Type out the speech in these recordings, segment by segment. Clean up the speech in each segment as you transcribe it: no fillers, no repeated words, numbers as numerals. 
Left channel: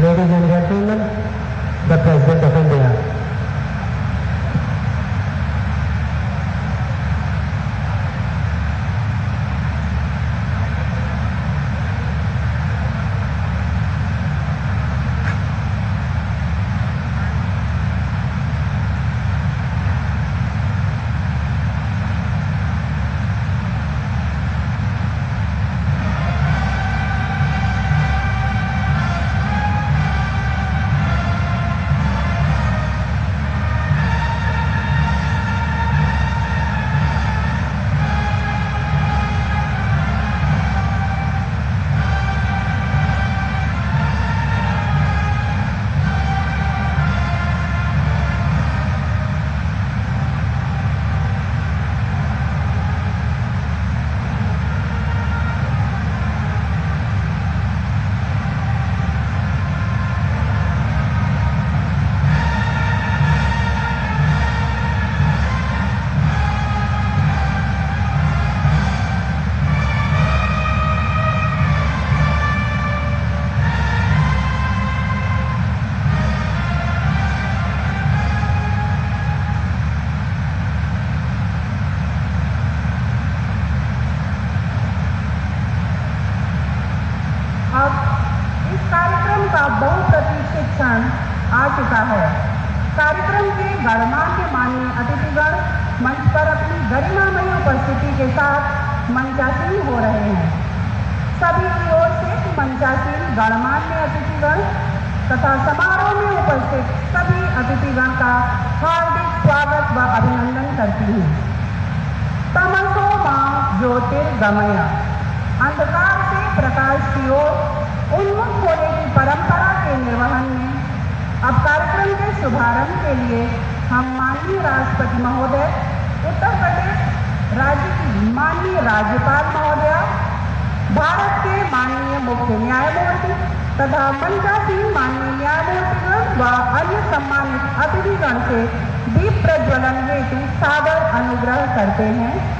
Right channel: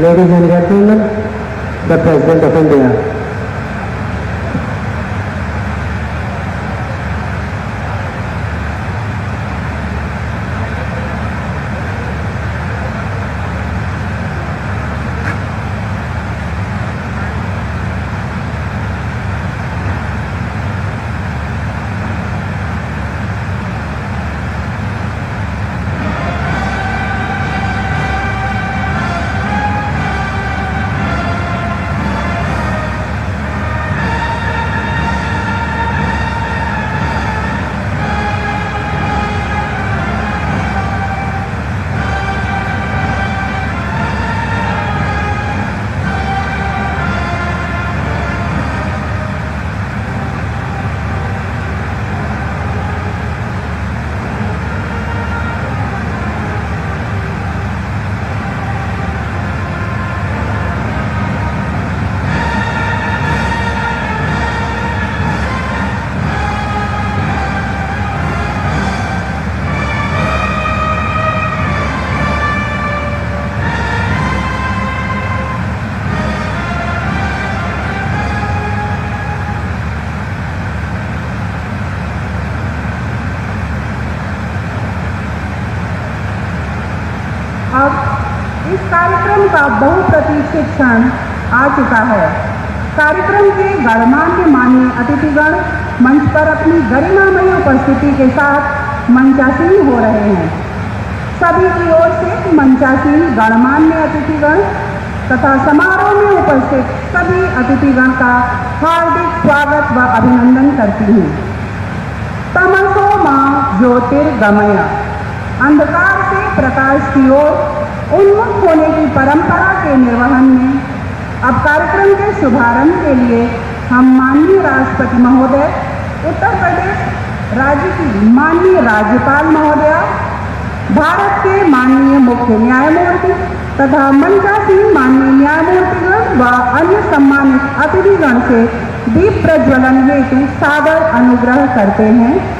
Ladies and gentlemen, the President of India. बहुप्रतीक्षित क्षण आ चुका है। कार्यक्रम के गणमान्य माननीय अतिथिगण मंच पर अपनी गरिमामयी उपस्थिति के साथ मंचासीन हो रहे हैं। सभी की ओर से मंचासीन गणमान्य अतिथिगण तथा समारोह में उपस्थित सभी अतिथिगण का हार्दिक स्वागत व अभिनंदन करती हूँ। तमसो मां ज्योतिर्गमय, अंधकार से प्रकाश की ओर उन्मुख होने की परंपरा के निर्वहन में अब कार्यक्रम के शुभारंभ के लिए हम माननीय राष्ट्रपति महोदय, उत्तर प्रदेश राज्य की माननीय राज्यपाल महोदया, भारत के माननीय मुख्य न्यायमूर्ति तथा मंचासीन माननीय न्यायमूर्तिगण व अन्य सम्मानित अतिथिगण से दीप प्रज्वलन हेतु सादर अनुग्रह करते हैं।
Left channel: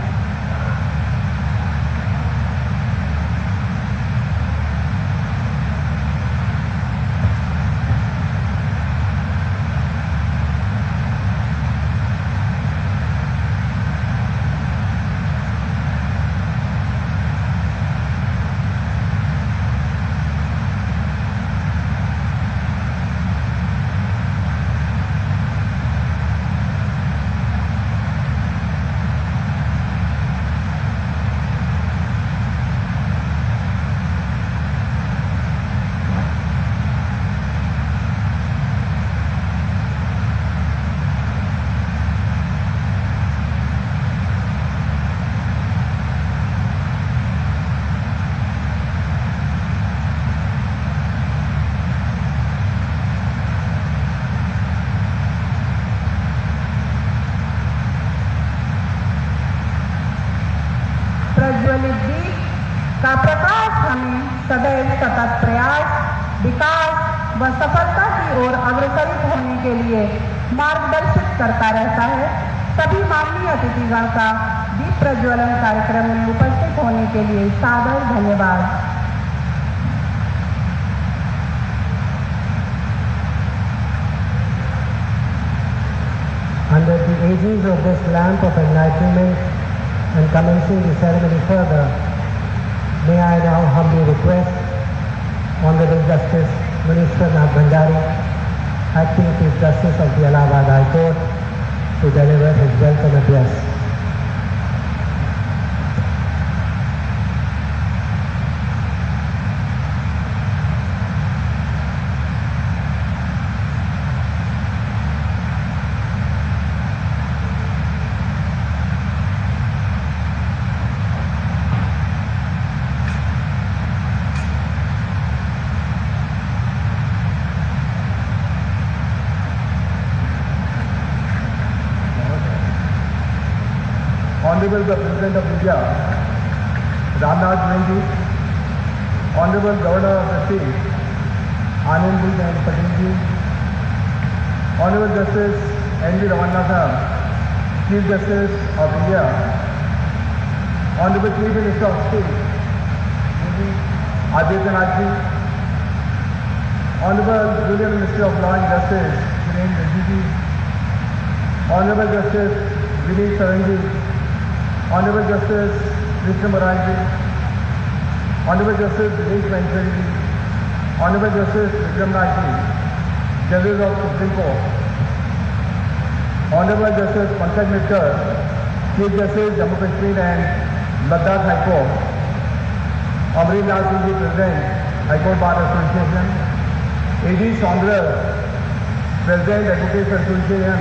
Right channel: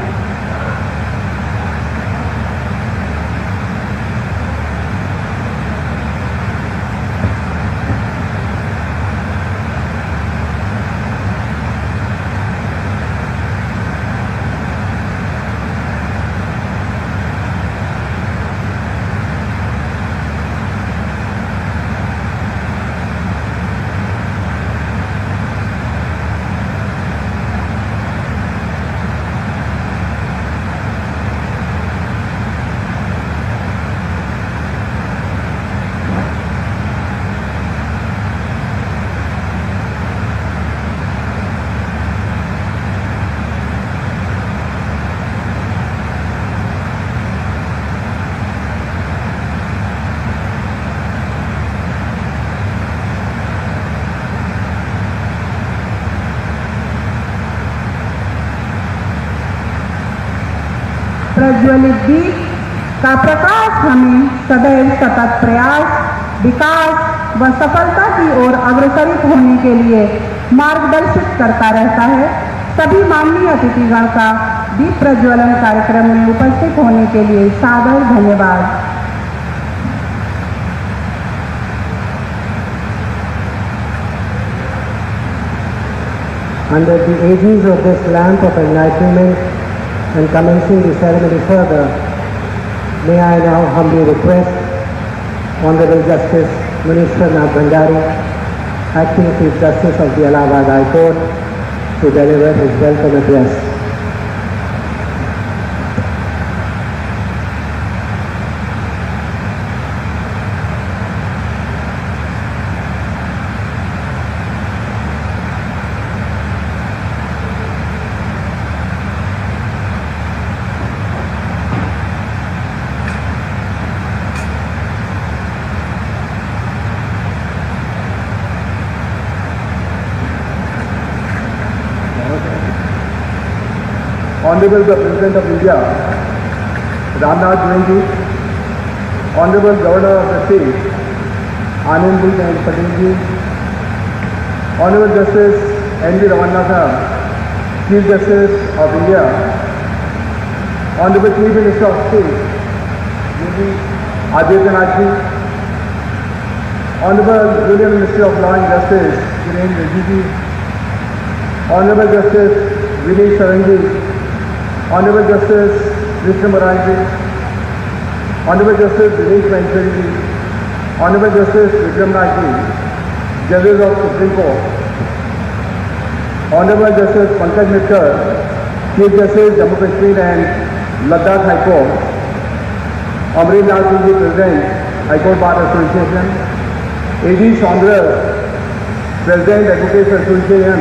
प्रज्वलित दीप का प्रकाश हमें सदैव सतत प्रयास, विकास व सफलता की ओर अग्रसरित होने के लिए मार्गदर्शित करता रहता है। सभी माननीय अतिथिगण का दीप प्रज्वलन कार्यक्रम में उपस्थित होने के लिए सादर धन्यवाद। Under the aegis of this lamp of enlightenment and commencing the ceremony further, may I now humbly request Honorable Justice Munishwarnath Bhandari, Acting Chief Justice of the Allahabad High Court, to deliver his welcome address. Honorable the President of India, Ramnath Govindu, Honorable Governor of the State, Anandji Patel ji, Honorable Justice N.V. Ramanathan, Chief Justice of India, Honorable Chief Minister of State, Yogi Adityanath ji, Honorable Union Ministry of Law and Justice, Kiren Rijiju, Honorable Justice Vinay Sarangi, Honorable Justice Krishna Murali, Honorable Justice Dinesh Manchuri, Honorable Justice Vikram Nagji, Judges of Supreme Court, Honorable Justice Pankaj Mittal, Chief Justice Jammu Kashmir and Ladakh High Court, Amreen Lal Singh, President, High Court Bar Association, A.D. Saunders, President, Advocates Association,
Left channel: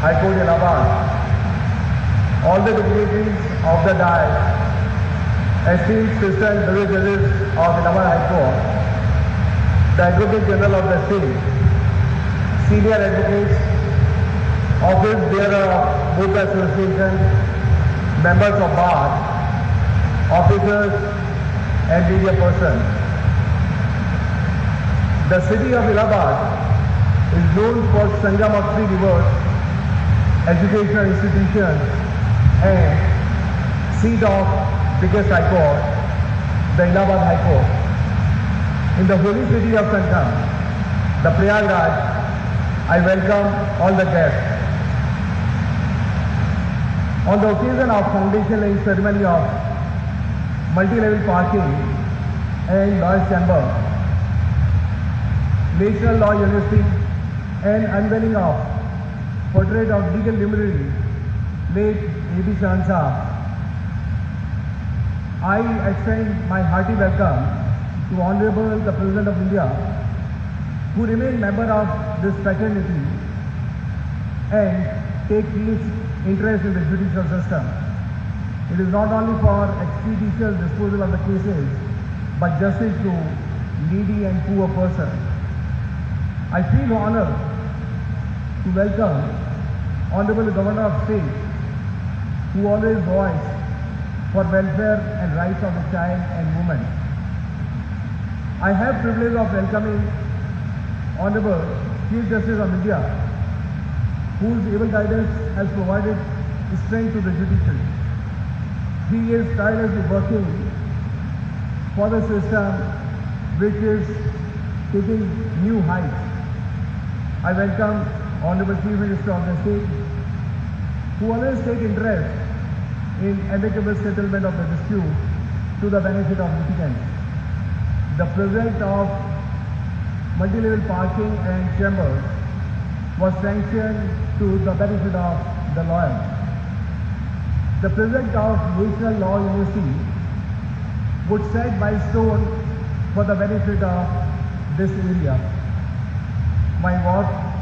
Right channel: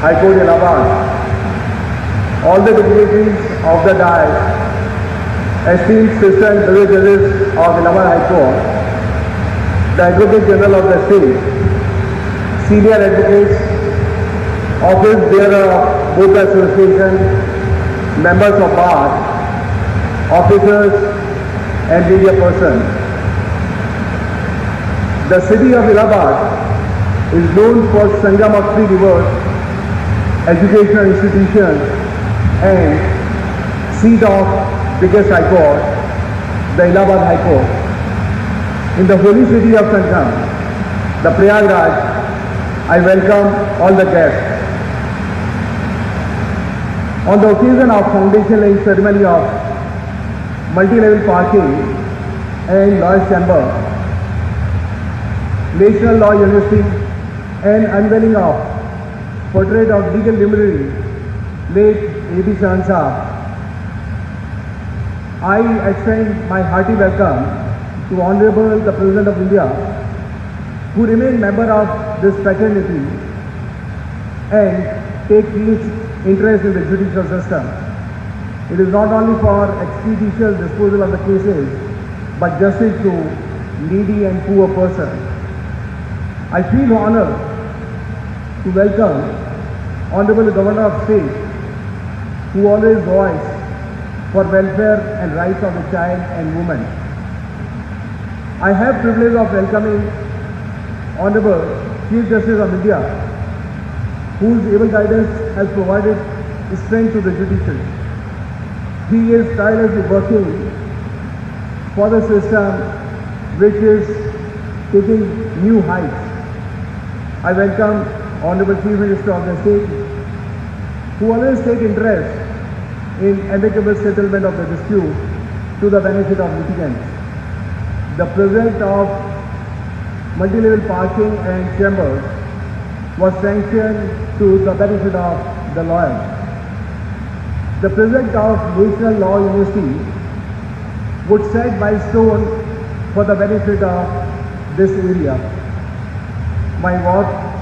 High Court, Allahabad, all the dignitaries of the dais, esteemed sister and brother judges of Allahabad High Court, the Advocate General of the state, senior advocates, office bearer of both the association, members of bar, officers and media persons. The city of Allahabad is known for Sangam of three rivers, educational institutions and seat of biggest high court, the Allahabad High Court. In the holy city of Sangam, the Prayagraj, I welcome all the guests. On the occasion of foundation laying ceremony of multi-level parking and Lawyers Chamber, National Law University and unveiling of portrait of legal luminary late A.B. Saran, I extend my hearty welcome to Honorable the President of India, who remain member of this fraternity and take huge interest in the judicial system. It is not only for expeditious disposal of the cases, but justice to needy and poor persons. I feel honored to welcome Honorable Governor of State, who always voiced for welfare and rights of the child and woman. I have privilege of welcoming Honorable Chief Justice of India, whose able guidance has provided strength to the judiciary. He is tirelessly working for the system which is taking new heights. I welcome Honorable Chief Minister of the State, who always take interest in amicable settlement of the dispute to the benefit of litigants. The project of multi-level parking and chambers was sanctioned to the benefit of the lawyers. The project of National Law University would set milestone for the benefit of this area. My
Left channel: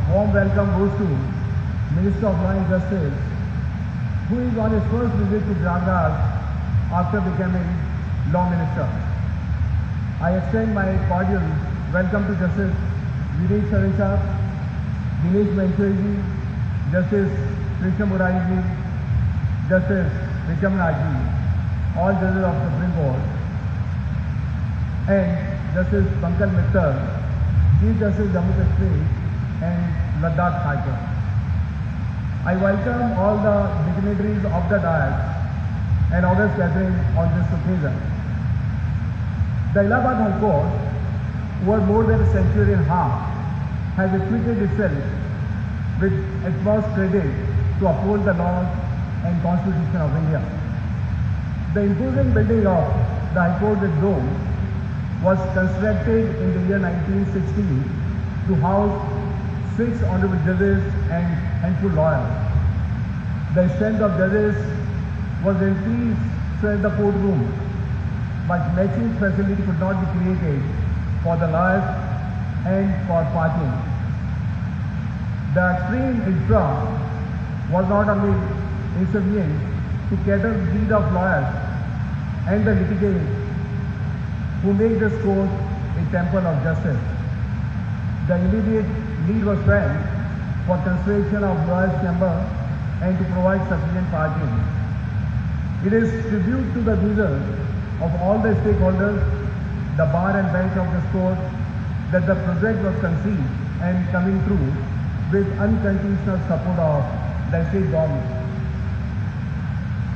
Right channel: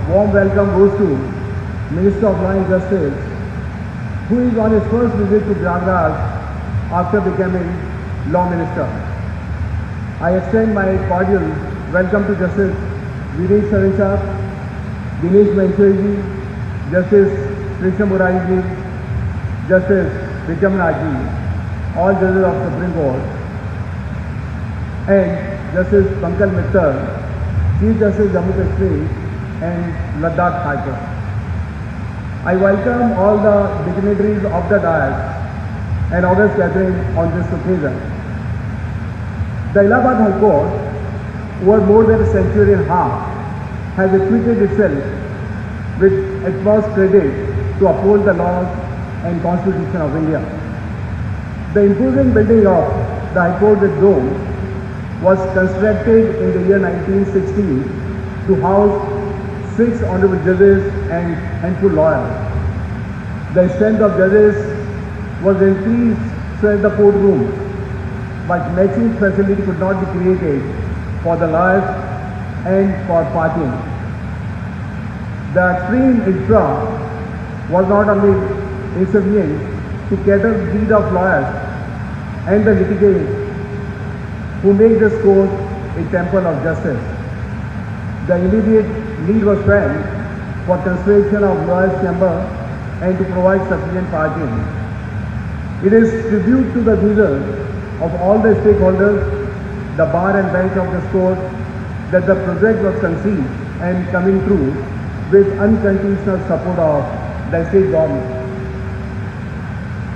warm welcome goes to Minister of Law and Justice, who is on his first visit to Prayagraj after becoming Law Minister. I extend my cordial welcome to Justice Vinay Saran, Dinesh Manchuri, Justice Krishna Murali, Justice Vikram Nagji, all judges of Supreme Court, and Justice Pankaj Mittal, Chief Justice Jammu Kashmir and Ladakh High Court. I welcome all the dignitaries of the dais and august gathering on this occasion. The Allahabad High Court, over more than a century and a half, has equipped itself with utmost credit to uphold the laws and Constitution of India. The imposing building of the High Court with dome was constructed in the year 1960 to house 6 honorable judges and handful lawyers. The strength of judges was increased so as the courtroom, but matching facility could not be created for the lawyers and for parking. The extreme infra was not only insufficient to cater the need of lawyers and the litigants who make this court a temple of justice. The immediate need was felt for construction of lawyers' chamber and to provide sufficient parking. It is tribute to the wishes of all the stakeholders, the bar and bench of this court, that the project was conceived and coming through with unconditional support of the state government.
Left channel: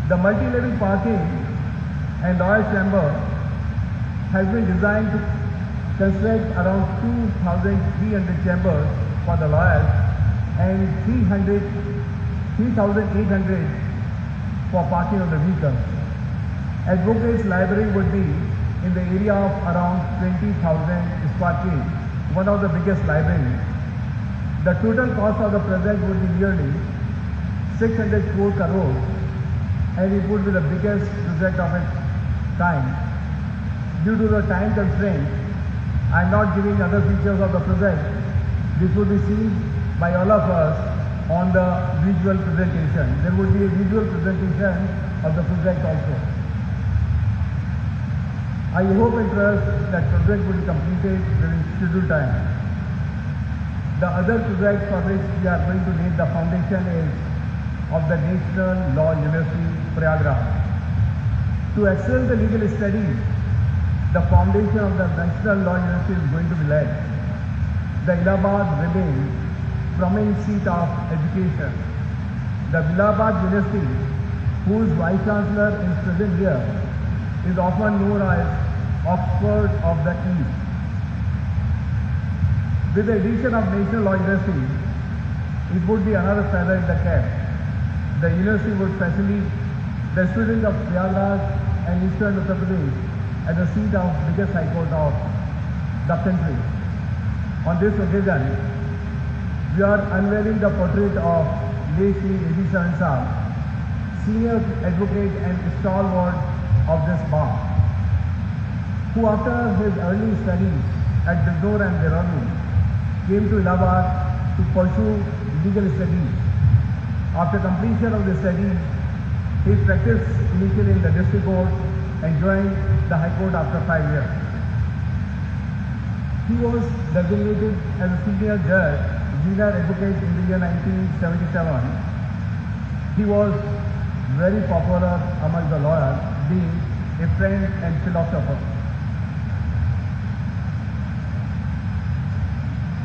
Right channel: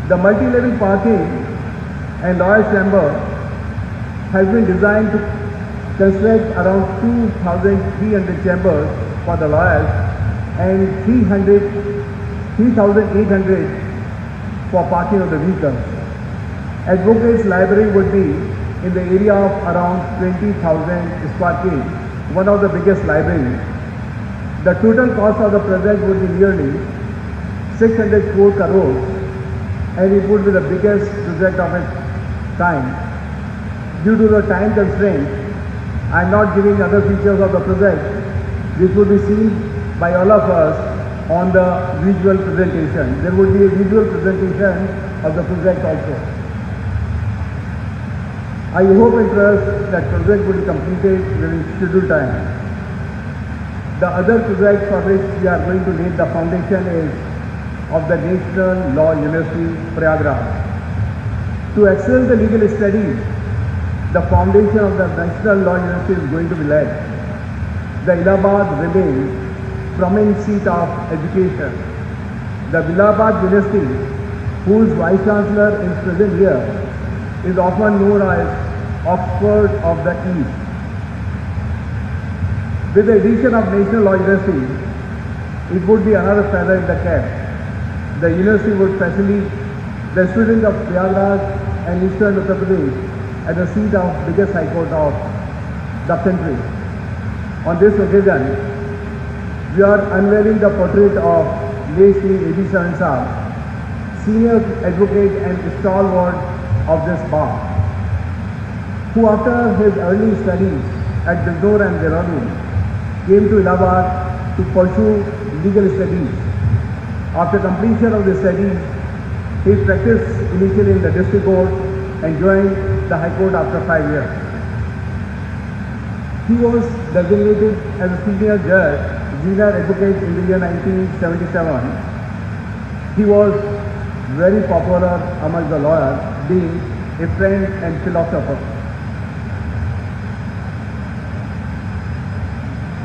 The multi-level parking and lawyers' chamber has been designed to construct around 2,300 chambers for the lawyers and 3,800 for parking of the vehicles. Advocates library would be in the area of around 20,000 square feet, one of the biggest libraries. The total cost of the project would be nearly 604 crores, and it would be the biggest project of its kind. Due to the time constraint, I am not giving other features of the project. This would be seen by all of us on the visual presentation. There would be a visual presentation of the project also. I hope and trust that project will be completed within scheduled time. The other project for which we are going to lay the foundation is of the National Law University, Prayagraj. To excel the legal studies, the foundation of the National Law University is going to be laid. The Allahabad remains prominent seat of education. The Allahabad University, whose Vice Chancellor is present here, is often known as Oxford of the East. With the addition of National Law University, it would be another feather in the cap. The university would facilitate the students of Prayagraj and Eastern Uttar Pradesh at the seat of biggest high court of the country. On this occasion, we are unveiling the portrait of late Sri A.B. Saran Saab, senior advocate and stalwart of this bar, who after his early studies at Bijnor and Dehradun came to Allahabad to pursue legal studies. After completion of the studies, he practiced initially in the district court and joined the High Court after 5 years. He was designated as a senior judge, junior advocate in the year 1977. He was very popular among the lawyers, being a friend and philosopher.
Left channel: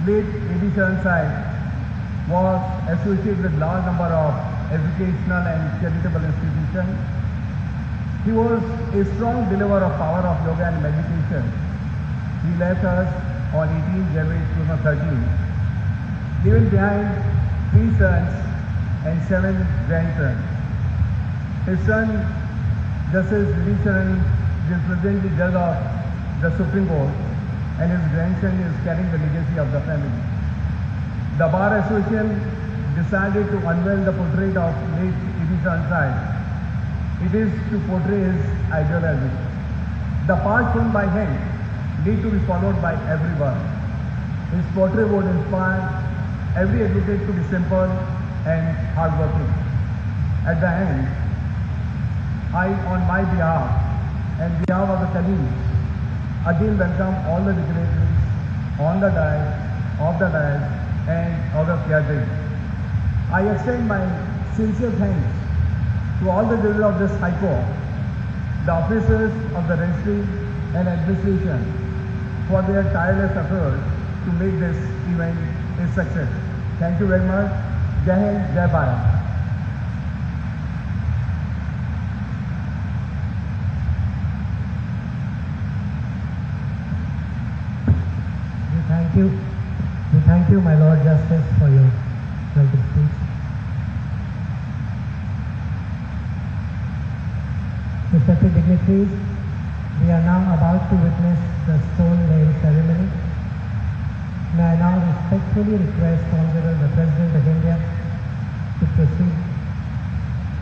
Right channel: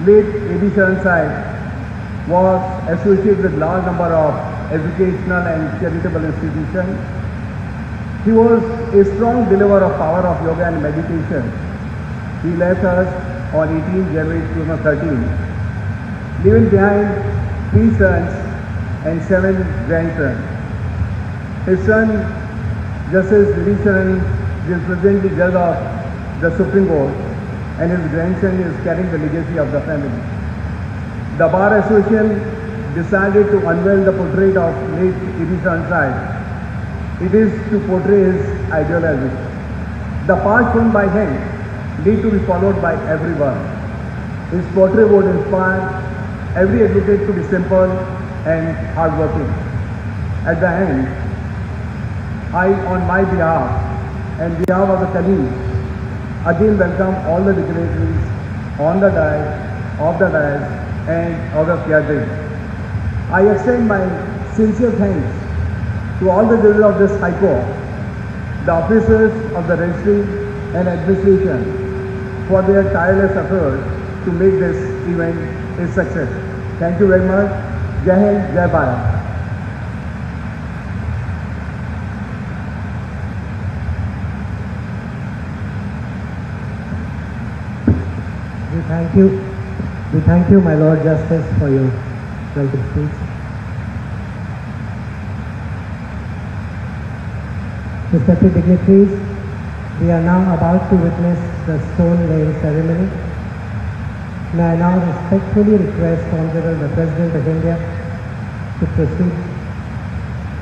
Late A.B. Saran Saab was associated with large number of educational and charitable institutions. He was a strong believer of power of yoga and meditation. He left us on 18 January 2013, leaving behind 3 sons and 7 grandsons. His son, Justice Dilip Sharan, is presently judge of the Supreme Court, and his grandson is carrying the legacy of the family. The Bar Association decided to unveil the portrait of late A.B. Saran Saab. It is to portray his ideology. The path shown by him need to be followed by everyone. His portrait would inspire every advocate to be simple and hardworking. At the end, I, on my behalf and behalf of the colleagues, again welcome all the dignitaries on the dais, off the dais, and out of gathering. I extend my sincere thanks to all the judges of this High Court, the officers of the registry and administration for their tireless efforts to make this event a success. Thank you very much. Jai Hind, Jai Bharat. We thank you, my Lord Justice, for your welcome speech. Respected dignitaries, we are now about to witness the stone laying ceremony. May I now respectfully request Honorable the President of India to proceed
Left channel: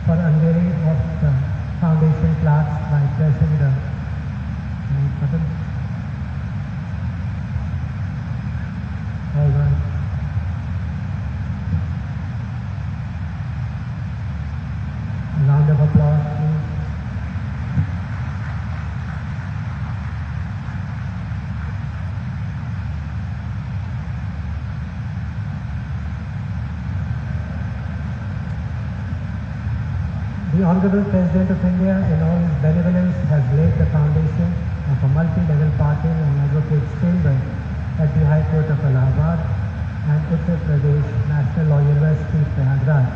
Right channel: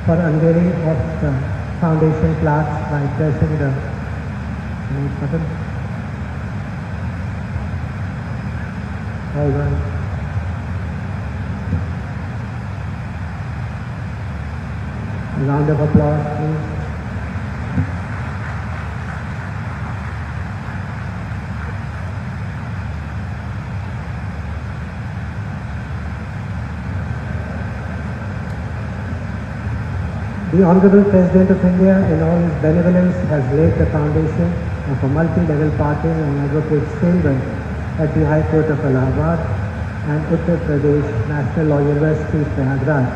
for unveiling of the foundation plaques by pressing the button. All right. A round of applause, please. The Honorable President of India, in all his benevolence, has laid the foundation of a multi-level parking and advocates chamber at the High Court of Allahabad and Uttar Pradesh National Law University, Prayagraj.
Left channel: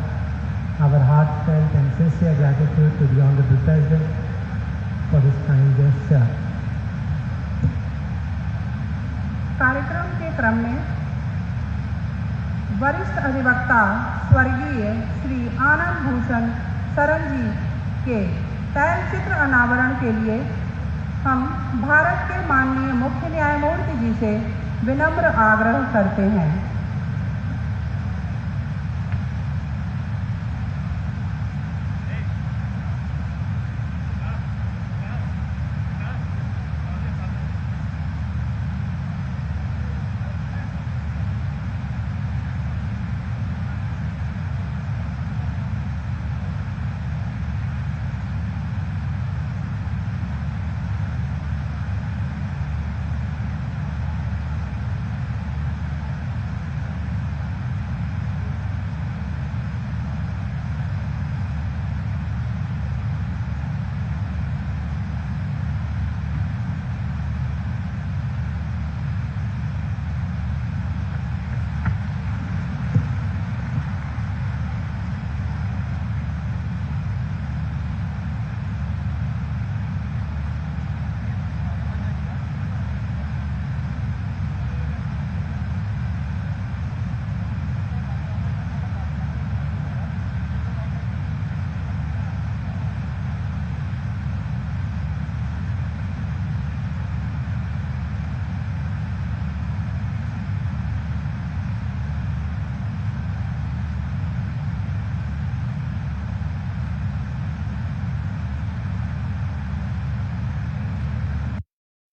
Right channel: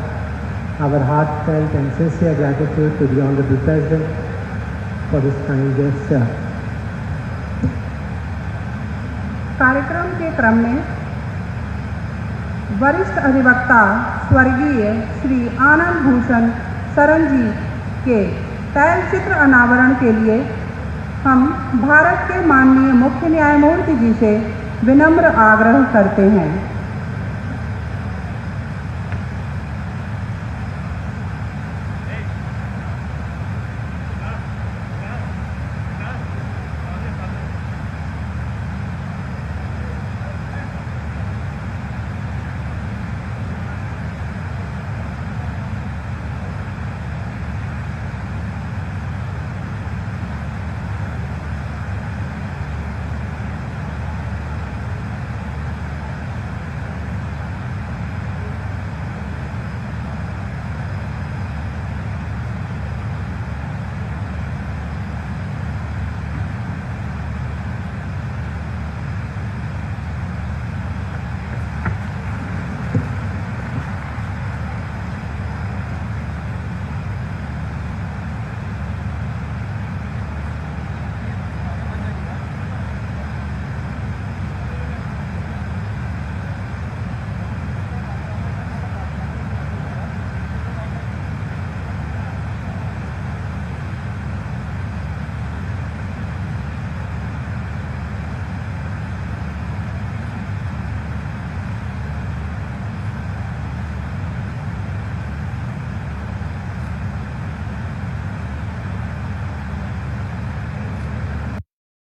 Our heartfelt and sincere gratitude to the Honorable President for this kind gesture. क्रम में वरिष्ठ अधिवक्ता स्वर्गीय श्री आनंद भूषण शरण जी के तैलचित्र अनावरण के लिए हम भारत के माननीय मुख्य न्यायमूर्ति जी से विनम्र आग्रह करते हैं।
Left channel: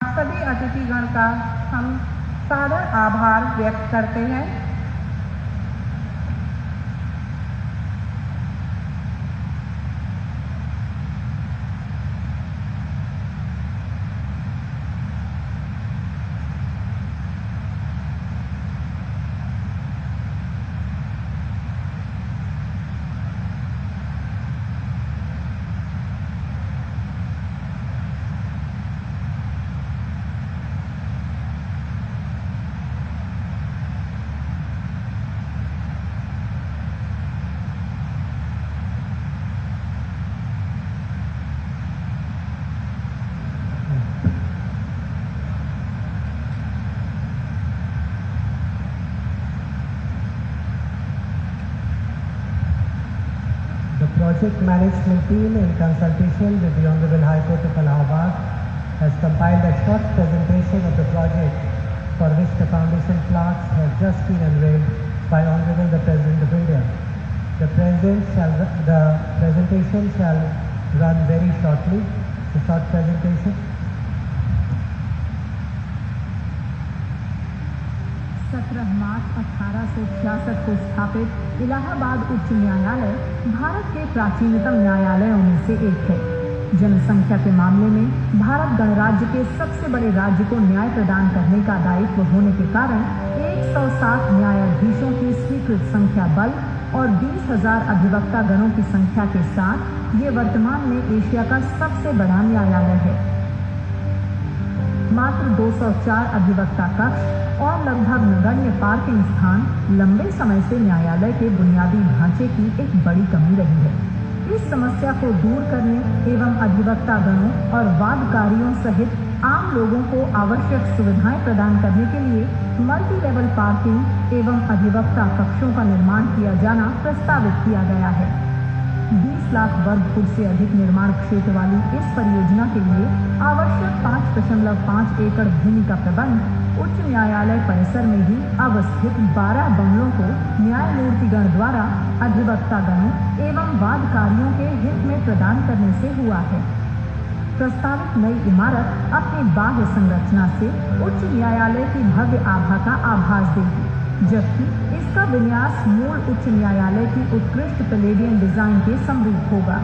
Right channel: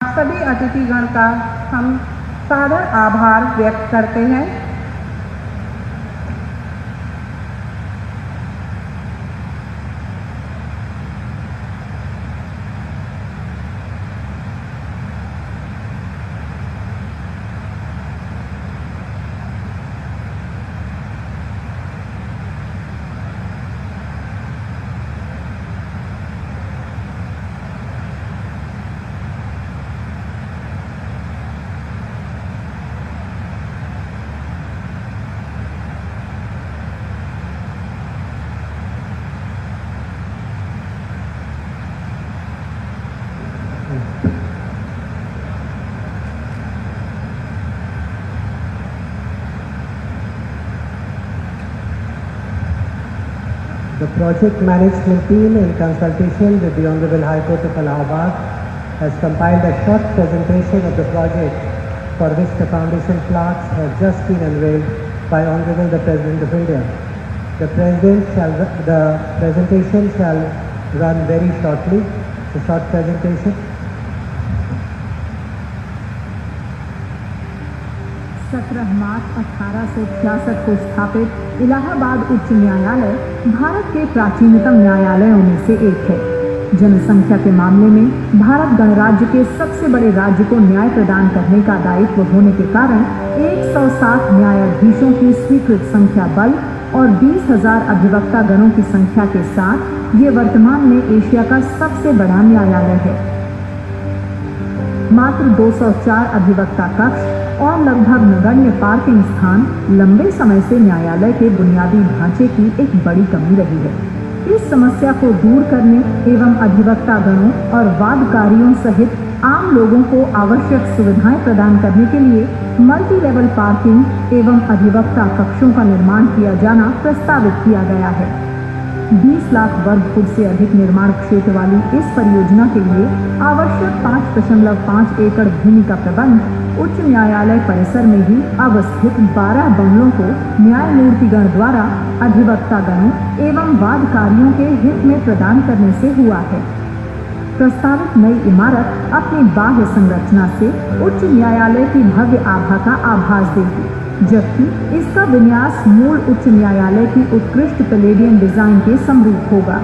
सभी अतिथिगण का हम सादर आभार व्यक्त करते हैं। The project management team, in consultation with the Honorable High Court of Allahabad, has compiled a short presentation of the project for which the foundation plaques have just been unveiled by Honorable the President of India. The presentation shall run very shortly. It's a short presentation. 17 मार्च 1866 को स्थापित इलाहाबाद उच्च न्यायालय भारत के प्राचीनतम न्यायालयों में से एक है। जनसंख्या के मामले में भारत गणराज्य के सबसे बड़े राज्य को न्याय प्रदान करने का दायित्व होने के कारण 160 न्यायाधीशों की स्वीकृत संख्या बल और 20,000 अधिवक्ता गणों की संख्या के साथ ये वर्तमान में एशिया का सबसे बड़ा न्यायालय है। मात्र 204 अधिवक्ता कक्ष और लगभग नगण्य पार्किंग स्थान लंबे समय से न्यायालय के बुनियादी ढांचे की एक बड़ी कमी रही है। इस समस्या को दूर करने एवं अधिवक्ता गणों और वादकारियों सहित आम लोगों को आवश्यक सुविधाएं प्रदान करने के लिए मल्टी लेवल पार्किंग एवं अधिवक्ता कक्षों का निर्माण किया जाना प्रस्तावित किया गया है। 20 लाख वर्ग फुट से अधिक निर्माण क्षेत्र वाली इस परियोजना के लिए आवश्यक 5.5 एकड़ भूमि का प्रबंध उच्च न्यायालय परिसर में ही अवस्थित 12 बंगलों को न्यायमूर्तिगण द्वारा अधिवक्ता गणों एवं वादकारियों के हित में प्रदान करने से हुआ है। प्रस्तावित नई इमारत अपनी बाह्य संरचना से उच्च न्यायालय की भव्य आभा का आभास देगी, जबकि इसका विन्यास मूल उच्च न्यायालय की उत्कृष्ट पैलेडियम डिजाइन के समरूप होगा।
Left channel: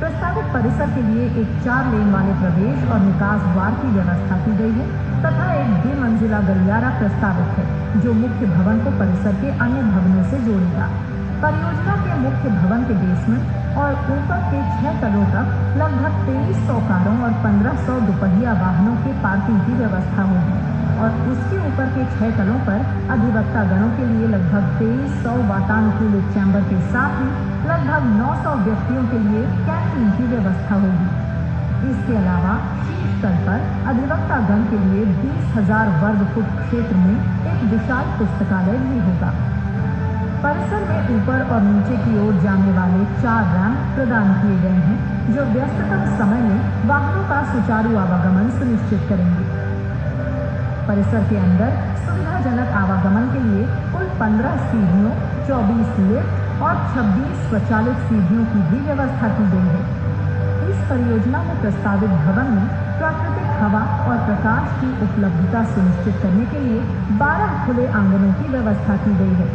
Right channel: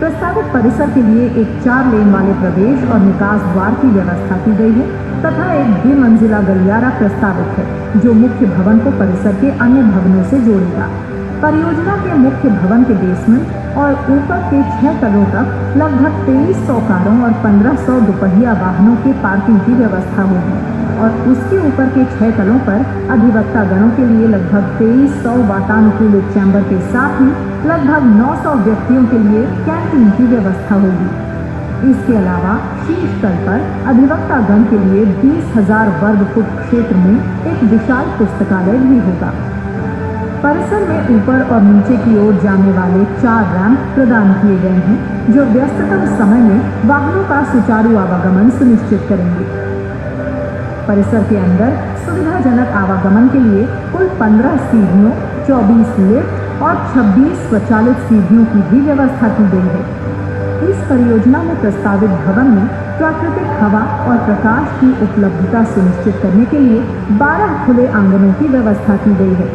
प्रस्तावित परिसर के लिए एक 4 लेन वाले प्रवेश और निकास द्वार की व्यवस्था की गई है तथा एक द्विमंजिला गलियारा प्रस्तावित है, जो मुख्य भवन को परिसर के अन्य भवनों से जोड़ेगा। परियोजना के मुख्य भवन के बेसमेंट और ऊपर के 6 तलों तक लगभग 2300 कारों और 1500 दुपहिया वाहनों के पार्किंग की व्यवस्था होगी और उसके ऊपर के 6 तलों पर अधिवक्ता गणों के लिए लगभग 2300 वातानुकूलित चैम्बर के साथ ही लगभग 900 व्यक्तियों के लिए कैंटीन की व्यवस्था होगी। इसके अलावा शीर्ष तल पर अधिवक्तागण के लिए 20,000 वर्ग फुट क्षेत्र में एक विशाल पुस्तकालय भी होगा। परिसर में ऊपर और नीचे की ओर जाने वाले 4 रैंप प्रदान किए गए हैं, जो व्यस्ततम समय में वाहनों का सुचारू आवागमन सुनिश्चित करेंगे। परिसर के अंदर सुविधाजनक आवागमन के लिए कुल 15 सीढ़ियों, 24 लिफ्ट और 26 स्वचालित सीढ़ियों की भी व्यवस्था की गई है। इस परियोजना में प्रस्तावित भवन में प्राकृतिक हवा और प्रकाश की उपलब्धता सुनिश्चित करने के लिए 12 खुले आंगनों की व्यवस्था की गई है।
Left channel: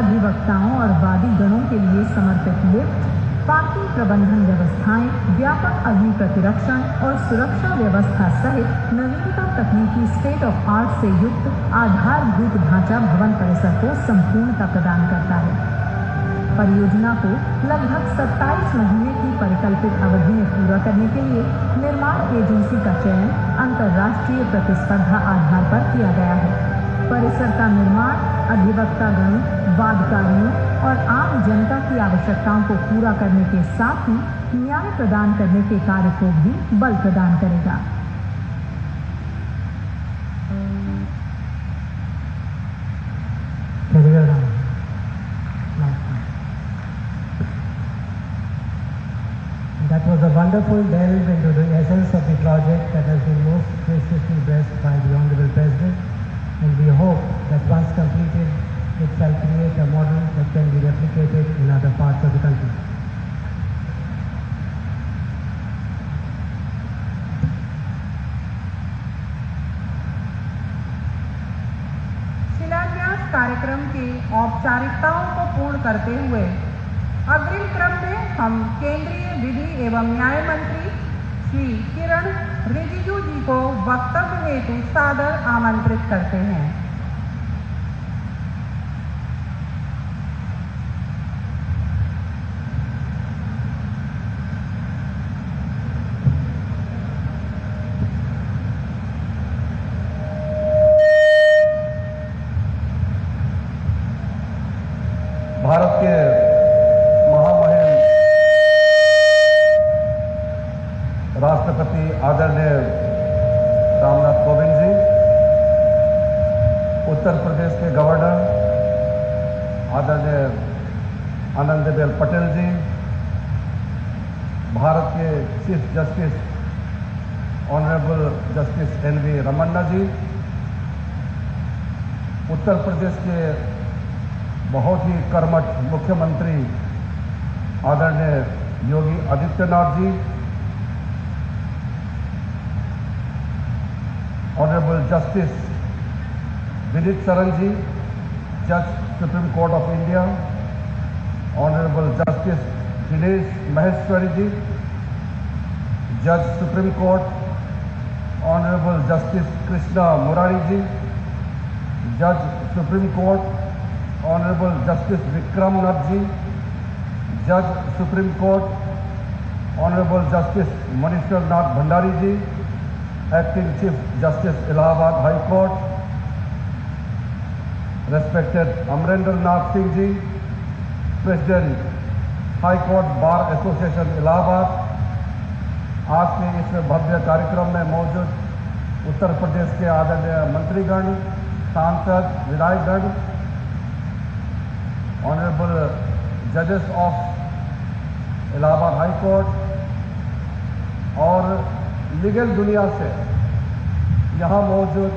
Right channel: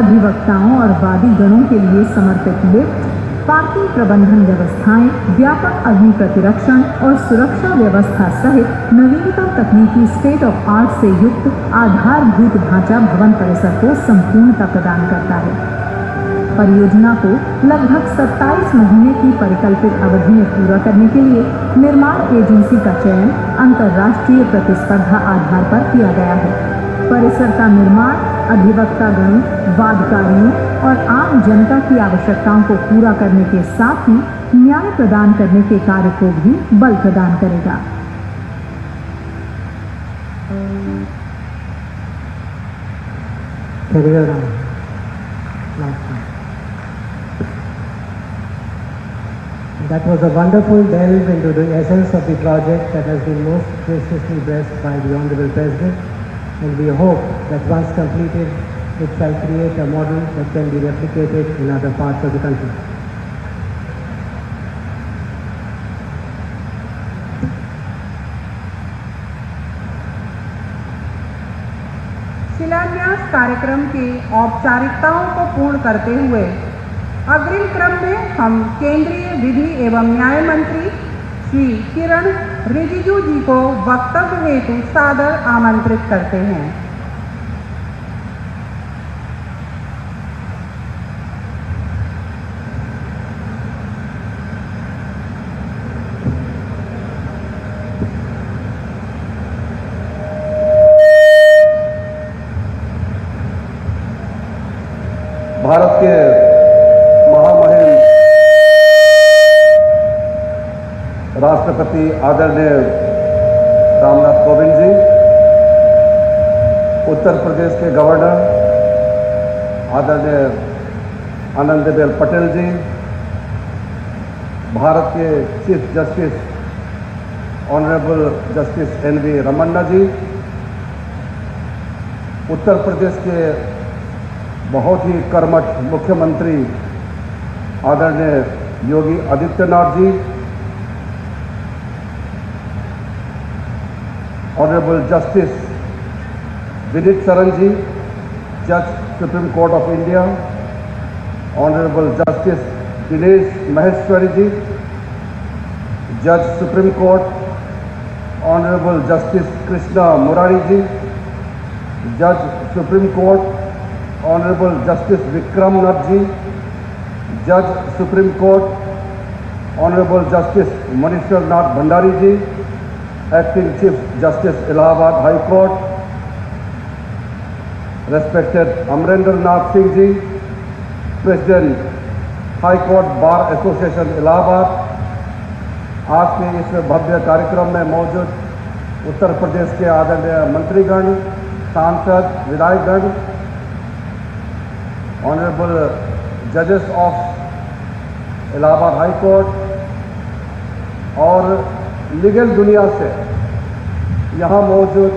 अधिवक्ताओं और वादी गणों के लिए समर्पित लिफ्ट, पार्किंग प्रबंधन व्यवस्थाएं, व्यापक अग्नि प्रतिरक्षण और सुरक्षा व्यवस्था सहित नवीनतम तकनीकी स्टेट ऑफ आर्ट से युक्त आधारभूत ढांचा भवन परिसर को संपूर्णता प्रदान करता है। परियोजना को लगभग 27 महीने की परिकल्पित अवधि में पूरा करने के लिए निर्माण एजेंसी का चयन अंतर्राष्ट्रीय प्रतिस्पर्धा आधार पर किया गया है। परिसर का निर्माण अधिवक्तागणों, वादकारियों और आम जनता की आवश्यकताओं को पूरा करने के साथ ही न्याय प्रदान करने के कार्य को भी बल प्रदान करेगा। That was a wonderful delve into the essence of the project that has been most graciously blessed by the Honorable President, and we hope that once completed, it shall create a model that can be replicated in other parts of the country. शिलान्यास कार्यक्रम की औपचारिकताओं को पूर्ण करते हुए अग्रिम क्रम में हम केंद्रीय विधि एवं न्याय मंत्री श्री किरण रिजिजू जी को वक्तव्य हेतु सादर आमंत्रित करते हैं। भारत के महामहिम राष्ट्रपति आदरणीय रामनाथ कोविंद जी, उत्तर प्रदेश के गवर्नर आदरणीय आनंदीबेन पटेल जी, भारत के chief justice honourable justice NV. Ramana जी, उत्तर प्रदेश के बहुत ही कर्मठ मुख्यमंत्री आदरणीय योगी आदित्यनाथ जी, ऑनरेबल जस्टिस विनीत सरन जी, जज supreme court of India, honourable justice Dinesh Maheshwari जी, जज supreme court, honourable justice Krishna Murari जी, जज supreme court honourable justice Vikram Nath ji, जज supreme court honourable justice Manishwar नाथ भंडारी जी, acting chief justice Allahabad high court respected Amarendra नाथ Singh ji, president high court bar association Allahabad, आज के इस भव्य कार्यक्रम में मौजूद उत्तर प्रदेश के आदरणीय मंत्रीगण, सांसद, विधायकगण, ऑनरेबल जजेस ऑफ इलाहाबाद हाई कोर्ट और लीगल दुनिया से यहाँ मौजूद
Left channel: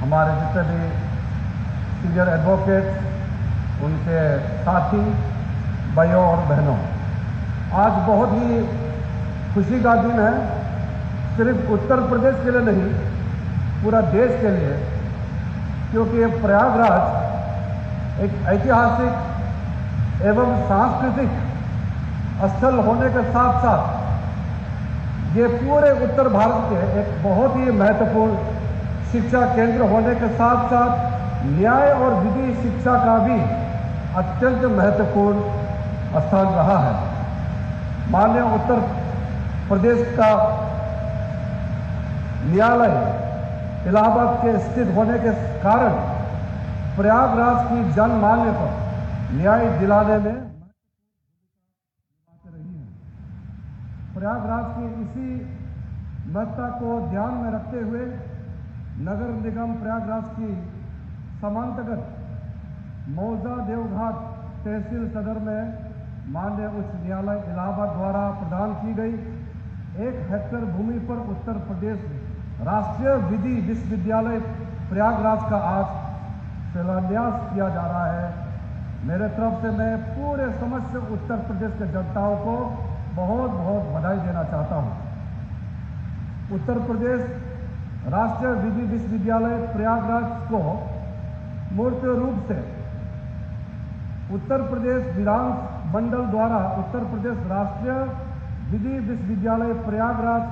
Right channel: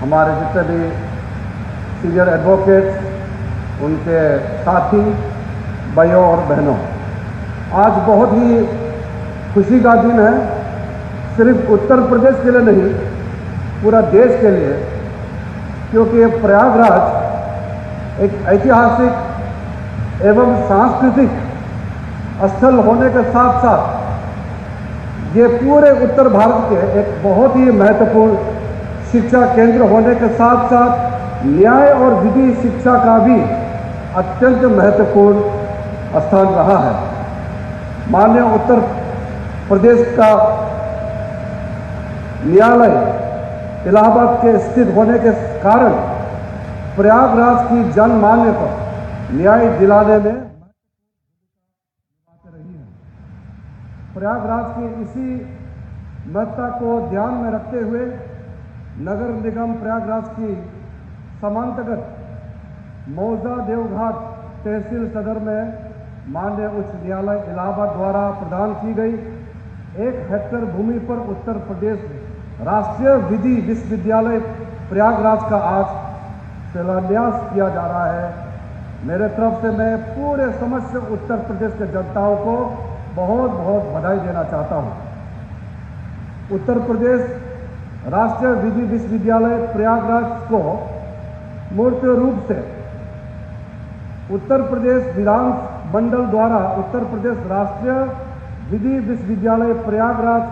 हमारे जितने भी सीनियर एडवोकेट्स, उनके साथी, भाइयों और बहनों, आज बहुत ही खुशी का दिन है, सिर्फ उत्तर प्रदेश के लिए नहीं, पूरा देश के लिए, क्योंकि प्रयागराज एक ऐतिहासिक एवं सांस्कृतिक स्थल होने के साथ साथ ये पूरे उत्तर भारत के एक बहुत ही महत्वपूर्ण शिक्षा केंद्र होने के साथ साथ न्याय और विधि शिक्षा का भी अत्यंत महत्वपूर्ण स्थान रहा है। माननीय उत्तर प्रदेश का न्यायालय इलाहाबाद के स्थित होने के कारण प्रयागराज की जनमान्य को न्याय दिलाने में प्रयागराज की इसी महत्ता को ध्यान में रखते हुए नगर निगम प्रयागराज की समांतर्गत मौजा देवघाट तहसील सदर में माननीय उच्च न्यायालय इलाहाबाद द्वारा प्रदान की गई 1 हेक्टेयर भूमि पर उत्तर प्रदेश राष्ट्रीय विधि विश्वविद्यालय प्रयागराज का आज शिलान्यास किया जा रहा है। मेरे तरफ से मैं पूरे समस्त उत्तर प्रदेश के जनताओं को बहुत बहुत बधाई देना चाहता हूं। उत्तर प्रदेश राष्ट्रीय विधि विश्वविद्यालय प्रयागराज को मूर्त रूप से उत्तर प्रदेश विधान मंडल द्वारा उत्तर प्रदेश राष्ट्रीय विधि विश्वविद्यालय प्रयागराज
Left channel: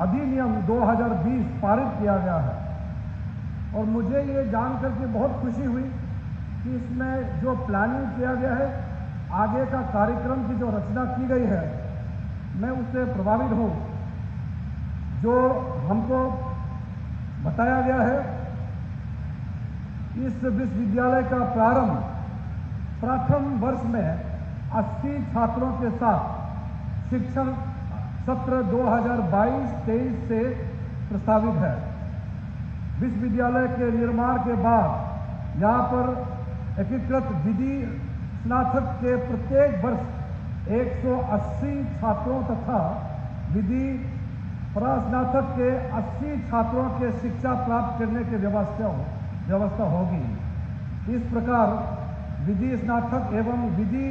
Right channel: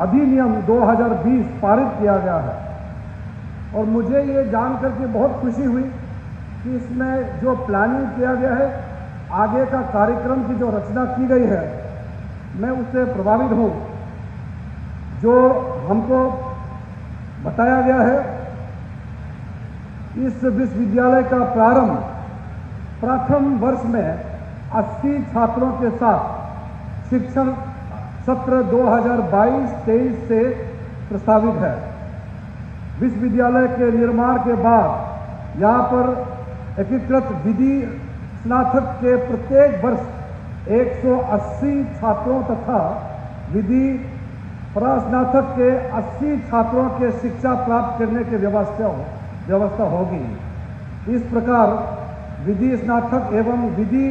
अधिनियम 2020 पारित किया गया है और मुझे ये जानकर के बहुत खुशी हुई कि इसमें जो प्लानिंग किया गया है, आगे का कार्यक्रम की जो रचना की गई है, मैं उससे प्रभावित हूं। जो हमको बताया गया है, इस विश्वविद्यालय का प्रारंभ प्रथम वर्ष में 80 छात्रों के साथ शिक्षण सत्र 2022-23 से प्रस्तावित है। विश्वविद्यालय के निर्माण के बाद यहाँ पर एकीकृत विधि स्नातक के प्रत्येक वर्ष 180 छात्रों तथा विधि परास्नातक के 80 छात्रों के शिक्षा प्राप्त करने की व्यवस्था होगी। इस प्रकार विधि स्नातक एवं विधि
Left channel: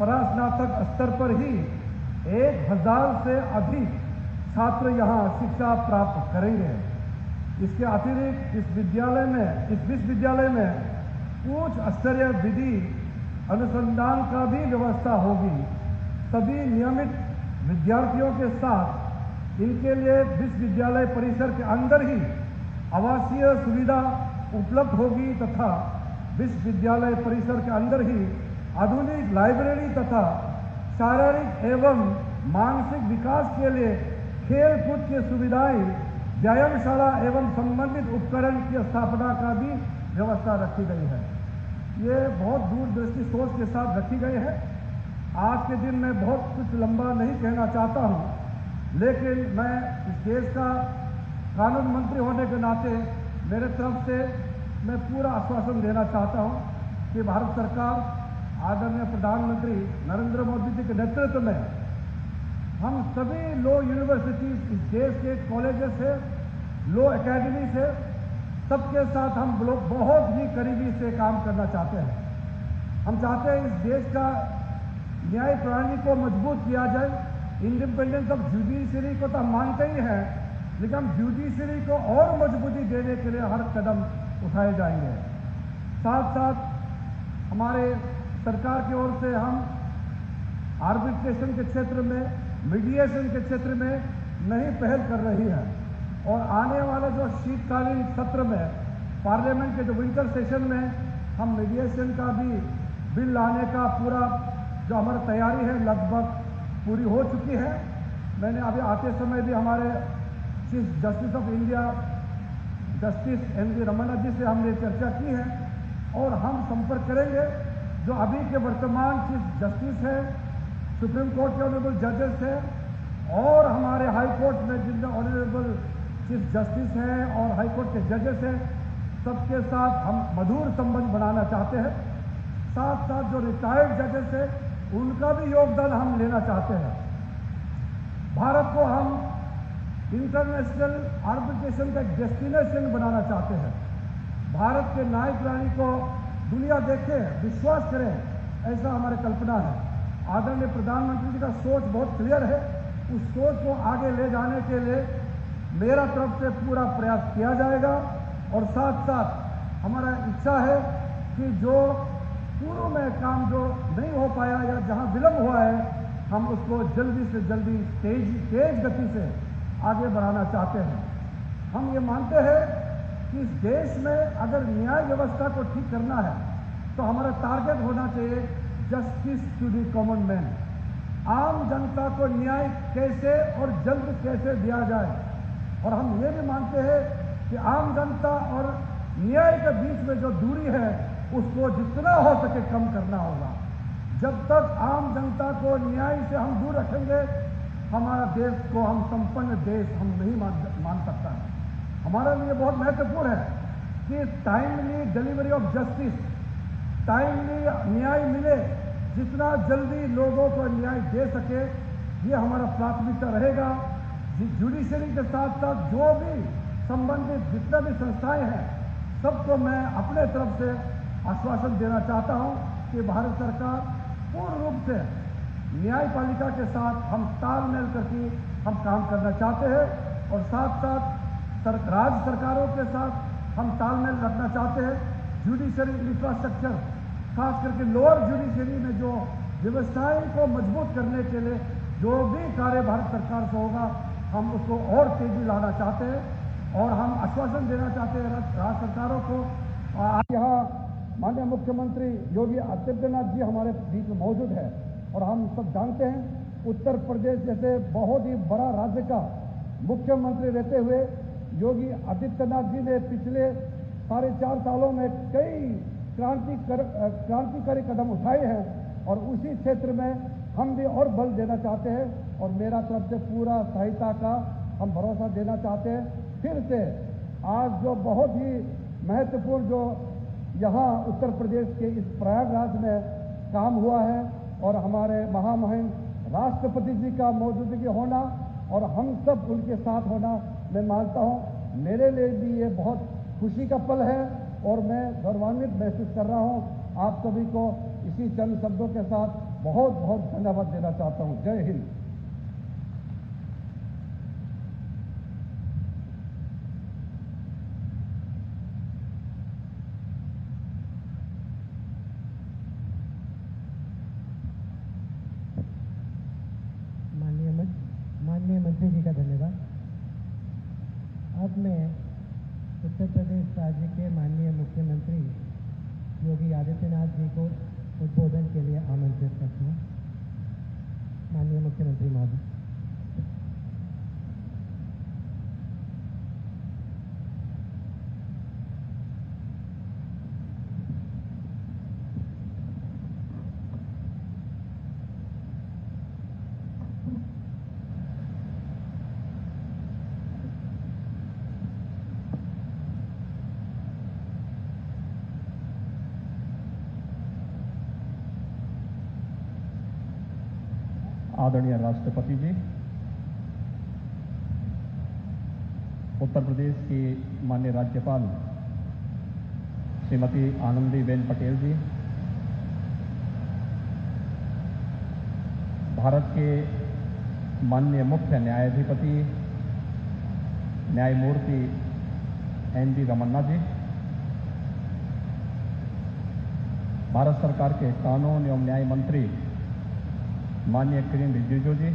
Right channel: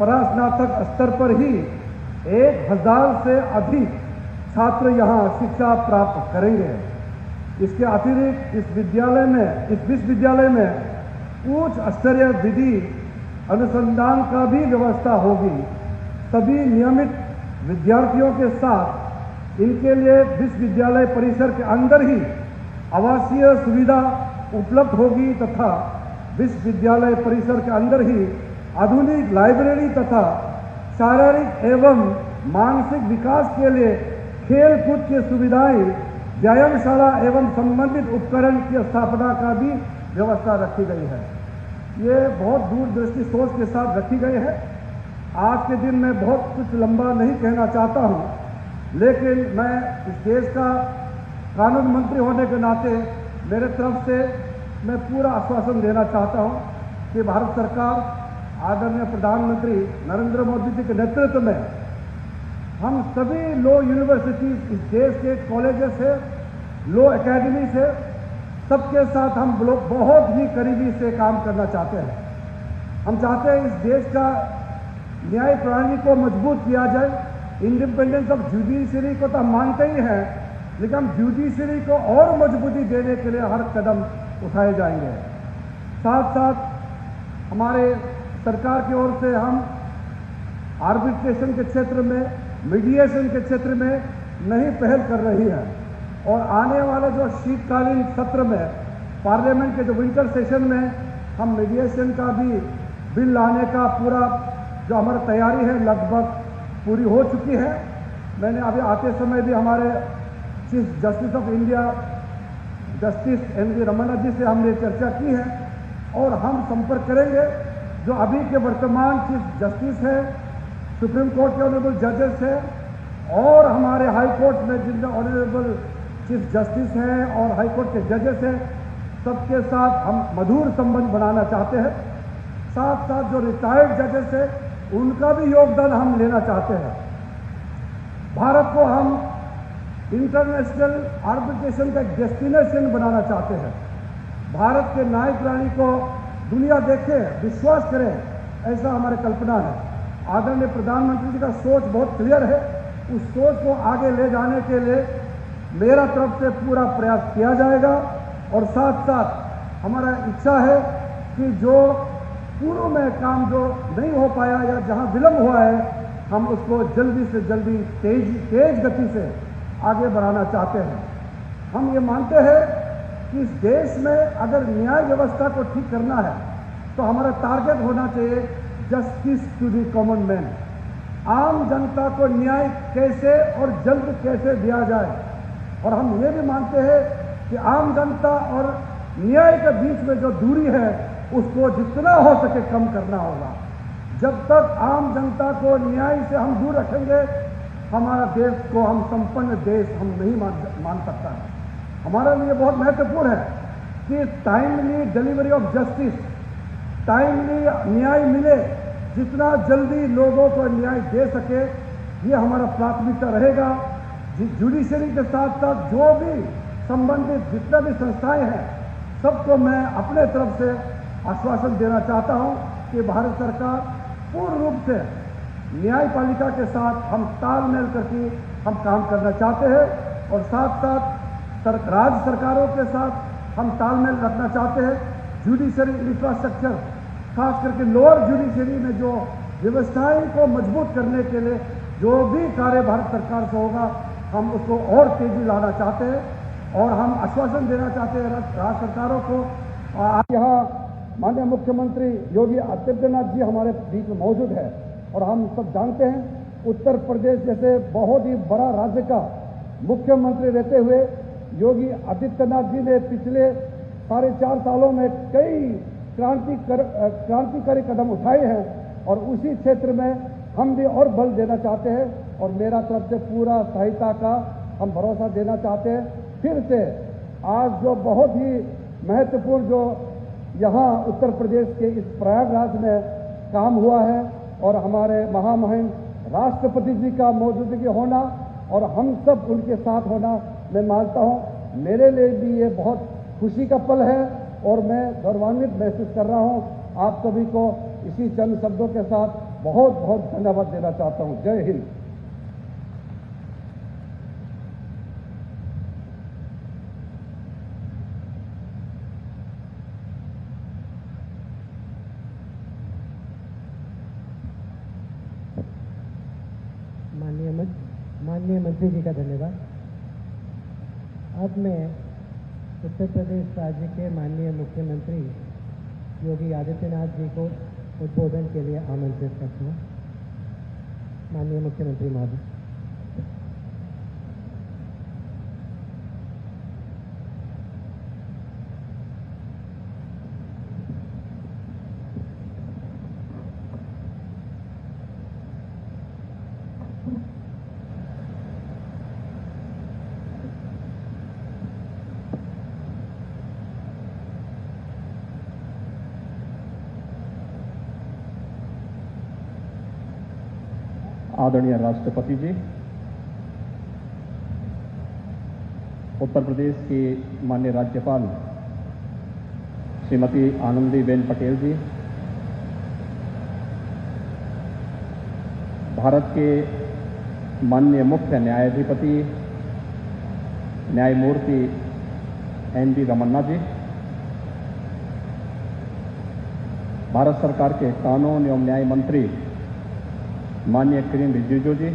परास्नातक स्तर पर ही 1000 से अधिक छात्र यहाँ शिक्षा प्राप्त करेंगे। इसके अतिरिक्त इस विश्वविद्यालय में उच्च स्तरीय विधि अनुसंधान का भी व्यवस्था होगी। सभी नियमित विद्यार्थियों के साथ इनके लिए विश्वविद्यालय परिसर के अंदर ही आवासीय सुविधा उपलब्ध होगी तथा विश्वविद्यालय परिसर के अंदर ही आधुनिक लाइब्रेरी तथा शारीरिक एवं मानसिक विकास के लिए खेल कूद की सुविधाएं, व्यायामशाला एवं संबंधित उपकरण की स्थापना का भी व्यवस्था रखी गई है। ये बहुत दूरदृष्टि सोच के साथ रखी गई है। आज के दिन मैं बहुत कुछ लंबा नहीं कहना चाहता हूं, लेकिन मैं इस देश का कानून मंत्री होने के नाते मेरे तरफ से मैं पूरा आश्वासन देना चाहता हूं कि भारत सरकार आदरणीय प्रधानमंत्री नरेंद्र मोदी जी के नेतृत्व में हम सभी लॉ यूनिवर्सिटी इस देश के कॉलेजेस है, लॉ एकेडमी से सबके साथ हम लोग बहुत ही करीबी से काम करना चाहते हैं। हम चाहते हैं इस देश का न्याय प्रणाली को मजबूत किया जाए। इंडिपेंडेंस ऑफ जुडिशरी को तो हम मानते ही हैं, लेकिन हम जुडिशरी को और मजबूती देने के लिए हर कदम उठाए जाएंगे। साथ साथ हमारे सरकार की ओर से हम आर्बिट्रेशन के क्षेत्र में, मीडिएशन के क्षेत्र में नई पहल कर रही है और आने वाला जो शीतकालीन सत्र में पार्लियामेंट के जो विंटर सेशन में हम मीडिएशन का भी बिल लाने का पूरा जो हमारी तैयारी है लगभग पूरी हो चुकी है। मैंने अभी आते समय भी हमारे chief justice of India justice NV. Ramana ji से हमने चर्चा की है और हम संपर्क करेंगे जो अभी के वर्तमान चीफ जस्टिस है, सुप्रीम कोर्ट के ऑनरेबल जजेस है और हमारे हाई कोर्ट में जिनके ऑनरेबल चीफ जस्टिस हैं और हाई कोर्ट के जजेस हैं, सबके साथ हम मधुर संबंध बनाना चाहते हैं। साथ साथ जो रिटायर्ड जजेस हैं उनका भी योगदान हम लेना चाहते हैं। भारत को हम इंटरनेशनल आर्बिट्रेशन का एक डेस्टिनेशन बनाना चाहते हैं। भारत के न्यायिक प्रणाली को दुनिया देखे, विश्वास करे, ऐसा हमारी कल्पना है। आदरणीय प्रधानमंत्री जी का सोच बहुत क्लियर है। उस सोच को आगे ले जाने के लिए मेरा तरफ से पूरा प्रयास किया जाएगा और साथ साथ हमारा इच्छा है कि जो पूर्व में काम जो नहीं हो पाया या जहां विलंब हुआ है, हम उसको जल्दी से जल्दी तेज गति से आगे बढ़ाना चाहते हैं। हम ये मानते हैं कि इस देश में अगर न्याय व्यवस्था को ठीक करना है तो हमारा टारगेट होना चाहिए justice to the common man. आम जनता को न्याय कैसे और जल्द कैसे दिया जाए, और हम ये भी मानते हैं कि आम जनता और न्याय के बीच में जो दूरी है उसको जितना हो सके कम करना होगा। जब तक आम जनता को न्याय से हम दूर रखेंगे, हमारा देश को हम संपन्न देश हम नहीं मान सकता है। हमारे लिए बहुत महत्वपूर्ण है कि timely delivery of justice, timely न्याय मिले, जितना जल्दी लोगों को न्याय दे सके, ये हमारा प्राथमिकता रहेगा। जुडिशरी के साथ साथ जो भी संबंधित जितना भी संस्थाएं हैं, सबको मैं अपने तरफ से आश्वासन देना चाहता हूं कि भारत सरकार पूर्ण रूप से न्यायपालिका के साथ हम तालमेल करके हम काम करना चाहते हैं और साथ साथ राज्य सरकारों के साथ हम तालमेल रखना चाहते हैं। जुडिशरी इंफ्रास्ट्रक्चर, खास करके लोअर जुडिशरी में जो व्यवस्थाएं को मजबूत करने के लिए जो भी कार्य भारत सरकार से होगा, हम उसको और तेजी लाना चाहते हैं और हम आश्वासन देना चाहते हैं राज्य सरकारों को। आज यहाँ माननीय मुख्यमंत्री योगी आदित्यनाथ जी हमारे बीच में मौजूद है और हम सब जानते हैं उत्तर प्रदेश जैसे बहुत ही बड़ा राज्य का मुख्यमंत्री रहते हुए योगी आदित्यनाथ जी ने पिछले 4.5 सालों में कई क्रांतिकारी कदम उठाए हैं और उसी क्षेत्र में हम भी और बल देना चाहते हैं और मेरा तरफ से पूरा सहायता का हम भरोसा देना चाहते हैं। फिर से आज जो बहुत ही महत्वपूर्ण जो यहाँ उत्तर प्रदेश के इस प्रयागराज में काम हुआ है और हमारे महामहिम राष्ट्रपति जी का मौजूदगी होना और हम सब उनके साथ होना, मैं मानता हूँ मेरे लिए भी ये बहुत खुशी का पल है और मैं गौरवान्वित महसूस कर रहा हूँ। आप सभी को इसी चंद शब्दों के साथ बहुत बहुत धन्यवाद देना चाहता हूँ। जय हिंद। माननीय मंत्री जी का धन्यवाद। अब मैं उत्तर प्रदेश राज्य के माननीय मुख्यमंत्री योगी आदित्यनाथ जी को उद्बोधन के लिए आमंत्रित करता हूँ। माननीय मुख्यमंत्री महोदय। आदरणीय राष्ट्रपति जी, उत्तर प्रदेश की माननीय राज्यपाल श्रीमती आनंदीबेन पटेल जी, भारत के माननीय मुख्य न्यायाधिपति न्यायमूर्ति एन.वी. रमन्ना जी, भारत सरकार के कानून एवं न्याय मंत्री माननीय किरेन रिजिजू जी,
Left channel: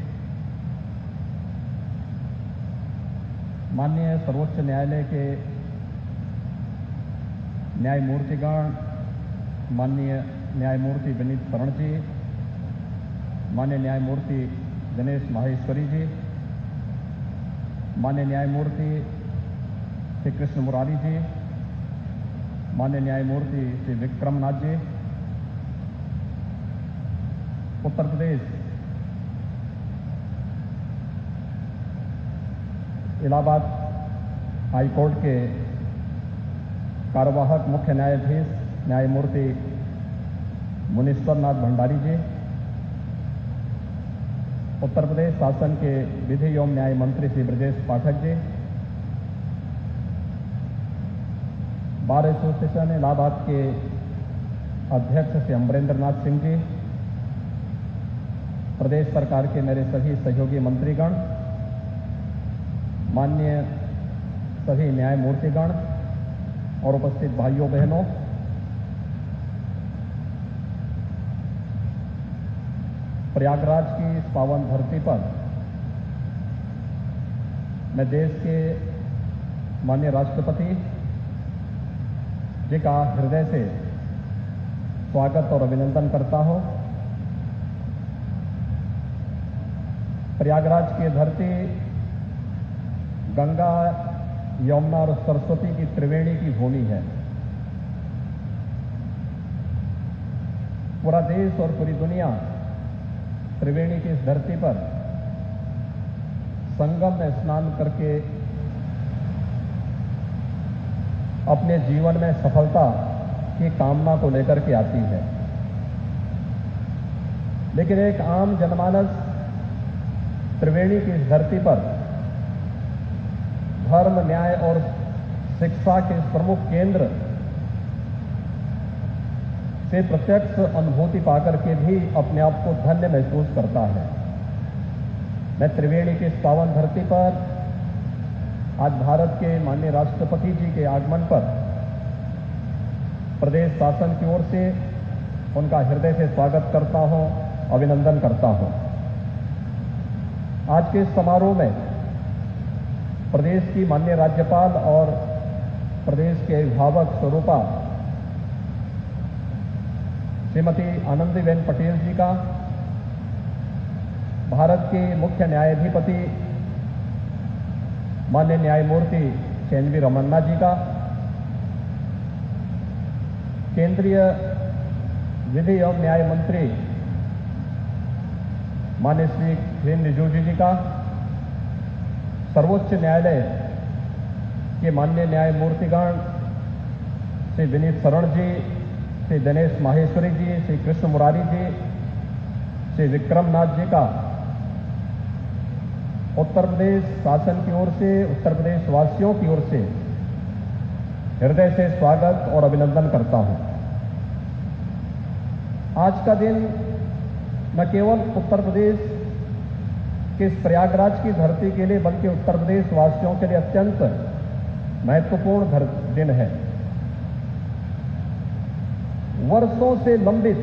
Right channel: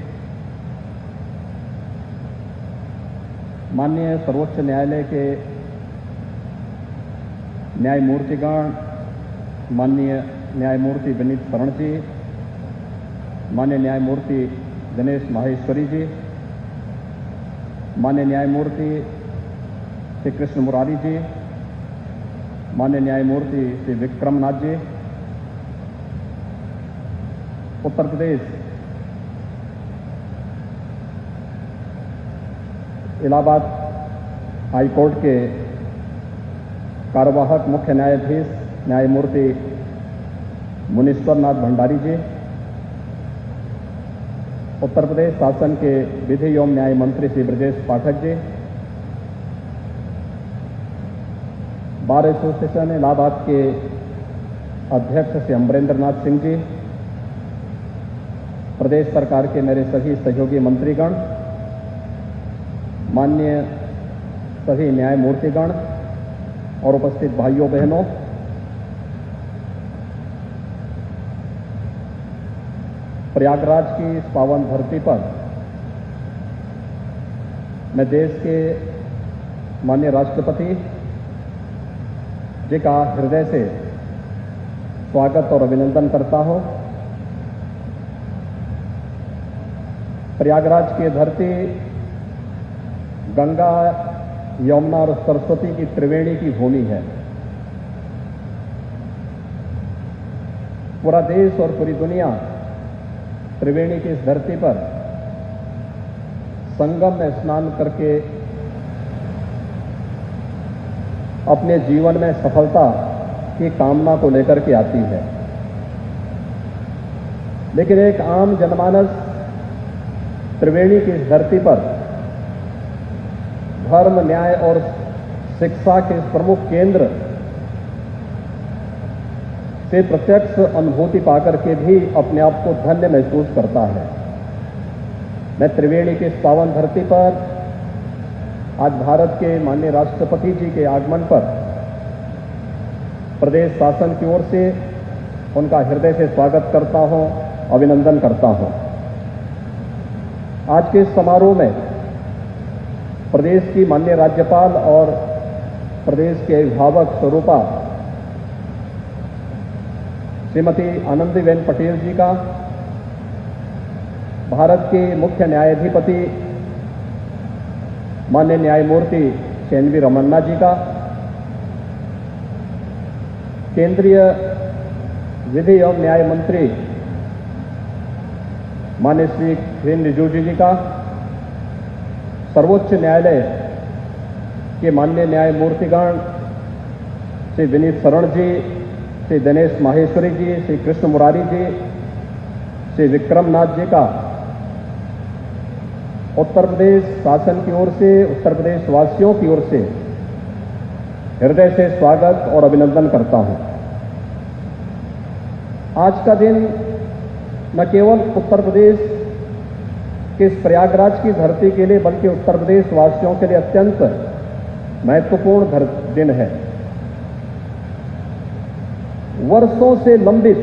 माननीय सर्वोच्च न्यायालय के न्यायमूर्तिगण माननीय न्यायमूर्ति विनीत शरण जी, माननीय न्यायमूर्ति दिनेश माहेश्वरी जी, माननीय न्यायमूर्ति श्री कृष्ण मुरारी जी, माननीय न्यायमूर्ति श्री विक्रमनाथ जी, उत्तर प्रदेश इलाहाबाद हाई कोर्ट के कार्यवाहक मुख्य न्यायाधीश न्यायमूर्ति मुनीश्वर नाथ भंडारी जी, उत्तर प्रदेश शासन के विधि एवं न्याय मंत्री श्री ब्रजेश पाठक जी, बार एसोसिएशन इलाहाबाद के अध्यक्ष श्री अमरेंद्र नाथ सिंह जी, प्रदेश सरकार के मेरे सभी सहयोगी मंत्रीगण, माननीय सभी न्यायमूर्तिगण और उपस्थित भाइयों बहनों, प्रयागराज की इस पावन धरती पर मैं देश के माननीय राष्ट्रपति जी का हृदय से स्वागत और अभिनंदन करता हूं। प्रयागराज की धरती गंगा, यमुना और सरस्वती की त्रिवेणी की भूमि है। पूरा देश और पूरी दुनिया त्रिवेणी की इस धरती पर संगम में स्नान करके अपने जीवन में सफलता की कामना को लेकर के आती है। लेकिन एक आम जनमानस त्रिवेणी की इस धरती पर धर्म, न्याय और शिक्षा के इस प्रमुख केंद्र से प्रत्यक्ष अनुभूति पाकर के भी अपने आप को धन्य महसूस करता है। मैं त्रिवेणी की इस पावन धरती पर आज भारत के माननीय राष्ट्रपति जी के आगमन पर प्रदेश शासन की ओर से उनका हृदय से स्वागत करता हूं, अभिनंदन करता हूं। आज के इस समारोह में प्रदेश की माननीय राज्यपाल और प्रदेश के अभिभावक स्वरूपा श्रीमती आनंदीबेन पटेल जी का, भारत के मुख्य न्यायाधिपति माननीय न्यायमूर्ति एन वी रमन्ना जी का, केंद्रीय विधि एवं न्याय मंत्री माननीय श्री किरेन रिजिजू जी का, सर्वोच्च न्यायालय के माननीय न्यायमूर्तिगण श्री विनीत शरण जी, श्री दिनेश माहेश्वरी जी, श्री कृष्ण मुरारी जी, श्री विक्रम नाथ जी का उत्तर प्रदेश शासन की ओर से, उत्तर प्रदेश वासियों की ओर से हृदय से स्वागत और अभिनंदन करता हूं। आज का दिन न केवल उत्तर प्रदेश के इस प्रयागराज की धरती के लिए बल्कि उत्तर प्रदेश वासियों के लिए अत्यंत महत्वपूर्ण दिन है। वर्षों से लंबित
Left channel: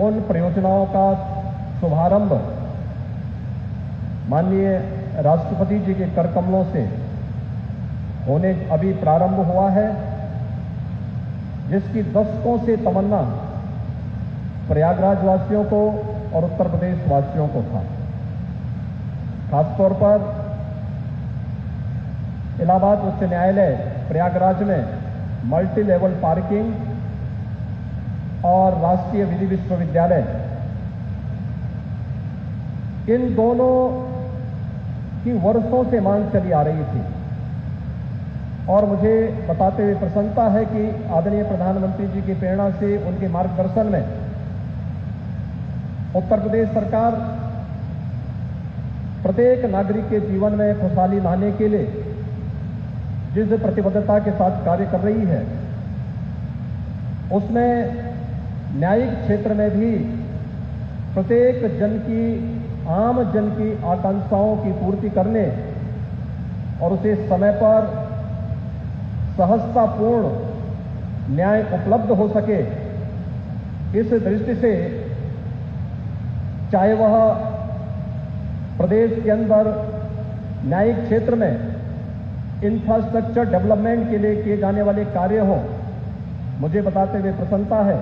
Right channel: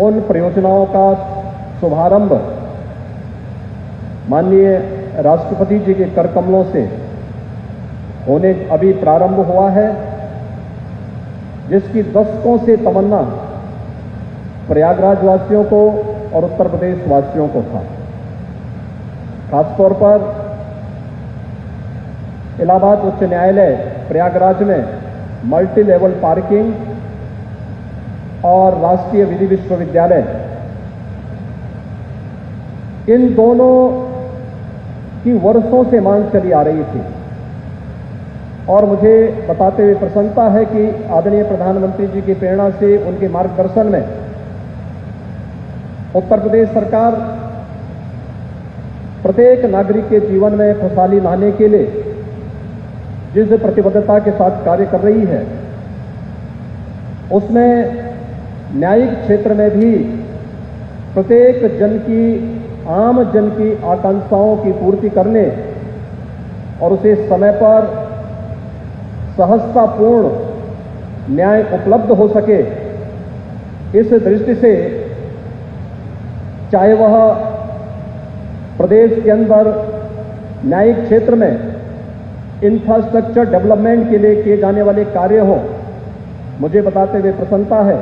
उन परियोजनाओं का शुभारंभ माननीय राष्ट्रपति जी के कर कमलों से होने अभी प्रारंभ हुआ है, जिसकी दशकों से तमन्ना प्रयागराज वासियों को और उत्तर प्रदेश वासियों को था। खासतौर पर इलाहाबाद उच्च न्यायालय प्रयागराज में मल्टी लेवल पार्किंग और राष्ट्रीय विधि विश्वविद्यालय, इन दोनों की वर्षों से मांग चली आ रही थी और मुझे बताते हुए प्रसन्नता है कि आदरणीय प्रधानमंत्री जी की प्रेरणा से, उनके मार्गदर्शन में उत्तर प्रदेश सरकार प्रत्येक नागरिक के जीवन में खुशहाली लाने के लिए जिस प्रतिबद्धता के साथ कार्य कर रही है, उसमें न्यायिक क्षेत्र में भी प्रत्येक आम जन की आकांक्षाओं की पूर्ति करने और उसे समय पर सहजतापूर्ण न्याय उपलब्ध हो सके, इस दृष्टि से चाहे वह प्रदेश के अंदर न्यायिक क्षेत्र में इंफ्रास्ट्रक्चर डेवलपमेंट के लिए किए जाने वाले कार्य हो, मुझे बताते हुए प्रसन्नता है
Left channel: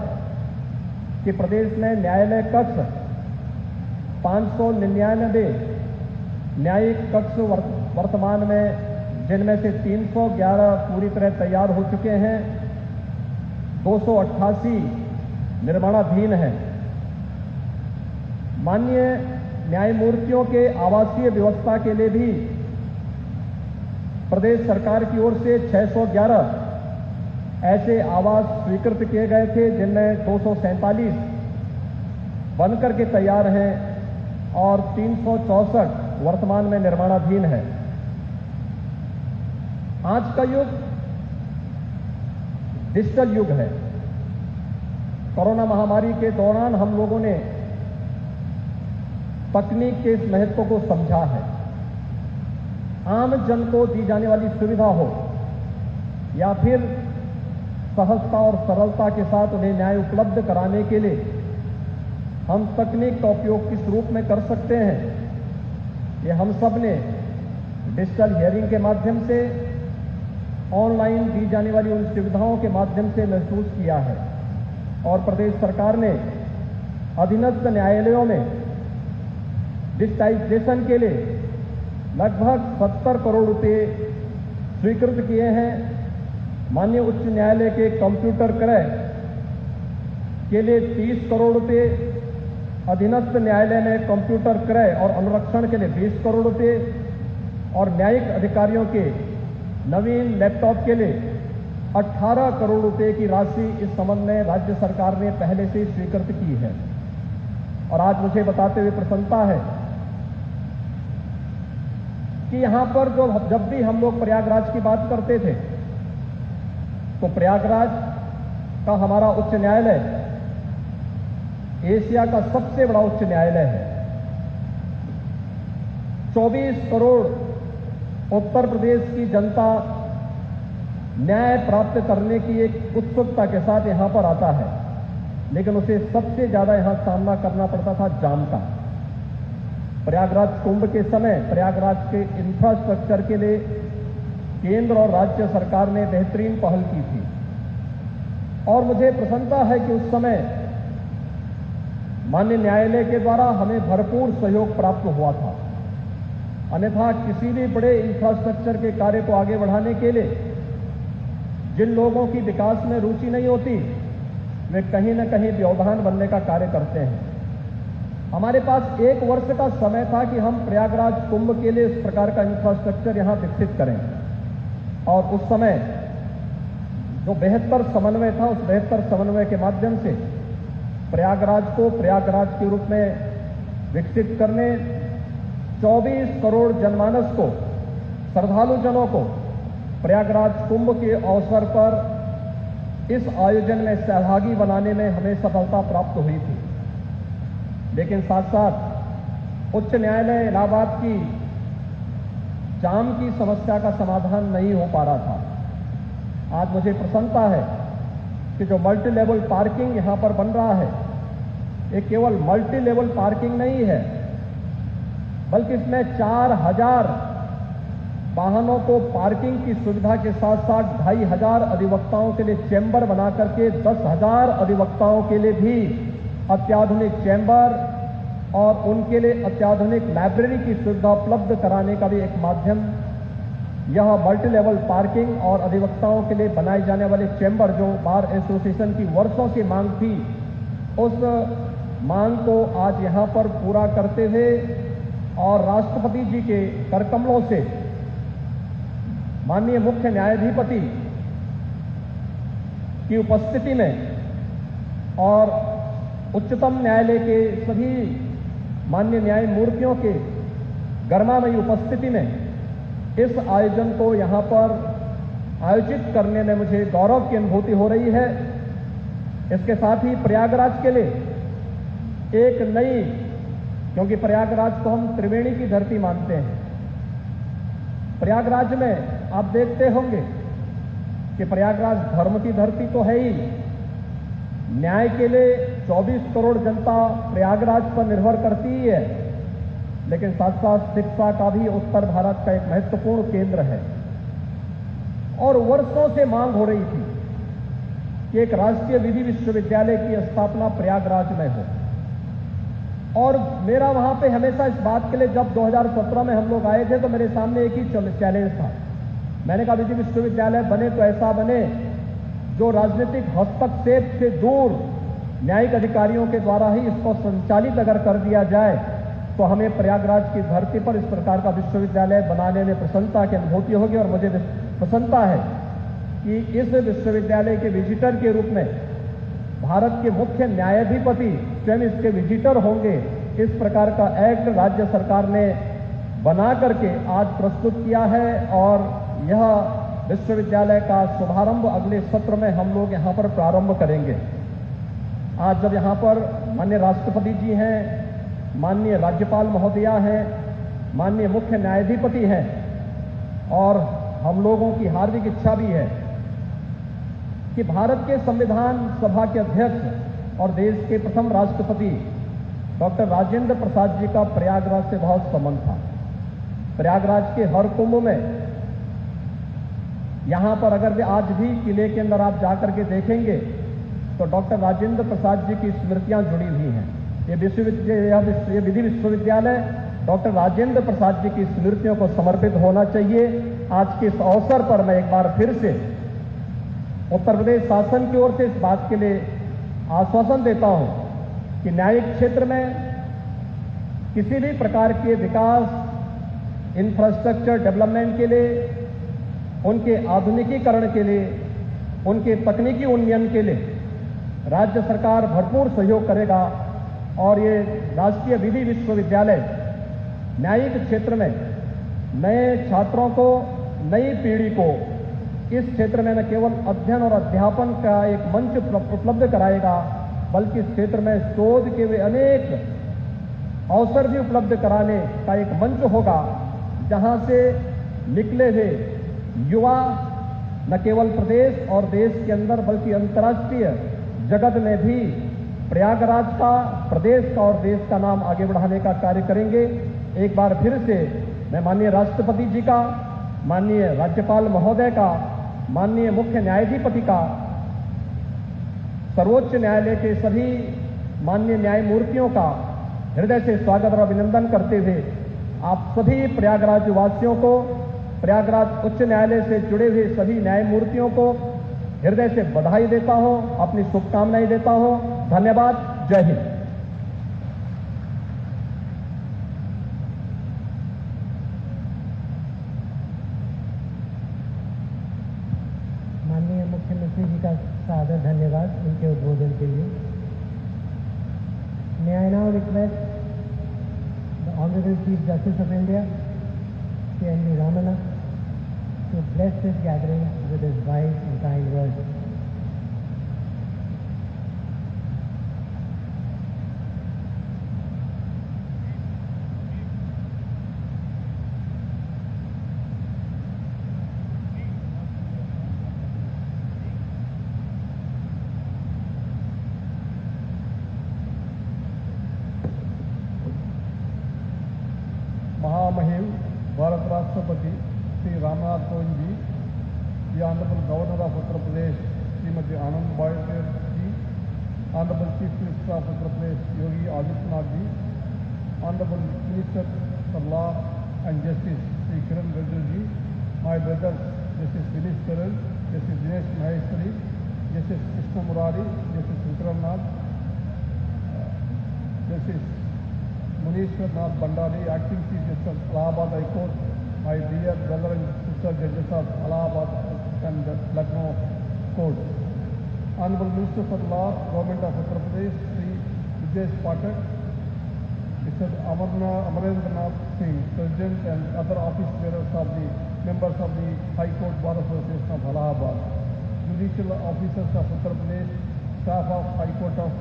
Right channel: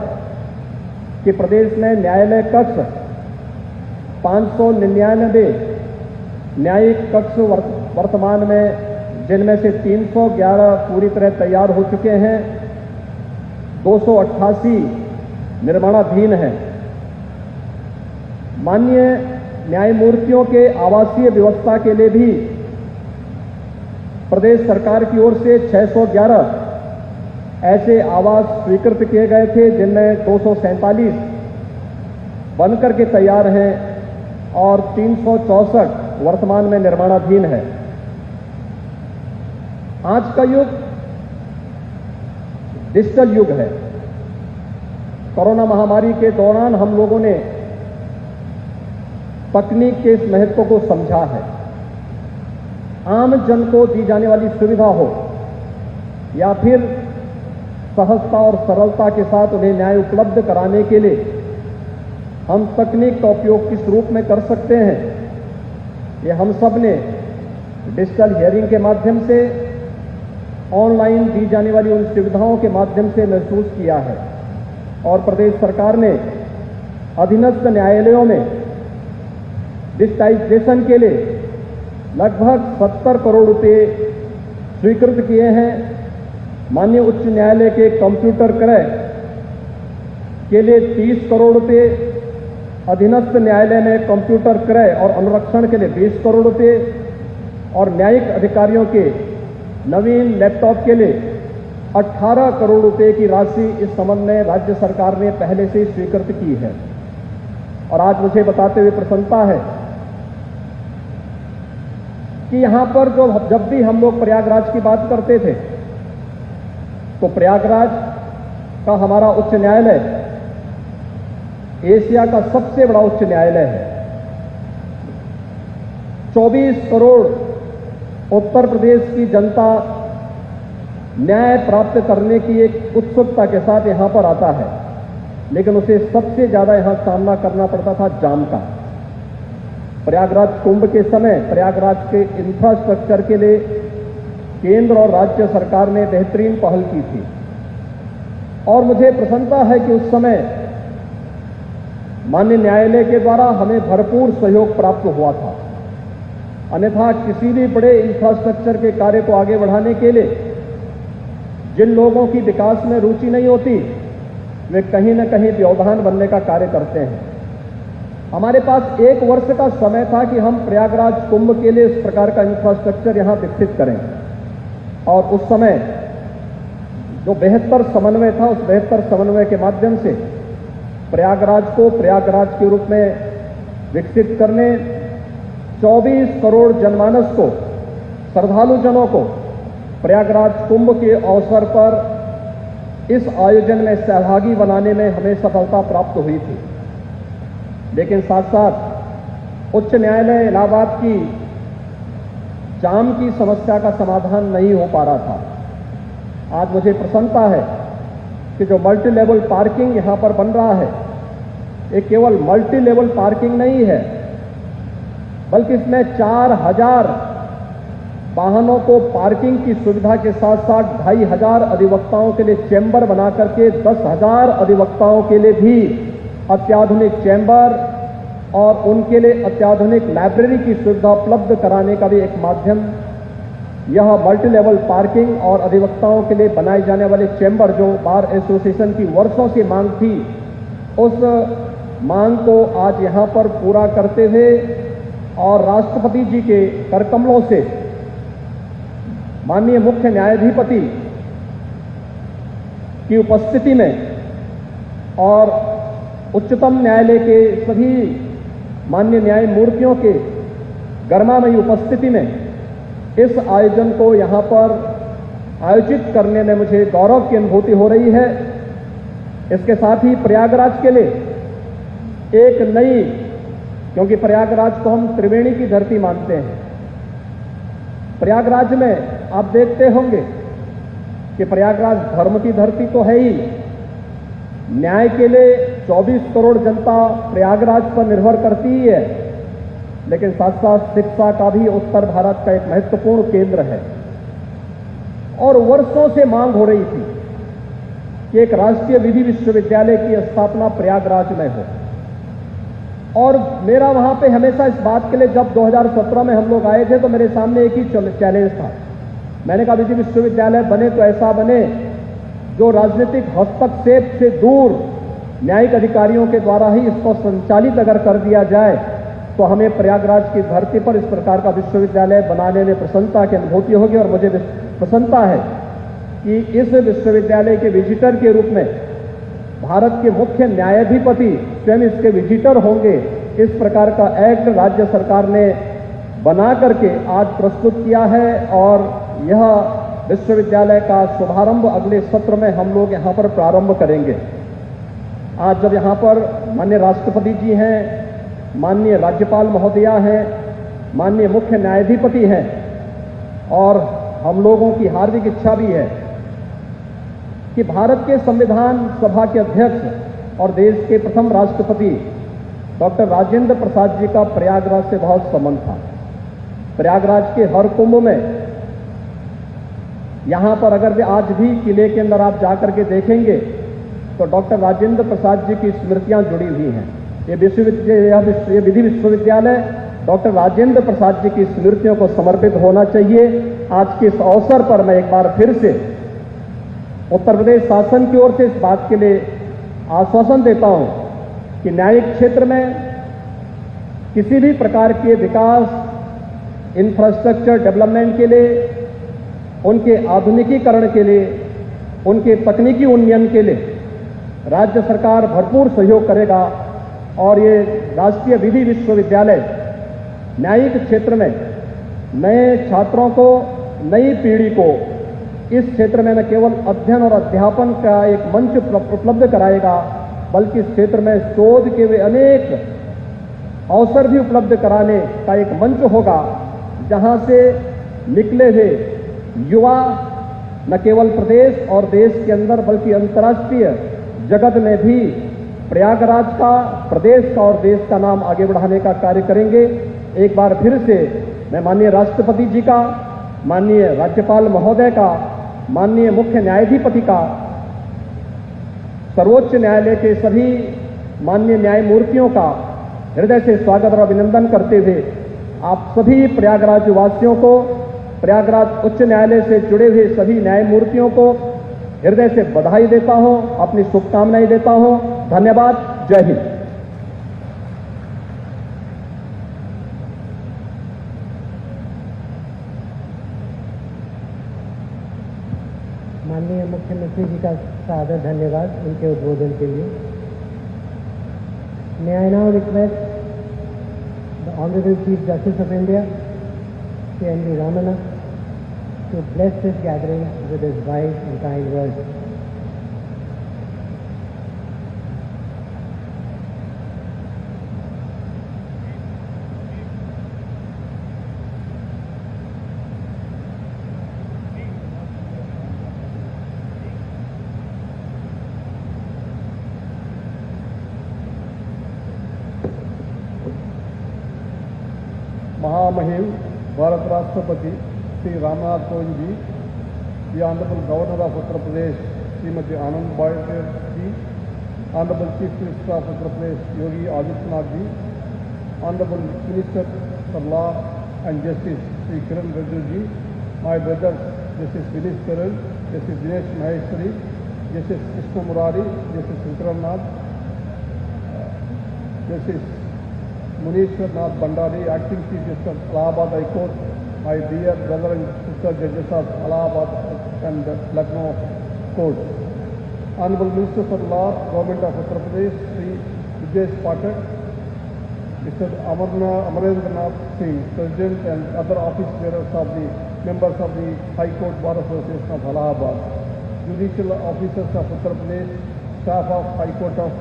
कि प्रदेश में न्यायालय कक्ष 599 न्यायिक कक्ष वर्तमान में, जिनमें से 311 पूरी तरह तैयार हो चुके हैं, 288 निर्माणाधीन हैं। माननीय न्यायमूर्तियों के आवासीय व्यवस्था के लिए भी प्रदेश सरकार की ओर से 611 ऐसे आवास स्वीकृत किए गए थे, जिनमें 247 बनकर के तैयार हैं और 364 वर्तमान में निर्माणाधीन है। आज का युग डिजिटल युग है। कोरोना महामारी के दौरान हम लोगों ने तकनीक के इस महत्व को समझा है। आम जन को दी जाने वाली सुविधा हो या फिर सहजता और सरलता के साथ उन्हें न्याय उपलब्ध कराने के लिए हम तकनीक का उपयोग किस रूप में कर सकते हैं, ये हम सब ने डिजिटल हियरिंग के माध्यम से, ऑनलाइन दी जाने वाली उन सुविधाओं के माध्यम से महसूस किया है। और प्रदेश सरकार ने अधीनस्थ न्यायालयों में डिजिटाइजेशन के लिए लगभग 70 करोड़ रुपए स्वीकृत किए हैं। माननीय उच्च न्यायालय के कंप्यूटर क्रय के लिए 30 करोड़ रुपए, अधीनस्थ न्यायालय में कंप्यूटर क्रय और अनुरक्षण के लिए 20 करोड़ रुपए और न्यायिक अधिकारियों के नवीन लैपटॉप के लिए 18 करोड़ रुपए की राशि इस संबंध में राज्य सरकार ने पहले से ही स्वीकृत की है। और आज मुझे बताते हुए प्रसन्नता है कि यहां पर जब भी हम लोग प्रयागराज की बात करते थे तो प्रयागराज का हमारा उच्च न्यायालय एशिया का सबसे बड़ा उच्च न्यायालय है। 24 करोड़ उत्तर प्रदेश की जनता न्याय प्राप्त करने की एक उत्सुकता के साथ यहां पर आता है, लेकिन उसे सबसे ज्यादा यहां सामना करना पड़ता था जाम का। प्रयागराज कुंभ के समय प्रयागराज के इंफ्रास्ट्रक्चर के लिए केंद्र और राज्य सरकार ने बेहतरीन पहल की थी और मुझे प्रसन्नता है कि उस समय माननीय न्यायालय के द्वारा हमें भरपूर सहयोग प्राप्त हुआ था। अन्यथा किसी भी बड़े इंफ्रास्ट्रक्चर के कार्य को आगे बढ़ाने के लिए जिन लोगों की विकास में रुचि नहीं होती वे कहीं न कहीं व्यवधान बनने का कार्य करते हैं। हमारे पास 1 वर्ष का समय था कि हम प्रयागराज कुंभ के लिए इस प्रकार का इंफ्रास्ट्रक्चर यहां विकसित करें और उस समय जो बेहतर समन्वय था उस बेहतर समन्वय के माध्यम से प्रयागराज को प्रयागराज के रूप में विकसित करने 24 करोड़ जनमानस को, श्रद्धालु जनों को प्रयागराज कुंभ के अवसर पर इस आयोजन में सहभागी बनाने में हमें सफलता प्राप्त हुई थी। लेकिन साथ साथ उच्च न्यायालय इलाहाबाद की जाम की समस्या का समाधान नहीं हो पा रहा था। आज मुझे प्रसन्नता है कि जो मल्टी लेवल पार्किंग यहां पर बन रहा है ये केवल मल्टी लेवल पार्किंग नहीं है, बल्कि इसमें 4000 वाहनों को पार्किंग की सुविधा के साथ साथ 2500 अधिवक्ताओं के लिए चैम्बर बना करके 10,000 अधिवक्ताओं के लिए भी अत्याधुनिक चैम्बर और उनके लिए अत्याधुनिक लाइब्रेरी की सुविधा उपलब्ध कराने का भी एक माध्यम यह मल्टी लेवल पार्किंग और अधिवक्ताओं के लिए बनाए जाने वाले चैम्बर, जो बार एसोसिएशन की वर्षों की मांग थी, उस मांग को आज यहां पर पूरा करते हुए और राष्ट्रपति जी के करकमलों से माननीय मुख्य न्यायाधिपति की उपस्थिति में और उच्चतम न्यायालय के सभी माननीय न्यायमूर्तियों के गर्मामयी उपस्थिति में इस आयोजन को यहां पर आयोजित करने में मुझे गौरव की अनुभूति हो रही है। इसके साथ ही प्रयागराज के लिए एक नई, क्योंकि प्रयागराज को हम त्रिवेणी की धरती मानते हैं, प्रयागराज में आप देखते होंगे कि प्रयागराज धर्म की धरती तो है ही, न्याय के लिए 24 करोड़ जनता प्रयागराज पर निर्भर करती ही है, लेकिन साथ साथ शिक्षा का भी उत्तर भारत का एक महत्वपूर्ण केंद्र है। और वर्षों से मांग हो रही थी कि एक राष्ट्रीय विधि विश्वविद्यालय की स्थापना प्रयागराज में हो। और मेरा वहां पे हमेशा इस बात के लिए, जब 2017 में हम लोग आए थे तो मेरे सामने एक ही चैलेंज था। मैंने कहा विधि विश्वविद्यालय बने तो ऐसा बने जो राजनीतिक हस्तक्षेप से दूर न्यायिक अधिकारियों के द्वारा ही इसको संचालित अगर कर दिया जाए तो हमें प्रयागराज की धरती पर इस प्रकार का विश्वविद्यालय बनाने में प्रसन्नता की अनुभूति होगी। और मुझे प्रसन्नता है कि इस विश्वविद्यालय के विजिटर के रूप में भारत के मुख्य न्यायाधिपति स्वयं इसके विजिटर होंगे। इस प्रकार का एक्ट राज्य सरकार ने बना करके आज प्रस्तुत किया है और यह विश्वविद्यालय का शुभारंभ अगले सत्र में हम लोग यहां पर प्रारंभ करेंगे। आज जब यहां पर माननीय राष्ट्रपति जी हैं, माननीय राज्यपाल महोदया हैं, माननीय मुख्य न्यायाधिपति हैं और हम लोगों की हार्दिक इच्छा भी है कि भारत के संविधान सभा के अध्यक्ष और देश के प्रथम राष्ट्रपति डॉक्टर राजेंद्र प्रसाद जी का प्रयागराज से बहुत संबंध था। प्रयागराज के हर कुंभ में यहां पर अगर आज भी किले के अंदर आप जाकर के देखेंगे तो डॉक्टर राजेंद्र प्रसाद जी की स्मृतियां जुड़ी हुई हैं। ये विधि विश्वविद्यालय डॉक्टर राजेंद्र प्रसाद जी की स्मृतियों को समर्पित होना चाहिए। आज के इस अवसर पर मैं एक बार फिर से उत्तर प्रदेश शासन की ओर से इस बात के लिए आश्वासन देता हूं कि न्यायिक क्षेत्र में किसी भी प्रकार के विकास, इंफ्रास्ट्रक्चर डेवलपमेंट के लिए, उनके आधुनिकीकरण के लिए, उनके तकनीकी उन्नयन के लिए राज्य सरकार भरपूर सहयोग करेगा और ये राष्ट्रीय विधि विश्वविद्यालय न्यायिक क्षेत्र में नए छात्रों को, नई पीढ़ी को इस क्षेत्र में न केवल अध्ययन और अध्यापन का एक मंच उपलब्ध कराएगा, बल्कि इस क्षेत्र में शोध के वे अनेक अवसर भी उपलब्ध कराने का एक मंच होगा, जहां से निकले हुए युवा न केवल प्रदेश और देश के अंदर बल्कि अंतर्राष्ट्रीय जगत में भी प्रयागराज का, प्रदेश का और देश का नाम आगे बढ़ाने का कार्य करेंगे। एक बार फिर से मैं माननीय राष्ट्रपति जी का, माननीय राज्यपाल महोदय का, माननीय मुख्य न्यायाधिपति का, सर्वोच्च न्यायालय के सभी माननीय न्यायमूर्तियों का हृदय से स्वागत और अभिनंदन करते हुए आप सभी प्रयागराज वासियों को, प्रयागराज उच्च न्यायालय से जुड़े हुए सभी न्यायमूर्तियों को हृदय से बधाई देता हूं, अपनी शुभकामनाएं देता हूं। धन्यवाद। जय हिंद। माननीय मुख्यमंत्री जी का सादर धन्यवाद उनके उद्बोधन के लिए। May I now request the Honorable Chief Justice of India, Sri N.V. Ramana, to bless this gathering with his wise and kind words. महामहिम भारत राष्ट्रपति Shri Ramnath Kovind ji, the Honorable Governor of Uttar Pradesh, Srimati Anandabhai ji, Honorable Chief Minister of Uttar Pradesh, Yogi Adityanath ji, Honorable Minister for Law and Justice, Sri Kiran Rijiju ji, my brothers, Justice Vineet Karan, Justice Dinesh Maheshwari, Justice Krishna Murari, Justice Shankaranath, Justice Munishwar Nath Bhandari, Acting Chief Justice of Allahabad High Court, my dear brother and sister judges of Allahabad and Lucknow Court, Honorable Minister for Law, Government of Uttar Pradesh, Sri Vijay Pathak, Mr. Amarendra Nath Singh, President and other office bearers of the members of the High Court Bar Association of Allahabad, judicial officers of Uttar Pradesh, staff of High Court of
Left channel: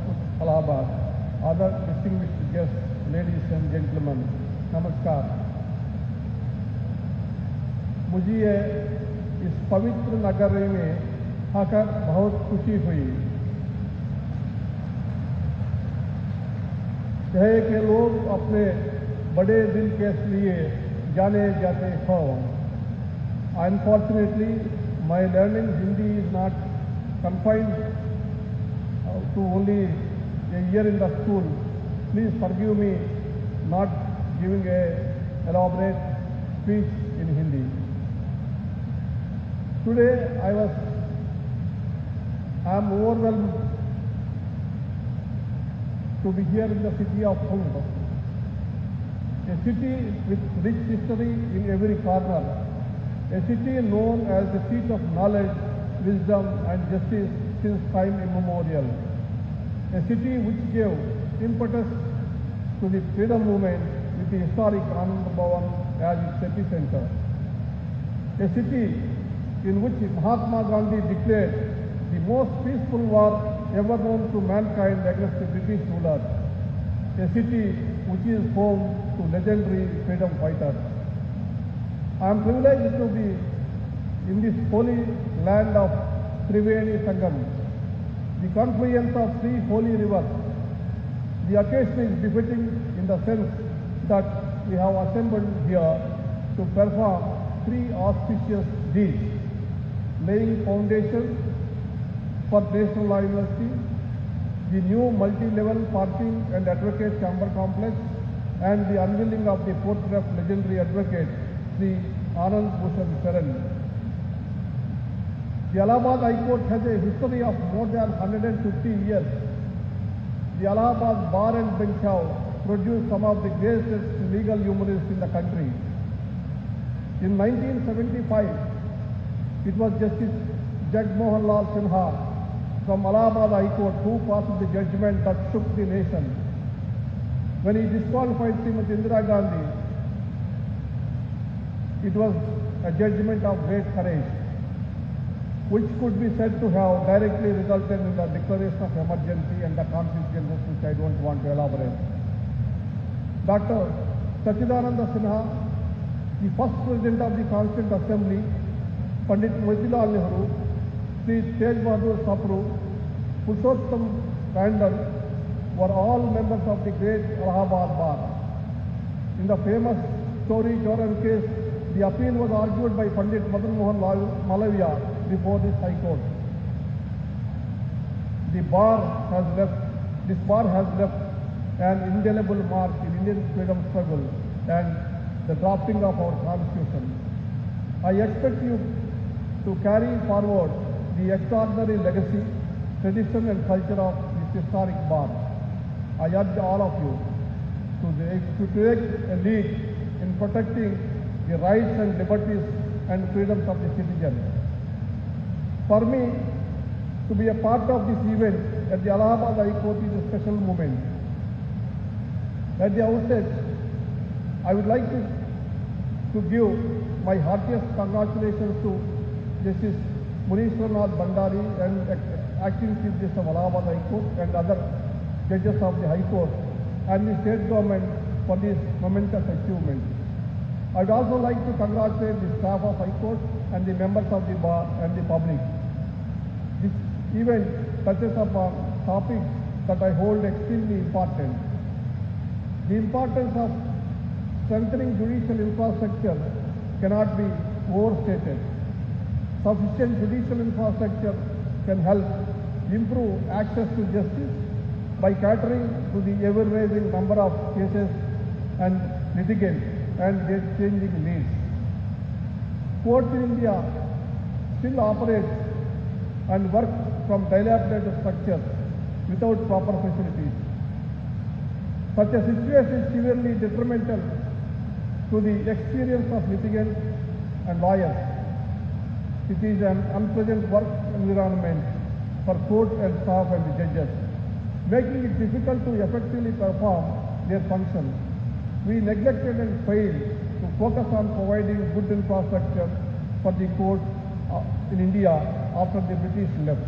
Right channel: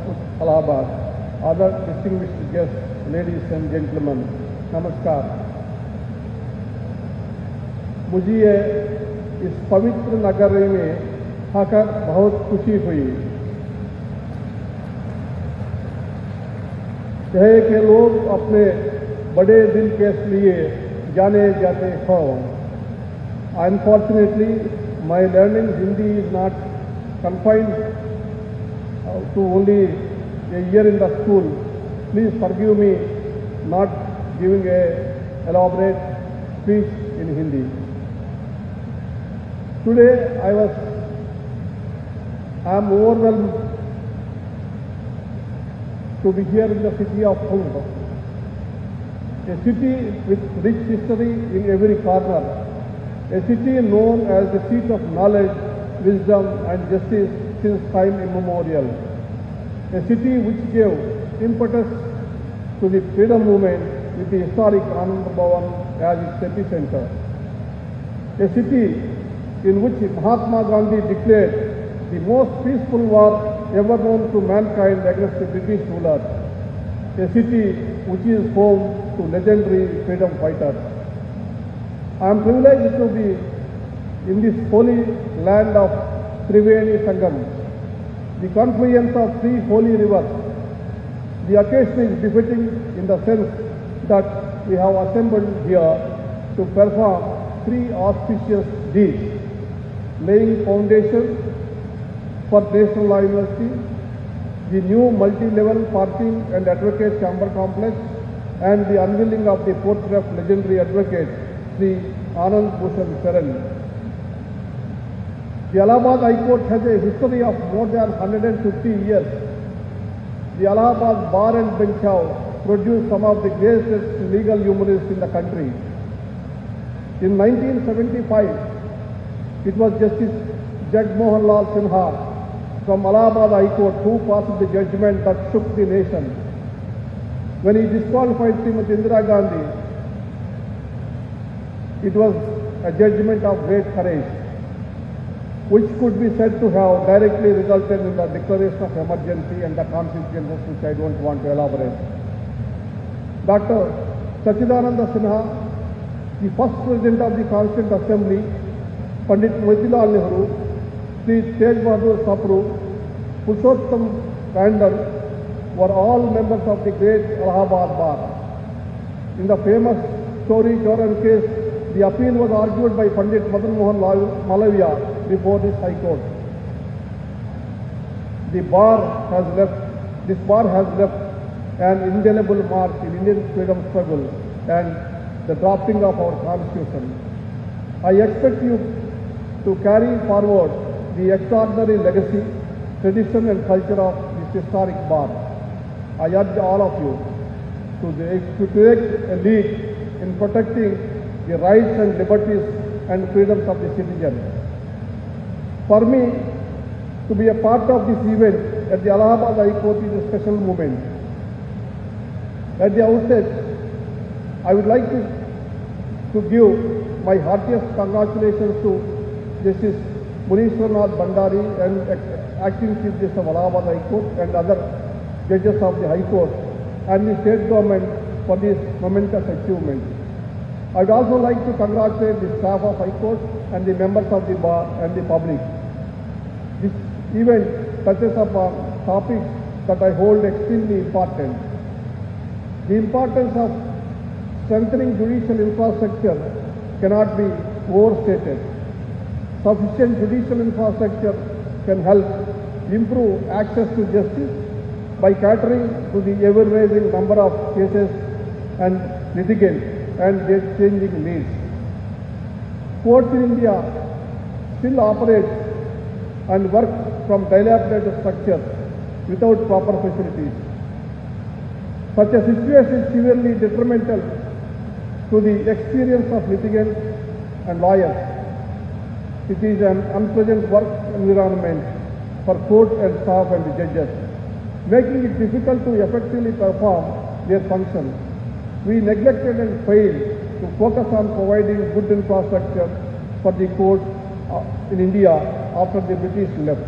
Allahabad, other distinguished guests, ladies and gentlemen, नमस्कार। मुझे इस पवित्र नगरी में आकर बहुत खुशी हुई है कि लोग अपने बड़े दिन के लिए जाने जाते हैं। Unfortunately, my learning Hindi is not confined to only a year in the school. Please forgive me not giving a elaborate speech in Hindi. Today I am overwhelmed to be here in the city of Kumbh, a city with rich history in every corner, a city known as the seat of knowledge, wisdom and justice since time immemorial, a city which gave impetus to the freedom movement with the historic Anand Bhavan as its epicenter. A city in which Mahatma Gandhi declared the most peaceful war ever known to mankind against the British rulers. A city which is home to legendary freedom fighters. I am privileged to be in this holy land of Triveni Sangam, the confluence of three holy rivers. The occasion is befitting in the sense that we have assembled here to perform three auspicious deeds: laying foundation for National Law University, the new multi-level parking and advocate chamber complex, and the unveiling of the portrait of legendary advocate Sri Anand Bhushan Saran. The Allahabad High Court has a history of more than 150 years the Allahabad Bar and Bench have produced some of the greatest legal humorists in the country. In 1975, it was Justice Jagmohan Lal Sinha from Allahabad High Court who passed the judgment that shook the nation. When he disqualified Srimati Indira Gandhi, it was a judgment of great courage, which could be said to have directly resulted in the declaration of emergency and the consequences which I don't want to elaborate. Dr. Sachidananda Sinha, the first President of the Constituent Assembly, Pandit Motilal Nehru, Sri Tej Bahadur Sapru, Purushottam Tandon were all members of the great Allahabad Bar. In the famous Story Joran case, the appeal was argued by Pandit Madan Mohan Malaviya before this High Court. This bar has left an indelible mark in Indian freedom struggle and the drafting of our Constitution. I expect you to carry forward the extraordinary legacy, tradition and culture of this historic bar. I urge all of you to take a lead in protecting the rights and liberties and freedoms of the citizens. For me, to be a part of this event at the Allahabad High Court is a special moment. At the outset, I would like to give my heartiest congratulations to Justice Munishwarnath Bhandari and Acting Chief Justice of Allahabad High Court and other judges of the High Court and the state government for this momentous achievement. I would also like to congratulate the staff of High Court and the members of the bar and the public. This event touches upon topics that I hold extremely important. The importance of strengthening judicial infrastructure cannot be overstated. Sufficient judicial infrastructure can help improve access to justice by catering to the ever-rising number of cases and litigants and their changing needs. Courts in India still operate and work from dilapidated structures without proper facilities. Such a situation is severely detrimental to the experience of litigants and lawyers. It is an unpleasant work environment for court and staff and the judges, making it difficult to effectively perform their functions. We neglected and failed to focus on providing good infrastructure for the courts in India after the British left.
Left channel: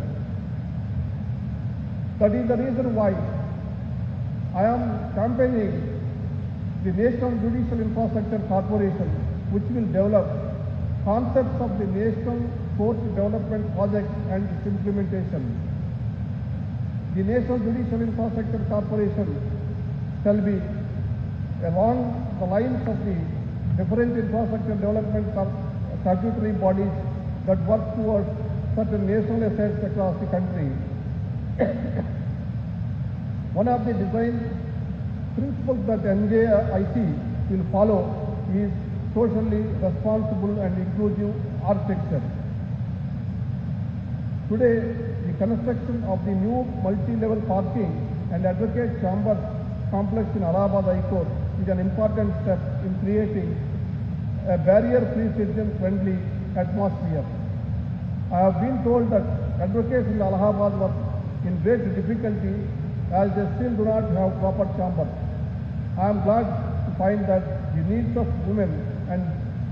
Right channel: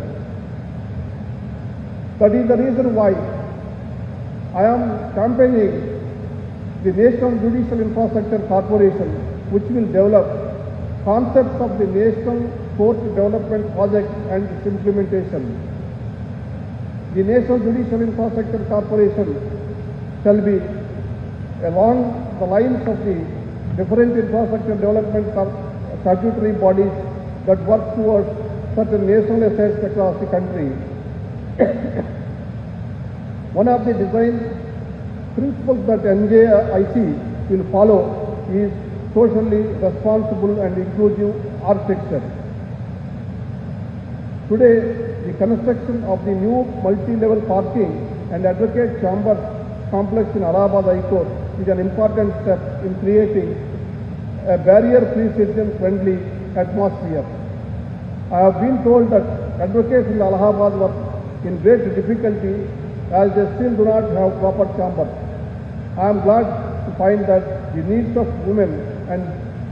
That is the reason why I am campaigning the National Judicial Infrastructure Corporation, which will develop concepts of the National Court Development Project and its implementation. The National Judicial Infrastructure Corporation shall be along the lines of the different infrastructure development statutory bodies that work towards certain national assets across the country. One of the design principles that NJIC will follow is socially responsible and inclusive architecture. Today, the construction of the new multi-level parking and advocate chamber complex in Allahabad High Court is an important step in creating a barrier-free, citizen-friendly atmosphere. I have been told that advocates in Allahabad were in great difficulty as they still do not have proper chambers. I am glad to find that the needs of women and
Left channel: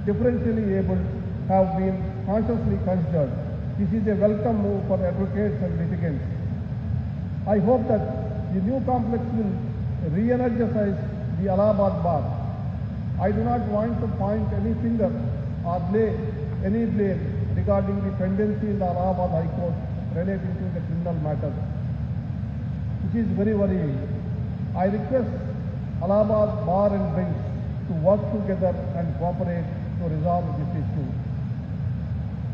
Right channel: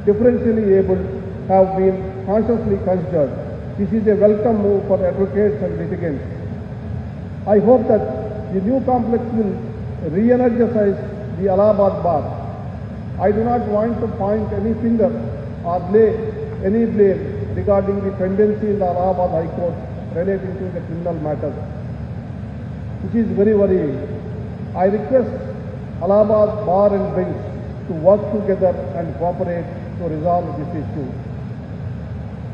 differentially abled have been consciously considered. This is a welcome move for advocates and litigants. I hope that the new complex will re-energize the Allahabad Bar. I do not want to point any finger or lay any blame regarding the tendency in the Allahabad High Court relating to the criminal matters, which is very worrying. I request Allahabad Bar and Bench to work together and cooperate to resolve this issue.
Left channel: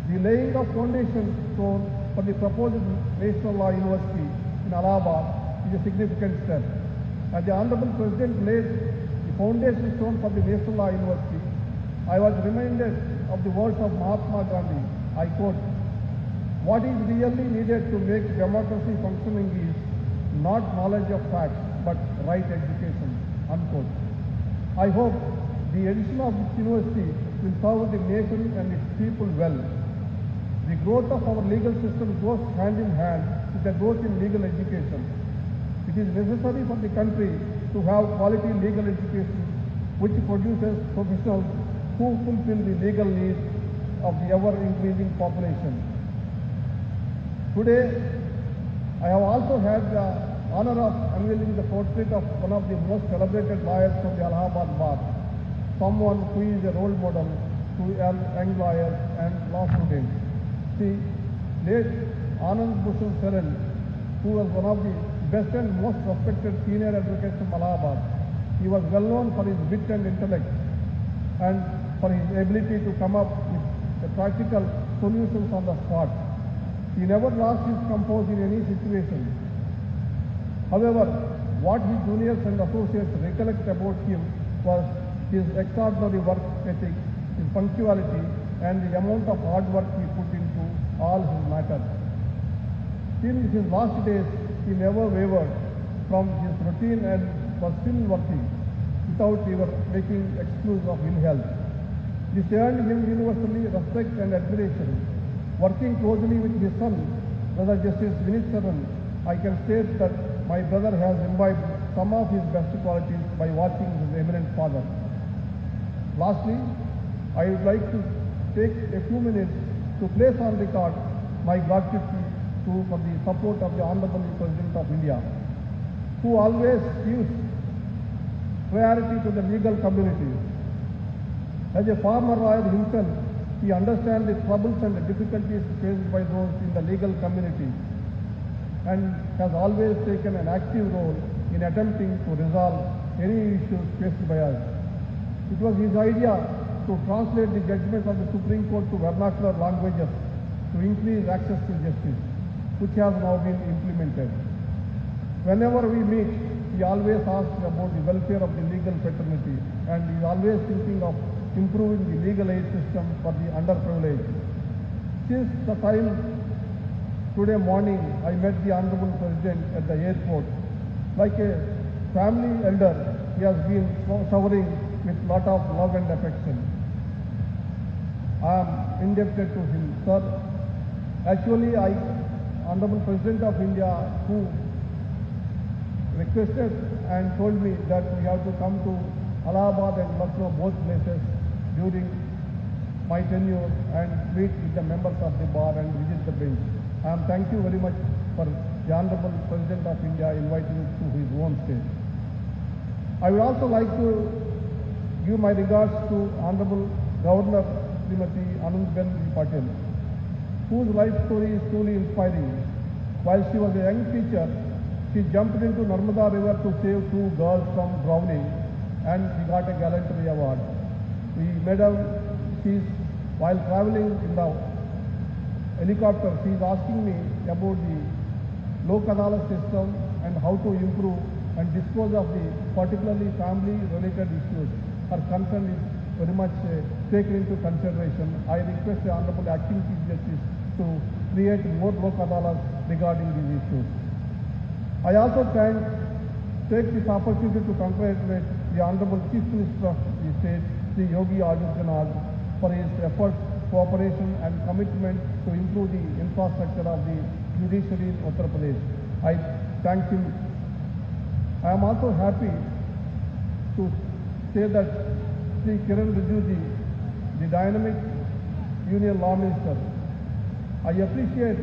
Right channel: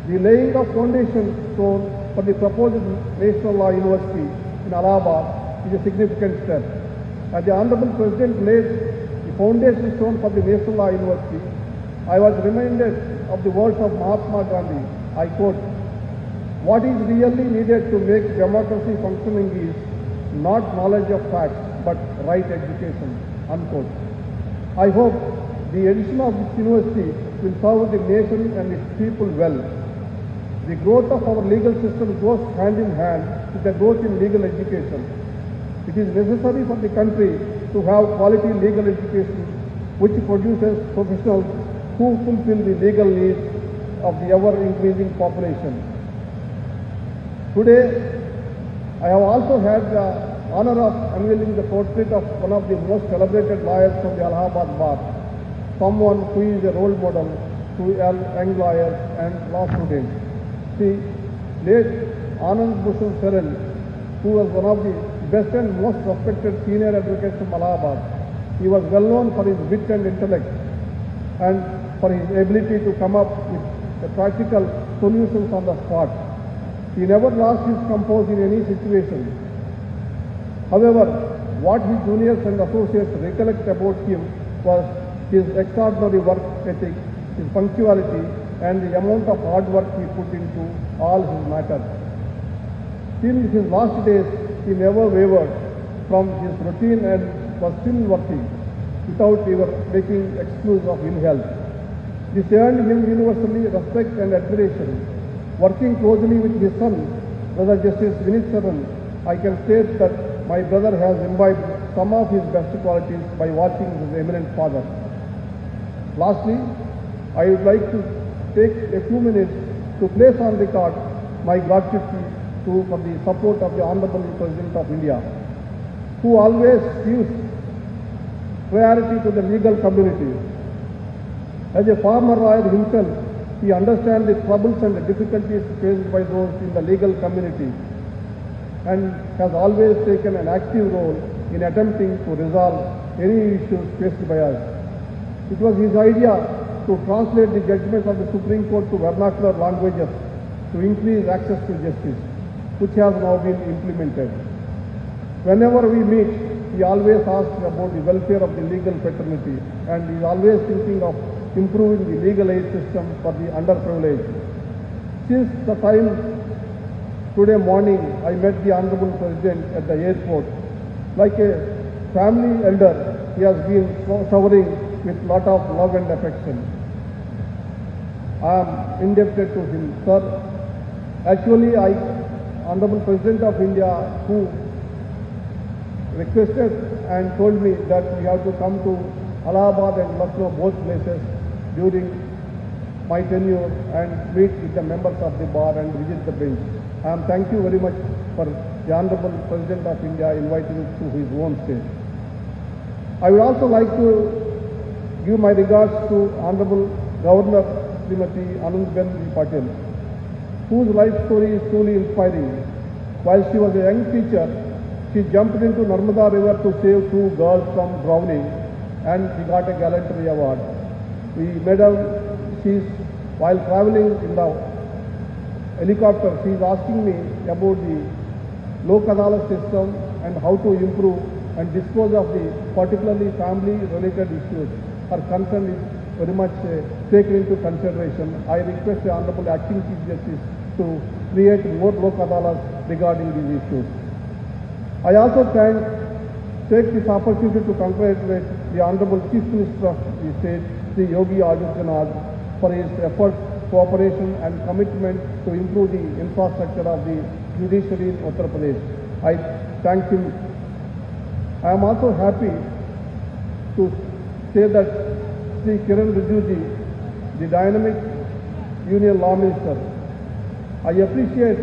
The laying of foundation stone for the proposed National Law University in Allahabad is a significant step. As the Honorable President laid the foundation stone for the National Law University, I was reminded of the words of Mahatma Gandhi. I quote, "What is really needed to make democracy functioning is not knowledge of facts, but right education, unquote. I hope the addition of this university will serve the nation and its people well. The growth of our legal system goes hand in hand with the growth in legal education. It is necessary for the country to have quality legal education which produces professionals who fulfill the legal needs of the ever-increasing population. Today, I have also had the honor of unveiling the portrait of one of the most celebrated lawyers from the Allahabad Bar, someone who is a role model to young lawyers and law students. See, late Anand Bhushan Saran, who was one of the best and most respected senior advocates from Allahabad. He was well known for his wit and intellect and for his ability to come up with practical solutions on the spot. He never lost his composure in any situation. However, what his juniors and associates recollect about him was his extraordinary work ethic, his punctuality, and the amount of hard work he put into all his matters. Till his last days, he never wavered from his routine and was still working without ever making excuse of ill health. This earned him universally respect and admiration. Working closely with his son, Brother Justice Vineet Saran, I can state that my brother has imbibed some of his best qualities by watching his eminent father. Lastly, I would like to take a few minutes to place on record my gratitude for the support of the Honorable President of India, who always gives priority to the legal community. As a former lawyer himself, he understands the troubles and the difficulties faced by those in the legal community and has always taken an active role in attempting to resolve any issues faced by us. It was his idea to translate the judgments of the Supreme Court to vernacular languages to increase access to justice, which has now been implemented. Whenever we meet, he always asks about the welfare of the legal fraternity and is always thinking of improving the legal aid system for the underprivileged. Since the time today morning, I met the Honorable President at the airport. Like a family elder, he has been showering with lot of love and affection. I am indebted to him, sir. Actually, Honorable President of India, who requested and told me that we have to come to Allahabad and Lucknow, both places, during my tenure and meet with the members of the bar and visit the bench. Thank you very much for the Honorable President of India inviting us to his own state. I would also like to give my regards to Honorable Governor Srimati Anandiben Patel, whose life story is truly inspiring. While she was a young teacher, she jumped into Narmada River to save 2 girls from drowning, and she got a gallantry award. We met her, while traveling in the helicopter, she is asking me about the Lok Adalat system and how to improve and dispose of the particularly family-related issues. Her concern is very much taken into consideration. I request the Honorable Acting Chief Justice to create more Lok Adalats regarding these issues. I also take this opportunity to congratulate the Honorable Chief Minister of the state, Sri Yogi Adityanath, for his efforts, cooperation and commitment to improve the infrastructure of the judiciary in Uttar Pradesh. I thank him. I am also happy to say that Sri Kiran Rijiju, the dynamic Union Law Minister, I appreciate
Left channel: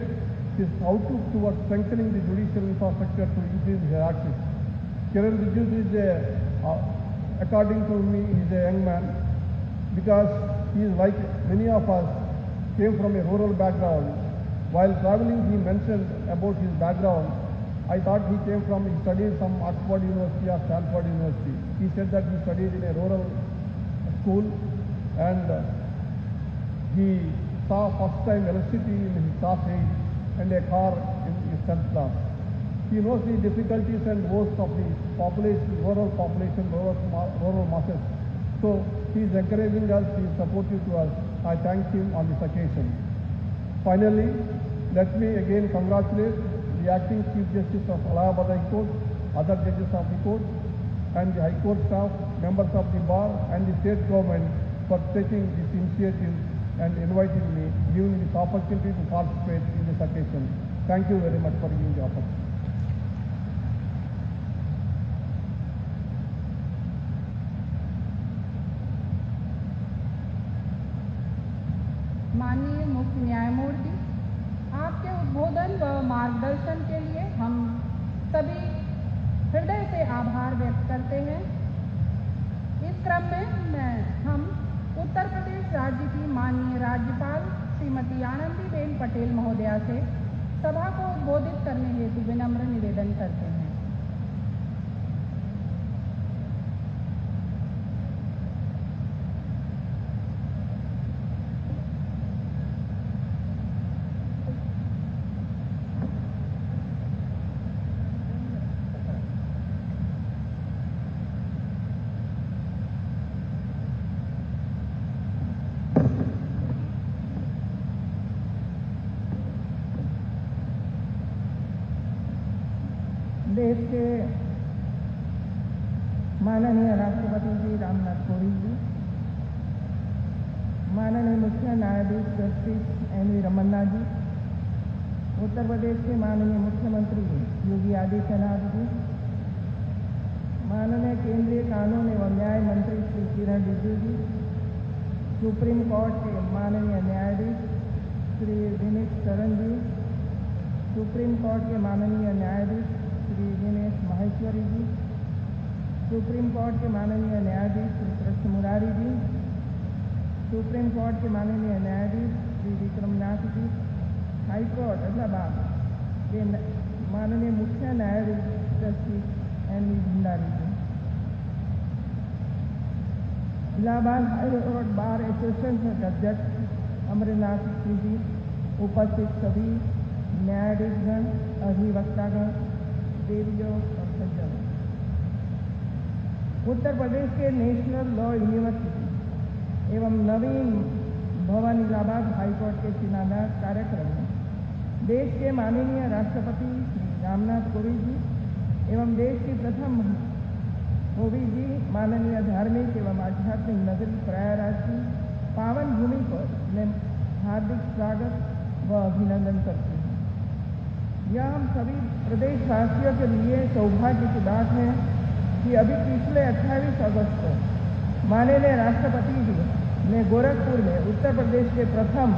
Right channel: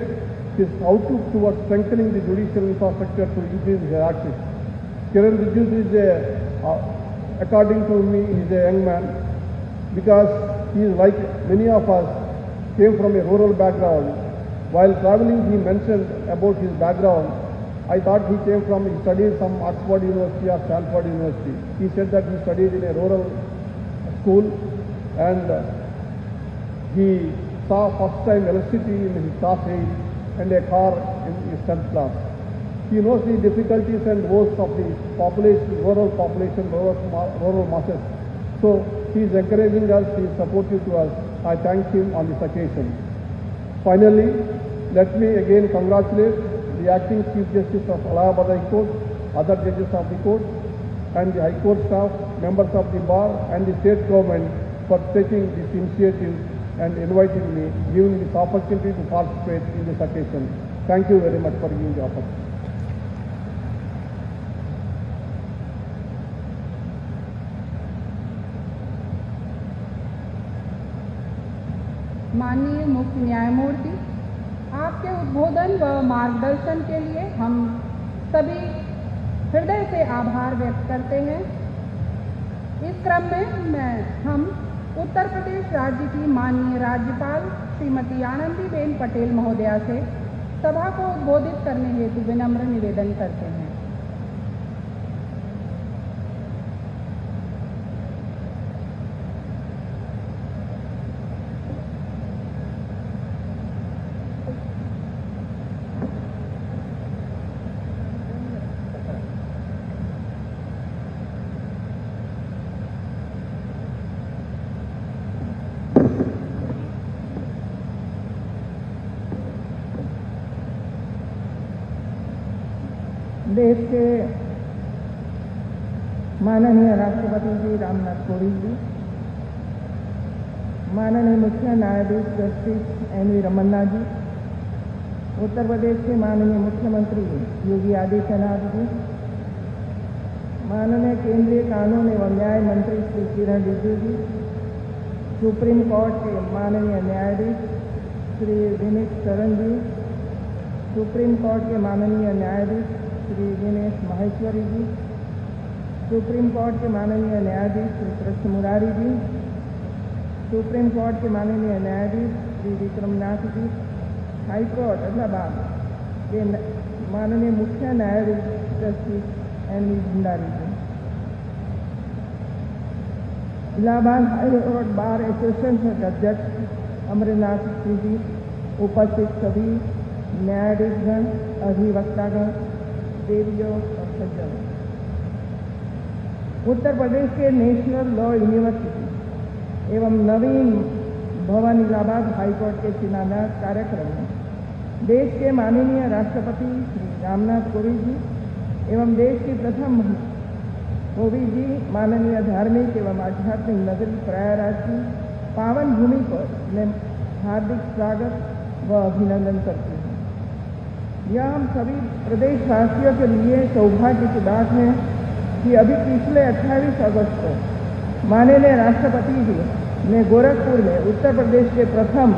his outlook towards strengthening the judicial infrastructure to increase his access. Kiran Rijiju is according to me, he is a young man because he is like many of us, came from a rural background. While traveling, he mentioned about his background. I thought he studied some Oxford University or Stanford University. He said that he studied in a rural school and he saw first time electricity in his class 8 and a car in his 10th class. He knows the difficulties and woes of the population, rural masses. So he is encouraging us, he is supportive to us. I thank him on this occasion. Finally, let me again congratulate the acting Chief Justice of Allahabad High Court, other judges of the court, and the High Court staff, members of the bar, and the state government for taking this initiative and inviting me, giving this opportunity to participate in this occasion. Thank you very much for giving the opportunity. माननीय मुख्य न्यायमूर्ति, आपके उद्बोधन व मार्गदर्शन के लिए हम सभी हृदय से आभार व्यक्त करते हैं। इस क्रम में हम उत्तर प्रदेश राज्य की माननीय राज्यपाल श्रीमती आनंदीबेन पटेल महोदया से सभा को उद्बोधित करने हेतु विनम्र निवेदन करते हैं। देश के माननीय राष्ट्रपति जी रामनाथ कोविंद जी, माननीय मुख्य न्यायाधीश जस्टिस एन.वी. रमन्ना जी, उत्तर प्रदेश के माननीय मुख्यमंत्री योगी आदित्यनाथ जी, माननीय केंद्रीय कानून एवं न्याय मंत्री श्री किरण रिजिजू जी, सुप्रीम कोर्ट के माननीय न्यायाधीश श्री दिनेश शरण जी, सुप्रीम कोर्ट के माननीय न्यायाधीश श्री दिनेश माहेश्वरी जी, सुप्रीम कोर्ट के माननीय न्यायाधीश श्री कृष्ण मुरारी जी, सुप्रीम कोर्ट के माननीय न्यायाधीश श्री विक्रमनाथ जी, हाई कोर्ट इलाहाबाद के माननीय मुख्य न्यायाधीश justice NV. Bhandari ji, Allahabad high court bar association के अध्यक्ष अमरनाथ सिंह जी, उपस्थित सभी न्यायाधीशगण, अधिवक्तागण, देवियों और सज्जनों, उत्तर प्रदेश के नेशनल लॉ यूनिवर्सिटी एवं नवीन भवन इलाहाबाद हाईकोर्ट के शिलान्यास कार्यक्रम में देश के माननीय राष्ट्रपति श्री रामनाथ कोविंद जी एवं देश की प्रथम महिला कोविंद जी माननीय धार्मिक एवं आध्यात्मिक नगरी प्रयागराज की पावन भूमि पर मैं हार्दिक स्वागत व अभिनंदन करती हूँ। यह हम सभी प्रदेशवासियों के लिए सौभाग्य की बात है कि अभी पिछले 28 अगस्त को माननीय राष्ट्रपति जी ने गोरखपुर में उत्तर प्रदेश के प्रथम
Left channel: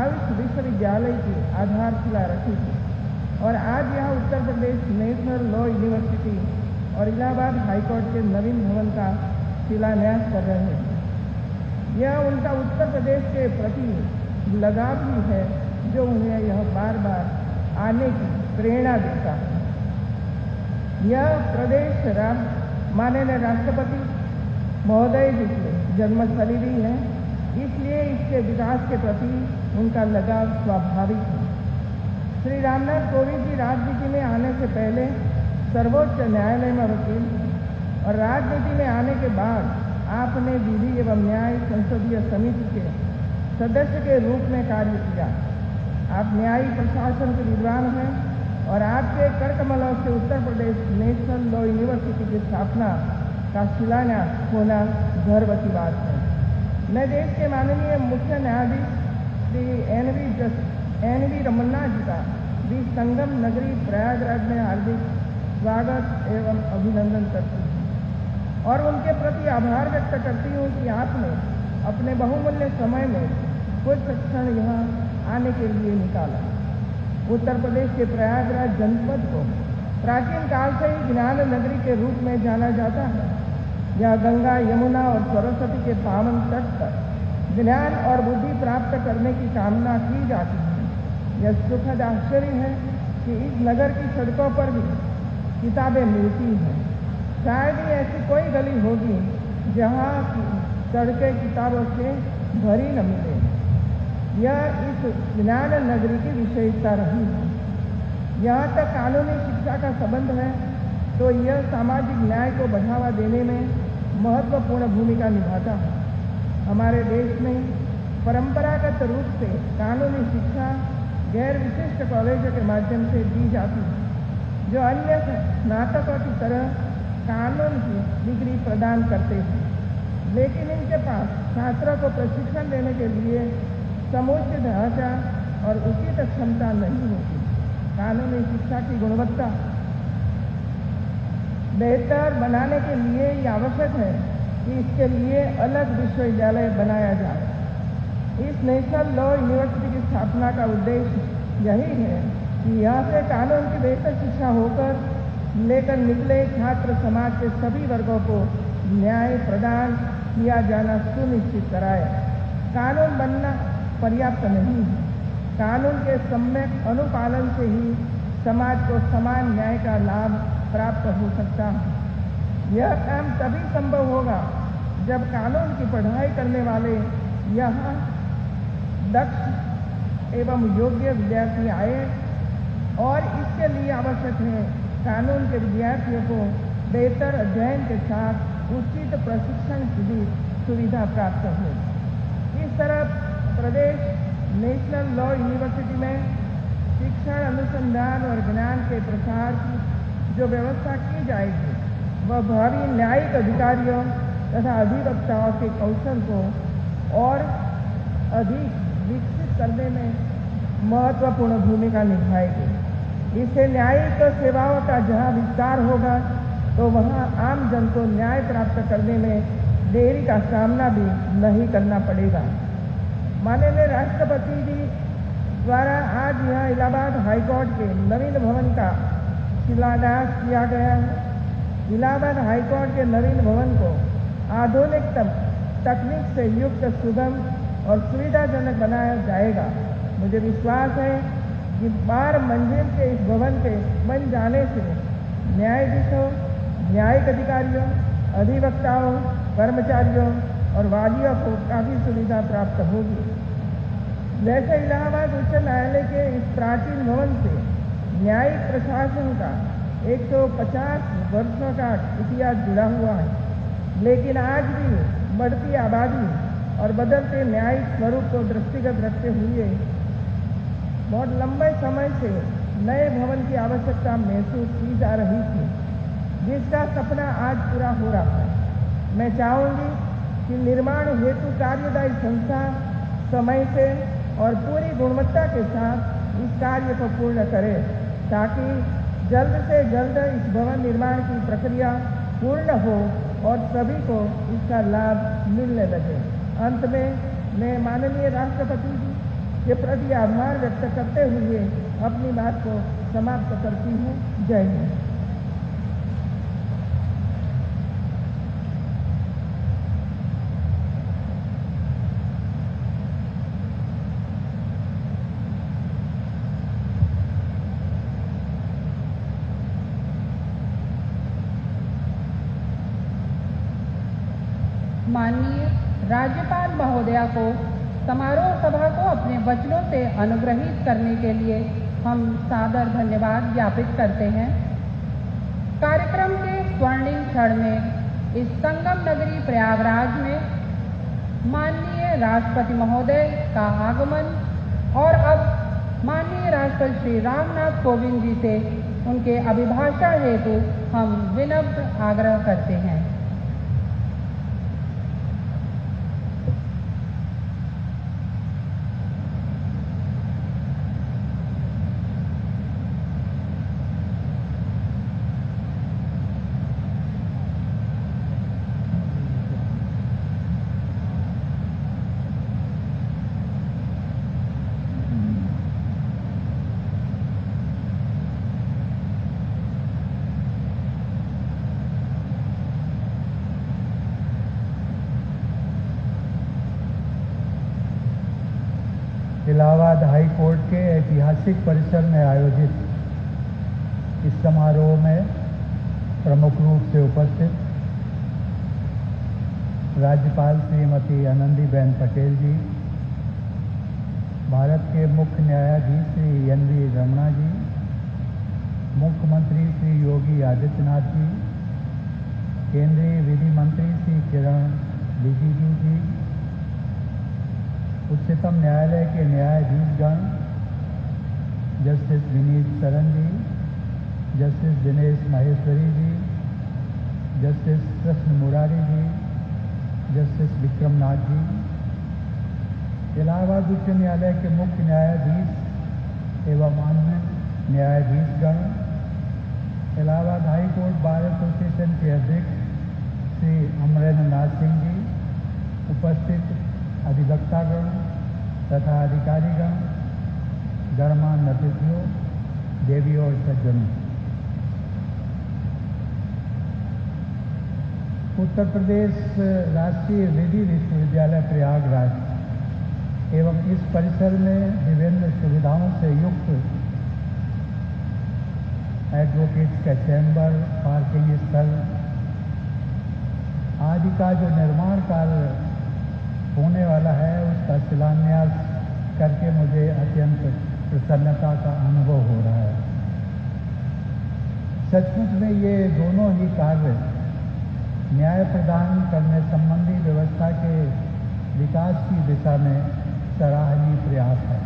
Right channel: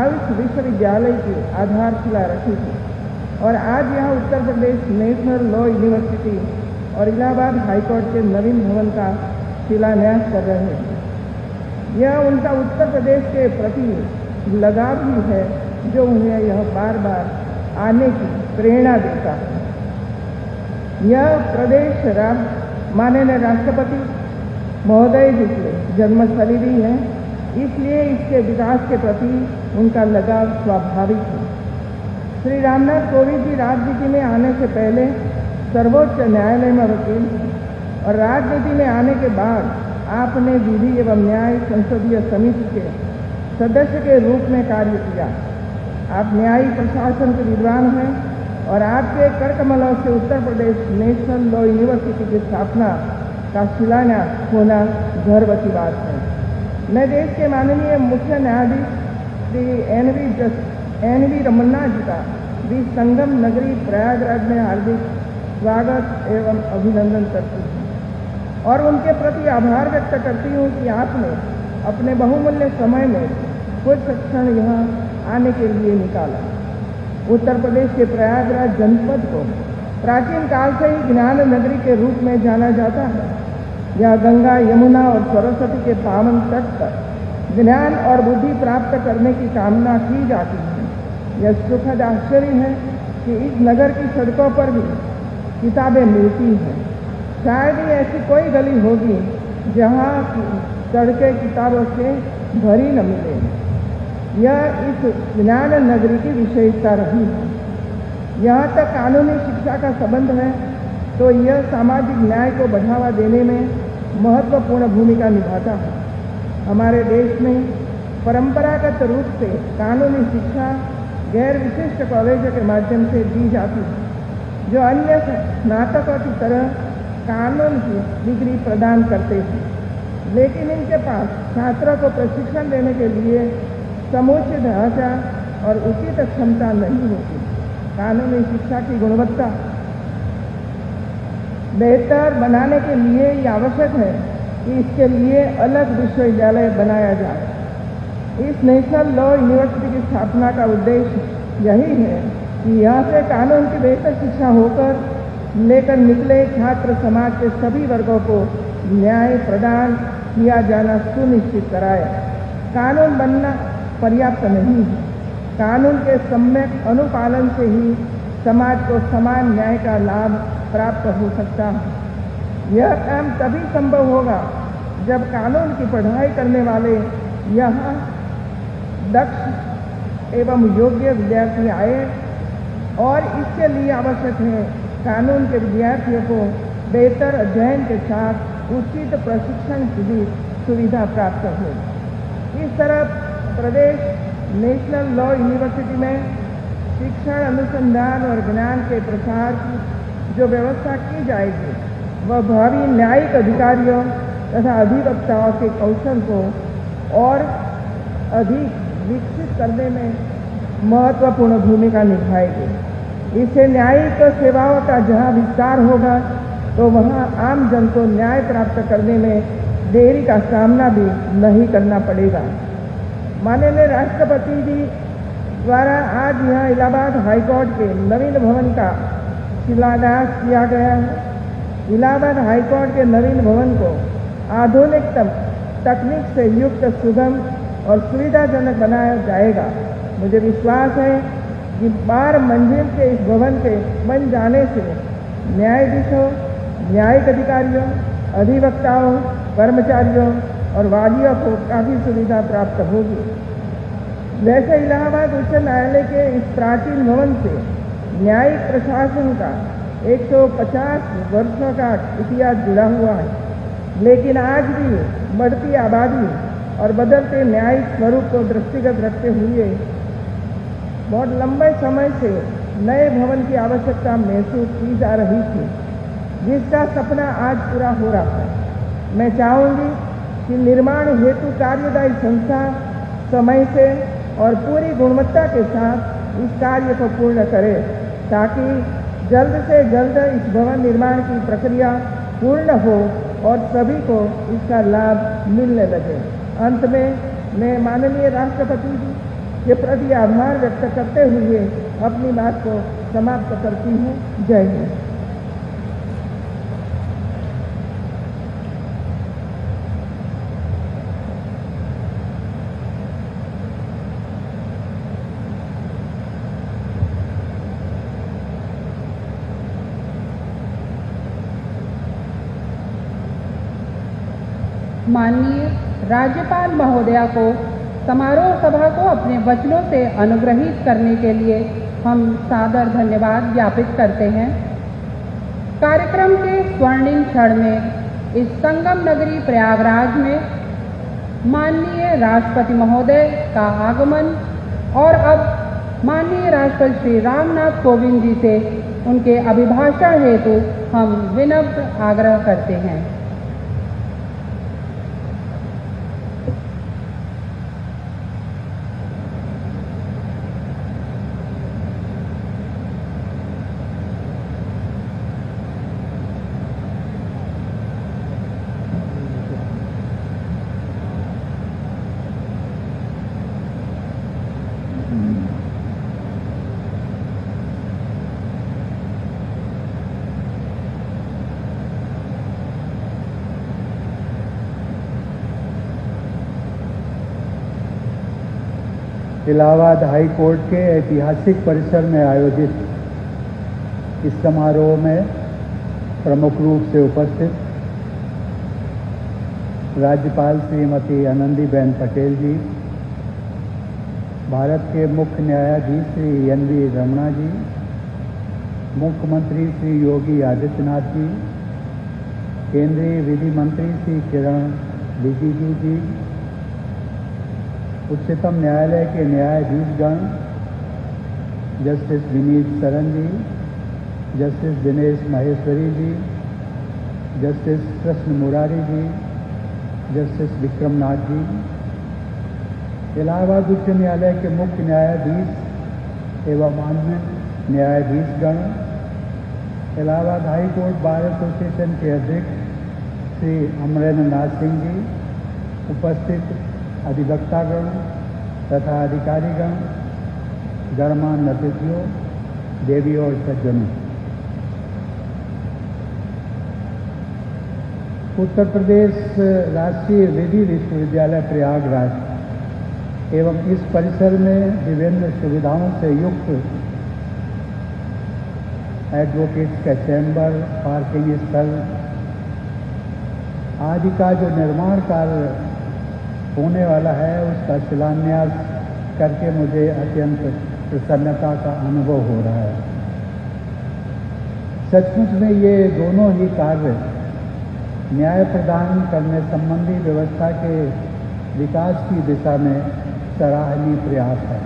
आयुष विश्वविद्यालय की आधारशिला रखी थी और आज यहाँ Uttar Pradesh national law university और इलाहाबाद हाईकोर्ट के नवीन भवन का शिलान्यास कर रहे हैं। यह उनका उत्तर प्रदेश के प्रति लगाव ही है जो उन्हें यह बार बार आने की प्रेरणा देता है। यह प्रदेश माननीय राष्ट्रपति महोदय जी के जन्मस्थली भी है, इसलिए इसके विकास के प्रति उनका लगाव स्वाभाविक है। श्री रामनाथ कोविंद जी राजनीति में आने से पहले सर्वोच्च न्यायालय में वकील थे और राजनीति में आने के बाद आपने विधि एवं न्याय संसदीय समिति के सदस्य के रूप में कार्य किया। आप न्यायिक प्रशासन के विद्वान हैं और आपके करकमलों से Uttar Pradesh national law university की स्थापना का शिलान्यास होना गर्व की बात है। मैं देश के माननीय मुख्य न्यायाधीश श्री एन.वी. रमन्ना जी का भी संगम नगरी प्रयागराज में हार्दिक स्वागत एवं अभिनंदन करती हूँ और उनके प्रति आभार व्यक्त करती हूँ कि आपने अपने बहुमूल्य समय में कुछ क्षण यहाँ आने के लिए निकाला। उत्तर प्रदेश के प्रयागराज जनपद को प्राचीन काल से ही ज्ञान नगरी के रूप में जाना जाता है। यह गंगा, यमुना और सरस्वती के पावन तट पर ज्ञान और बुद्धि प्राप्त करने की कामना की जाती है। यह सुखद आश्चर्य है कि इस नगर की सड़कों पर भी किताबें मिलती हैं। शायद ही ऐसी कोई गली होगी जहाँ सड़कें किताबों से भरी न मिले। यह इस ज्ञान नगरी की विशेषता रही है। यहाँ तक कानूनी शिक्षा का संबंध है तो यह सामाजिक न्याय को बढ़ावा देने में महत्वपूर्ण भूमिका निभाता है। हमारे देश में परंपरागत रूप से कानूनी शिक्षा गैर विशिष्ट कॉलेजों के माध्यम से दी जाती है, जो अन्य स्नातकों की तरह कानून की डिग्री प्रदान करते हैं, लेकिन इनके पास छात्रों को प्रशिक्षण देने के लिए समुचित ढांचा और उचित क्षमता नहीं होती। कानूनी शिक्षा की गुणवत्ता बेहतर बनाने के लिए ये आवश्यक है कि इसके लिए अलग विश्वविद्यालय बनाया जाए। इस नेशनल लॉ यूनिवर्सिटी की स्थापना का उद्देश्य यही है कि यहाँ से कानून की बेहतर शिक्षा होकर लेकर निकले छात्र समाज के सभी वर्गों को न्याय प्रदान किया जाना सुनिश्चित कराए। कानून बनना पर्याप्त नहीं है, कानून के सम्यक अनुपालन से ही समाज को समान न्याय का लाभ प्राप्त हो सकता है। यह काम तभी संभव होगा जब कानून की पढ़ाई करने वाले यहाँ दक्ष एवं योग्य विद्यार्थी आए, और इसके लिए आवश्यक है कानून के विद्यार्थियों को बेहतर अध्ययन के साथ उचित प्रशिक्षण की भी सुविधा प्राप्त हो। इस तरह प्रदेश नेशनल लॉ यूनिवर्सिटी में शिक्षण, अनुसंधान और ज्ञान के प्रसार की जो व्यवस्था की जाएगी, वह भावी न्यायिक अधिकारियों तथा अधिवक्ताओं के कौशल को और अधिक विकसित करने में महत्वपूर्ण भूमिका निभाएगी। इससे न्यायिक सेवाओं का जहां विस्तार होगा, तो वहां आम जन को न्याय प्राप्त करने में देरी का सामना भी नहीं करना पड़ेगा। माननीय राष्ट्रपति जी द्वारा आज यहाँ इलाहाबाद हाईकोर्ट के नवीन भवन का शिलान्यास किया गया है। इलाहाबाद हाईकोर्ट के नवीन भवन को आधुनिकतम तकनीक से युक्त, सुगम और सुविधाजनक बनाया जाएगा। मुझे विश्वास है कि 12 मंजिल के इस भवन के बन जाने से न्यायाधीशों, न्यायिक अधिकारियों, अधिवक्ताओं, कर्मचारियों और वादियों को काफी सुविधा प्राप्त होगी। वैसे इलाहाबाद उच्च न्यायालय के इस प्राचीन भवन से न्यायिक प्रशासन का 150 वर्षों का इतिहास जुड़ा हुआ है, लेकिन आज भी बढ़ती आबादी और बदलते न्यायिक स्वरूप को दृष्टिगत रखते हुए बहुत लंबे समय से नए भवन की आवश्यकता महसूस की जा रही थी, जिसका सपना आज पूरा हो रहा है। मैं चाहूंगी कि निर्माण हेतु कार्यदायी संस्था समय से और पूरी गुणवत्ता के साथ इस कार्य को पूर्ण करे, ताकि जल्द से जल्द इस भवन निर्माण की प्रक्रिया पूर्ण हो और सभी को इसका लाभ मिलने लगे। अंत में मैं माननीय राष्ट्रपति जी के प्रति आभार व्यक्त करते हुए अपनी बात को समाप्त करती हूँ। जय हिंद। माननीय राज्यपाल महोदया को समारोह सभा को अपने वचनों से अनुग्रहित करने के लिए हम सादर धन्यवाद ज्ञापित करते हैं। कार्यक्रम के स्वर्णिम क्षण में इस संगम नगरी प्रयागराज में माननीय राष्ट्रपति महोदय का आगमन, और अब माननीय राष्ट्रपति श्री रामनाथ कोविंद जी से उनके अभिभाषण हेतु हम विनम्र आग्रह करते हैं। इलाहाबाद हाई कोर्ट के ऐतिहासिक परिसर में आयोजित इस समारोह में प्रमुख रूप से उपस्थित राज्यपाल श्रीमती आनंदीबेन पटेल जी, भारत के मुख्य न्यायाधीश श्री एन.वी. रमणा जी, मुख्यमंत्री श्री योगी आदित्यनाथ जी, केंद्रीय विधि मंत्री श्री किरण रिजिजू जी, उच्चतम न्यायालय के न्यायाधीशगण, justice Vineet Saran ji, justice Dinesh Maheshwari ji, justice Krishna Murari ji, justice Vikramnath ji, Allahabad उच्च न्यायालय के मुख्य न्यायाधीश एवं अन्य न्यायाधीशगण, Allahabad high court bar association के अध्यक्ष श्री अमरेंद्र नाथ सिंह जी, उपस्थित अधिवक्तागण तथा अधिकारीगण, गणमान्य अतिथियों, देवी और सज्जनों, उत्तर प्रदेश राष्ट्रीय विधि विश्वविद्यालय प्रयागराज एवं इस परिसर में विभिन्न सुविधाओं से युक्त एडवोकेट्स का चैम्बर, पार्किंग स्थल आदि का जो निर्माण कार्य होने वाला है उसका शिलान्यास करके मुझे अत्यंत प्रसन्नता का अनुभव हो रहा है। सचमुच में ये दोनों ही कार्य न्याय प्रदान करने संबंधी व्यवस्था के विकास की दिशा में सराहनीय प्रयास है।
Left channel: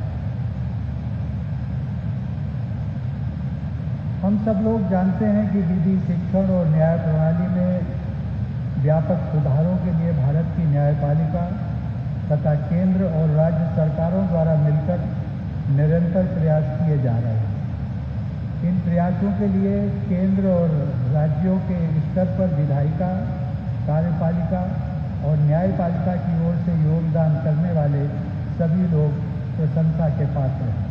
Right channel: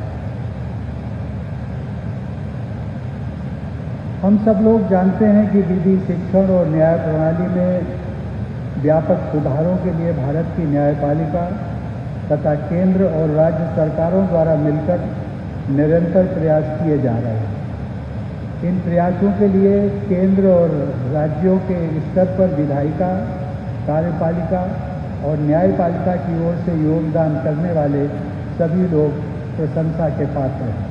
हम सब लोग जानते हैं कि विधि, शिक्षण और न्याय प्रणाली में व्यापक सुधारों के लिए भारत की न्यायपालिका तथा केंद्र और राज्य सरकारों द्वारा मिलकर निरंतर प्रयास किए जा रहे हैं। इन प्रयासों के लिए केंद्र और राज्यों के स्तर पर विधायिका, कार्यपालिका और न्यायपालिका की ओर से योगदान करने वाले सभी लोग प्रशंसा के पात्र हैं।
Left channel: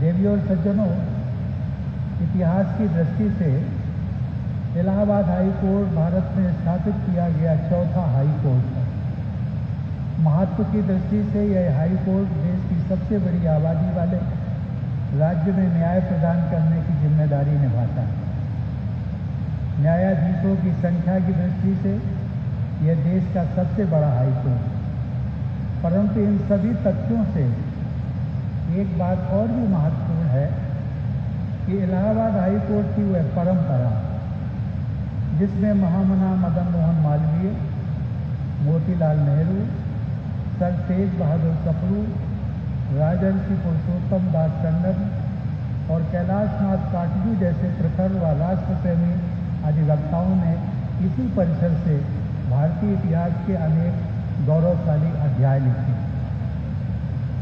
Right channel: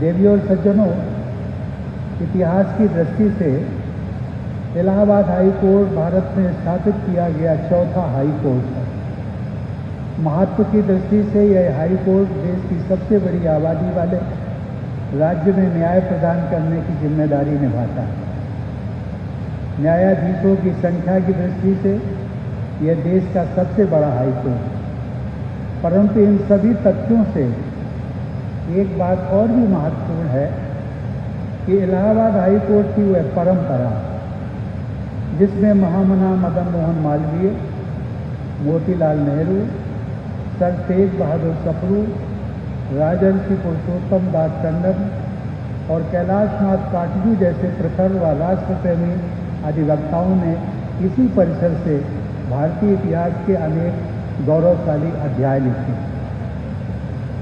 देवी और सज्जनों, इतिहास की दृष्टि से इलाहाबाद हाई कोर्ट भारत में स्थापित किया गया चौथा हाई कोर्ट है। महत्व की दृष्टि से यह हाई कोर्ट देश की सबसे बड़ी आबादी वाले राज्य में न्याय प्रदान करने की जिम्मेदारी निभाता है। न्यायाधीशों की संख्या की दृष्टि से यह देश का सबसे बड़ा हाई कोर्ट है। परंतु इन सभी तथ्यों से एक बात और भी महत्वपूर्ण है कि इलाहाबाद हाई कोर्ट की वह परंपरा जिसमें महामना मदन मोहन मालवीय, मोतीलाल नेहरू, सर तेज बहादुर सप्रू, राजर्षि पुरुषोत्तम दास टंडन और कैलाशनाथ काटजू जैसे प्रखर व राष्ट्रप्रेमी अधिवक्ताओं ने इसी परिसर से भारतीय इतिहास के अनेक गौरवशाली अध्याय लिखे।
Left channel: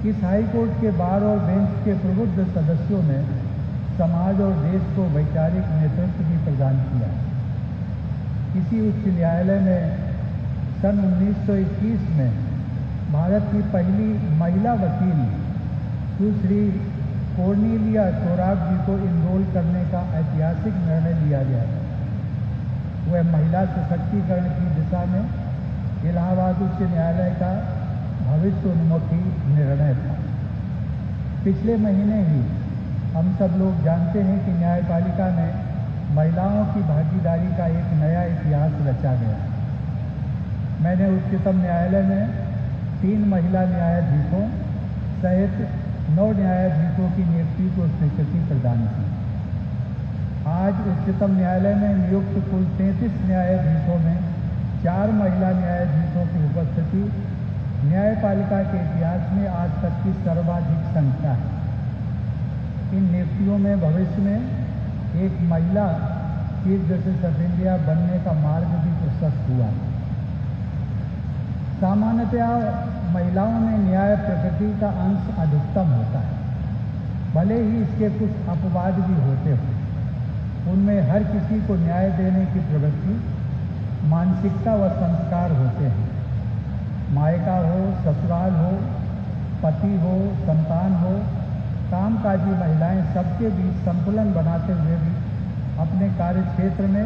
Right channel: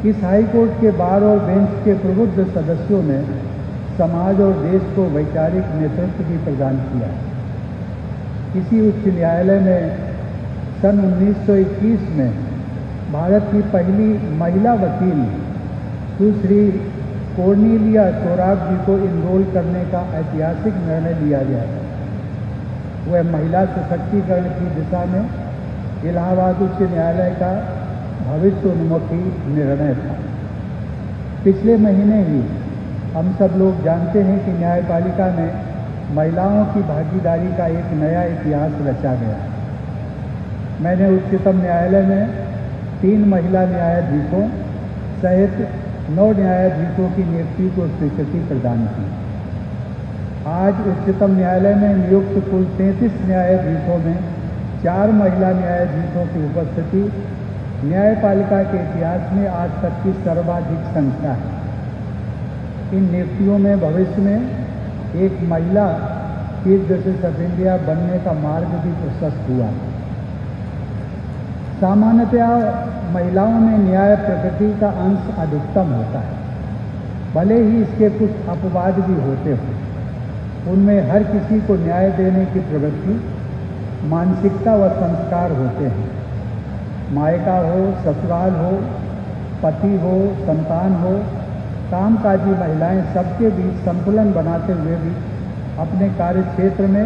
इस हाई कोर्ट के बार और बेंच के प्रबुद्ध सदस्यों ने समाज और देश को वैचारिक नेतृत्व भी प्रदान किया। इसी उच्च न्यायालय में सन 1921 में भारत की पहली महिला वकील सुश्री कोर्नेलिया सोराब जी को इनरोल करने का ऐतिहासिक निर्णय लिया गया। वह महिला सशक्तिकरण की दिशा में इलाहाबाद उच्च न्यायालय का भविष्योन्मुखी निर्णय था। पिछले महीने ही हम सब लोग जानते हैं कि न्यायपालिका में महिलाओं की भागीदारी का एक नया इतिहास रचा गया। मैंने उच्चतम न्यायालय में 3 महिला न्यायाधीशों सहित 9 न्यायाधीशों की नियुक्ति को स्वीकृति प्रदान की। आज उच्चतम न्यायालय में नियुक्त कुल 33 न्यायाधीशों में 4 महिला न्यायाधीशों की उपस्थिति न्यायपालिका के इतिहास में आज तक की सर्वाधिक संख्या है। इन नियुक्तियों में भविष्य में एक महिला चीफ जस्टिस ऑफ इंडिया बनने का मार्ग भी प्रशस्त हुआ। सामान्यतया महिलाओं में न्याय प्रकृति का अंश अधिकतम होता है, भले ही इसके कुछ अपवाद भी होते हों। उनमें हर किसी को न्याय देने की प्रवृत्ति, मानसिकता व संस्कार होते हैं। मायका हो, ससुराल हो, पति हो, संतान हो, कामकाजी महिलाएं सबके बीच संतुलन बनाते हुए भी अपने कार्य क्षेत्र में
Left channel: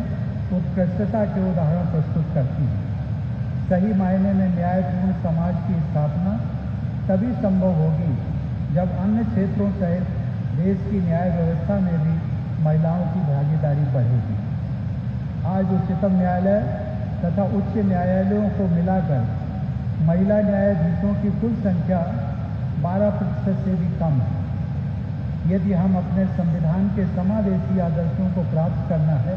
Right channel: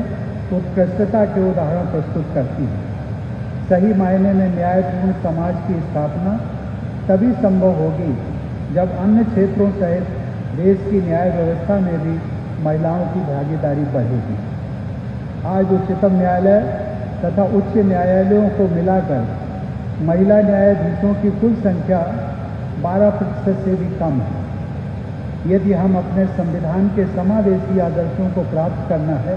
उत्कृष्टता के उदाहरण प्रस्तुत करती हैं। सही मायने में न्यायपूर्ण समाज की स्थापना तभी संभव होगी जब अन्य क्षेत्रों सहित देश की न्याय व्यवस्था में भी महिलाओं की भागीदारी बढ़ेगी। आज उच्चतम न्यायालय तथा उच्च न्यायालयों को मिलाकर महिला न्यायाधीशों की कुल संख्या 12% से भी कम है। यदि हम अपने संविधान के समावेशी आदर्शों को प्राप्त करना है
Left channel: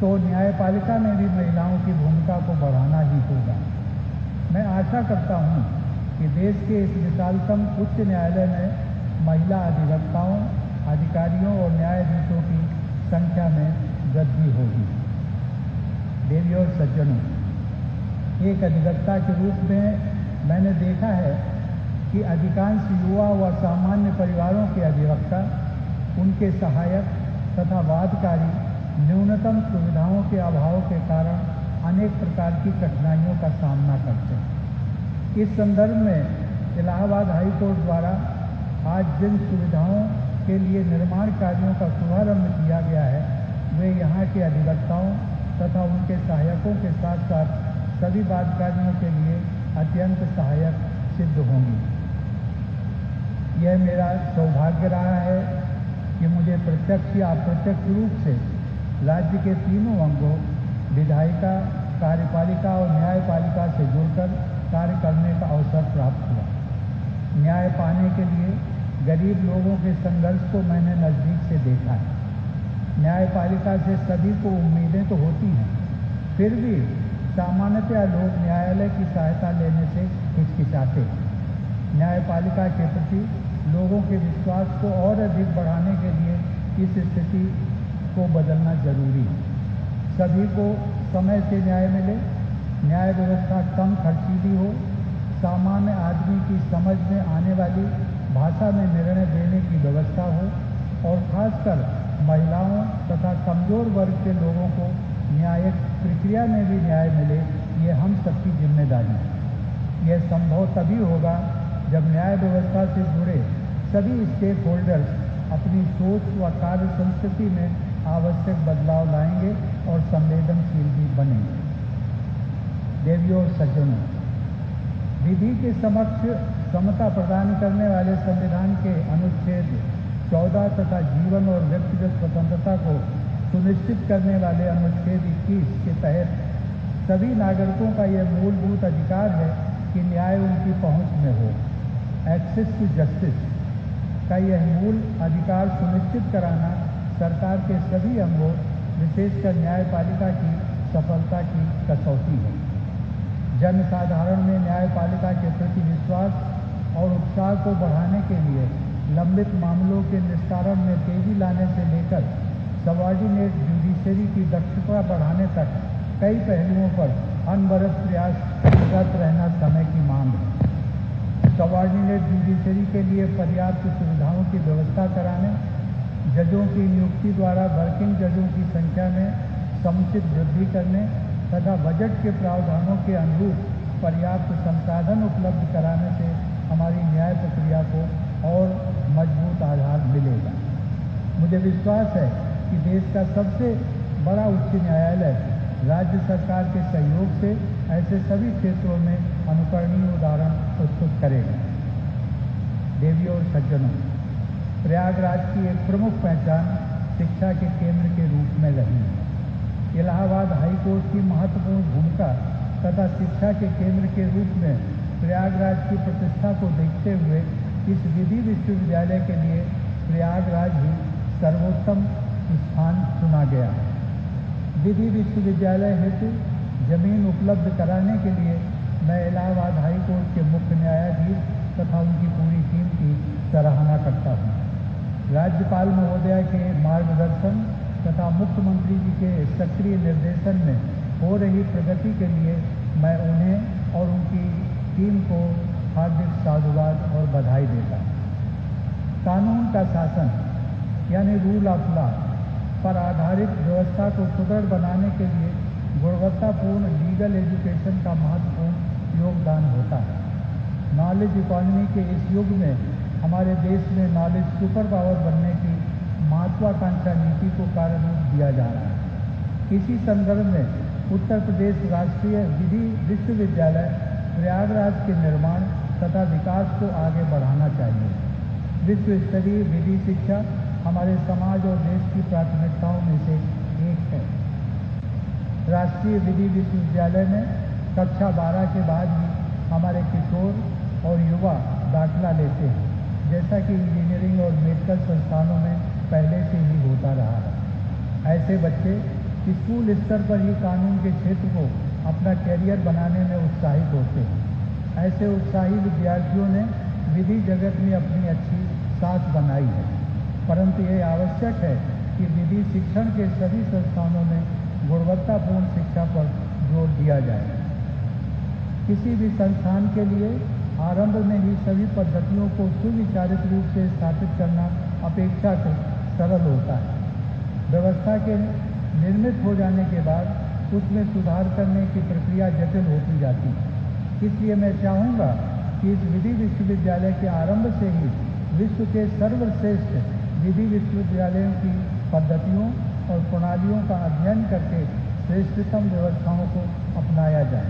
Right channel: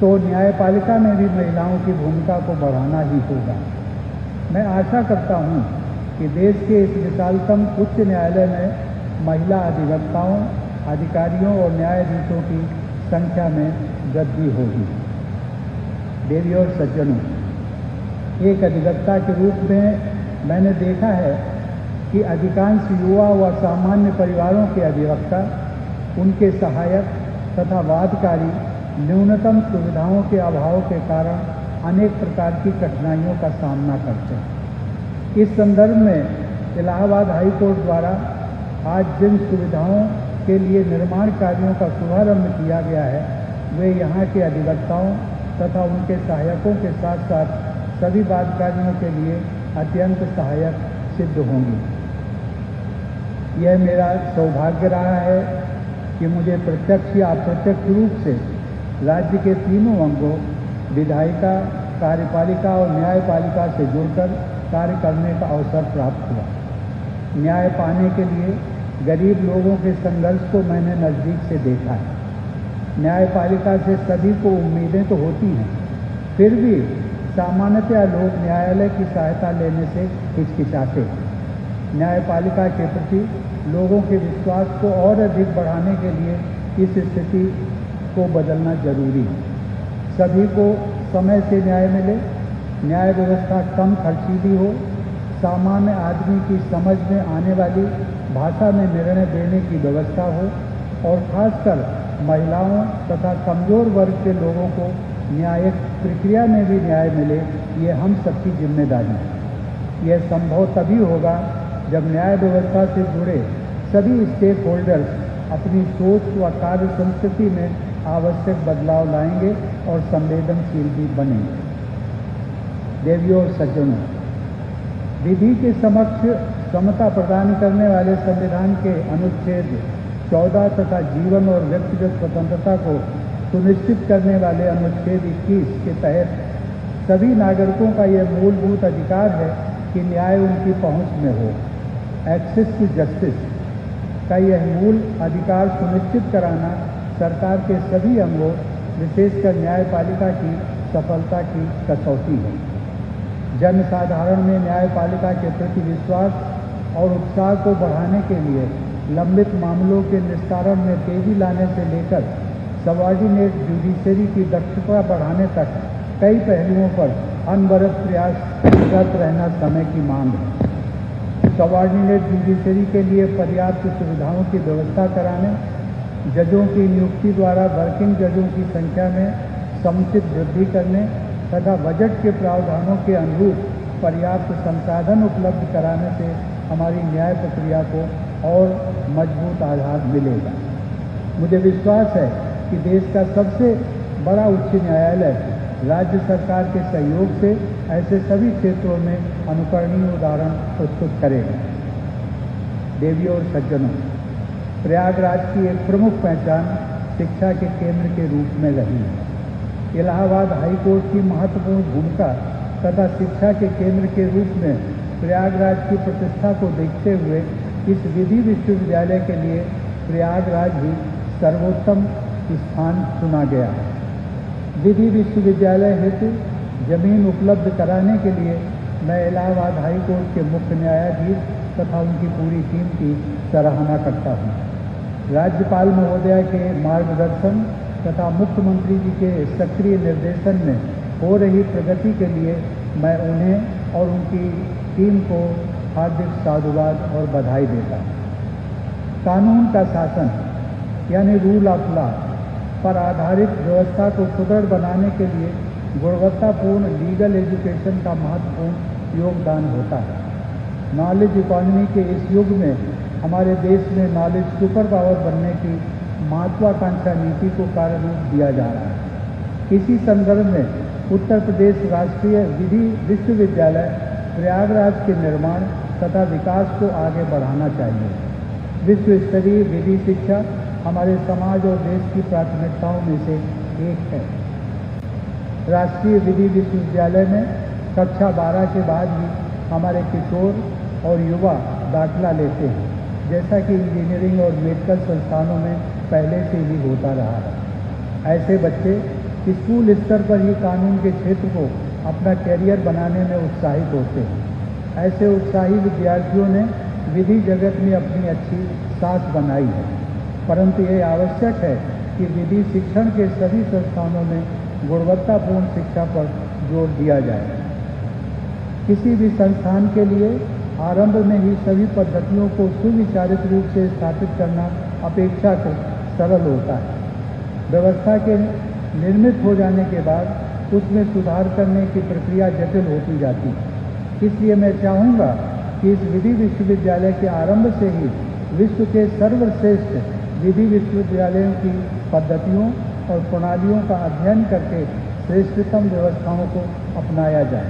तो न्यायपालिका में भी महिलाओं की भूमिका को बढ़ाना ही होगा। मैं आशा करता हूं कि देश के इस विशालतम उच्च न्यायालय में महिला अधिवक्ताओं, अधिकारियों और न्यायाधीशों की संख्या में वृद्धि होगी। देवियों और सज्जनों, एक अधिवक्ता के रूप में मैंने देखा है कि अधिकांश युवा व सामान्य परिवारों के अधिवक्ता, उनके सहायक तथा वादकारी न्यूनतम सुविधाओं के अभाव के कारण अनेक प्रकार की कठिनाइयों का सामना करते हैं। इस संदर्भ में इलाहाबाद हाई कोर्ट द्वारा आज जिन सुविधाओं के लिए निर्माण कार्यों का शुभारंभ किया गया है, वे यहाँ के अधिवक्ताओं तथा उनके सहायकों के साथ साथ सभी वादकारियों के लिए अत्यंत सहायक सिद्ध होंगी। यह मेरा सौभाग्य रहा है कि मुझे प्रत्यक्ष या अप्रत्यक्ष रूप से राज्य के तीनों अंगों विधायिका, कार्यपालिका और न्यायपालिका से जुड़कर कार्य करने का अवसर प्राप्त हुआ। न्याय पाने के लिए गरीब लोगों के संघर्ष को मैंने नज़दीक से देखा है। न्यायपालिका से सभी को उम्मीदें तो होती हैं, फिर भी सामान्यतया लोग न्यायालय की सहायता लेने से हिचकिचाते हैं। न्यायपालिका के प्रति लोगों के विश्वास को और अधिक बढ़ाने के लिए इस स्थिति को बदलना जरूरी है। सभी को समय से न्याय मिले, न्याय व्यवस्था कम खर्चीली हो, सामान्य आदमी की समझ में आने वाली भाषा में निर्णय देने की व्यवस्था हो और खासकर महिलाओं तथा कमजोर वर्ग के लोगों को न्यायिक प्रक्रिया में भी न्याय मिले, ये हम सबकी जिम्मेदारी है। यह संभव तभी होगा जब न्याय व्यवस्था से जुड़े सभी स्टेक होल्डर्स अपनी सोच व कार्य संस्कृति में आवश्यक बदलाव लाएंगे और संवेदनशील भी बनेंगे। देवियों और सज्जनों, विधि के समक्ष समता प्रदान करने वाले संविधान के अनुच्छेद 14 तथा जीवन और व्यक्तिगत स्वतंत्रता को सुनिश्चित करने वाले अनुच्छेद 21 के तहत सभी नागरिकों का यह मूलभूत अधिकार है कि न्याय उनकी पहुंच में हो। एक्सेस टू जस्टिस का यह मूल अधिकार सुनिश्चित कराना सरकार के सभी अंगों, विशेषकर न्यायपालिका की सफलता की कसौटी है। जन साधारण में न्यायपालिका के प्रति विश्वास और उत्साह को बढ़ाने के लिए लंबित मामलों के निस्तारण में तेजी लाने से लेकर सबऑर्डिनेट जुडिशरी की दक्षता बढ़ाने तक कई पहलुओं पर अनवरत प्रयासरत रहना समय की मांग है। सबऑर्डिनेट जुडिशरी के लिए पर्याप्त सुविधाओं की व्यवस्था कराने, जजों की नियुक्ति द्वारा वर्किंग जजों की संख्या में समुचित वृद्धि करने तथा बजट के प्रावधानों के अनुरूप पर्याप्त संसाधन उपलब्ध कराने से हमारी न्याय प्रक्रिया को और मजबूत आधार मिलेगा। मुझे विश्वास है कि देश का सबसे बड़ा उच्च न्यायालय राज्य सरकार के सहयोग से ऐसे सभी क्षेत्रों में अनुकरणीय उदाहरण प्रस्तुत करेगा। देवियों और सज्जनों, प्रयागराज की एक प्रमुख पहचान शिक्षा के केंद्र के रूप में रही है। इलाहाबाद हाई कोर्ट की महत्वपूर्ण भूमिका तथा शिक्षा के केंद्र के रूप में प्रयागराज की प्रतिष्ठा को देखते हुए इस विधि विश्वविद्यालय के लिए प्रयागराज ही सर्वोत्तम स्थान चुना गया है। विधि विश्वविद्यालय हेतु जमीन उपलब्ध कराने के लिए मैं इलाहाबाद हाई कोर्ट के मुख्य न्यायाधीश तथा उनकी पूरी टीम की सराहना करता हूँ। राज्यपाल महोदया के मार्गदर्शन तथा मुख्यमंत्री जी के सक्रिय निर्देशन में हो रही प्रगति के लिए मैं उन्हें और उनकी टीम को हार्दिक साधुवाद और बधाई देता हूँ। कानून का शासन यानी रूल ऑफ लॉ पर आधारित व्यवस्था को सुदृढ़ बनाने के लिए गुणवत्तापूर्ण लीगल एजुकेशन का महत्वपूर्ण योगदान होता है। नॉलेज इकोनॉमी के इस युग में हमारे देश में नॉलेज सुपर पावर बनने की महत्वाकांक्षा नीति को कार्य रूप दिया जा रहा है। इसी संदर्भ में उत्तर प्रदेश राष्ट्रीय विधि विश्वविद्यालय प्रयागराज के निर्माण तथा विकास को आगे बढ़ाना चाहिए। विश्व स्तरीय विधि शिक्षा हमारे समाज और देश की प्राथमिकताओं में से एक है। राष्ट्रीय विधि विश्वविद्यालय में कक्षा 12 के बाद ही हमारे किशोर और युवा दाखिला लेते हैं, जैसा कि इंजीनियरिंग और मेडिकल संस्थानों में पहले से ही होता रहा है। ऐसे बच्चे स्कूल स्तर पर ही कानून के क्षेत्र को अपना कैरियर बनाने में उत्साहित होते हैं। ऐसे उत्साही विद्यार्थियों ने विधि जगत में अपनी अच्छी साथ बनाई है, परंतु ये आवश्यक है कि विधि शिक्षण के सभी संस्थानों में गुणवत्तापूर्ण शिक्षा पर जोर दिया जाए। किसी भी संस्थान के लिए आरंभ में ही सभी पद्धतियों को सुविचारित रूप से स्थापित करना अपेक्षाकृत सरल होता है। व्यवस्था के निर्मित हो जाने के बाद उसमें सुधार करने की प्रक्रिया जटिल होती जाती है। इसलिए मैं चाहूँगा कि इस विधि विश्वविद्यालय के आरंभ से ही विश्व के सर्वश्रेष्ठ विधि विश्वविद्यालयों की पद्धतियों और प्रणालियों का अध्ययन करके श्रेष्ठतम व्यवस्थाओं को अपनाया जाए।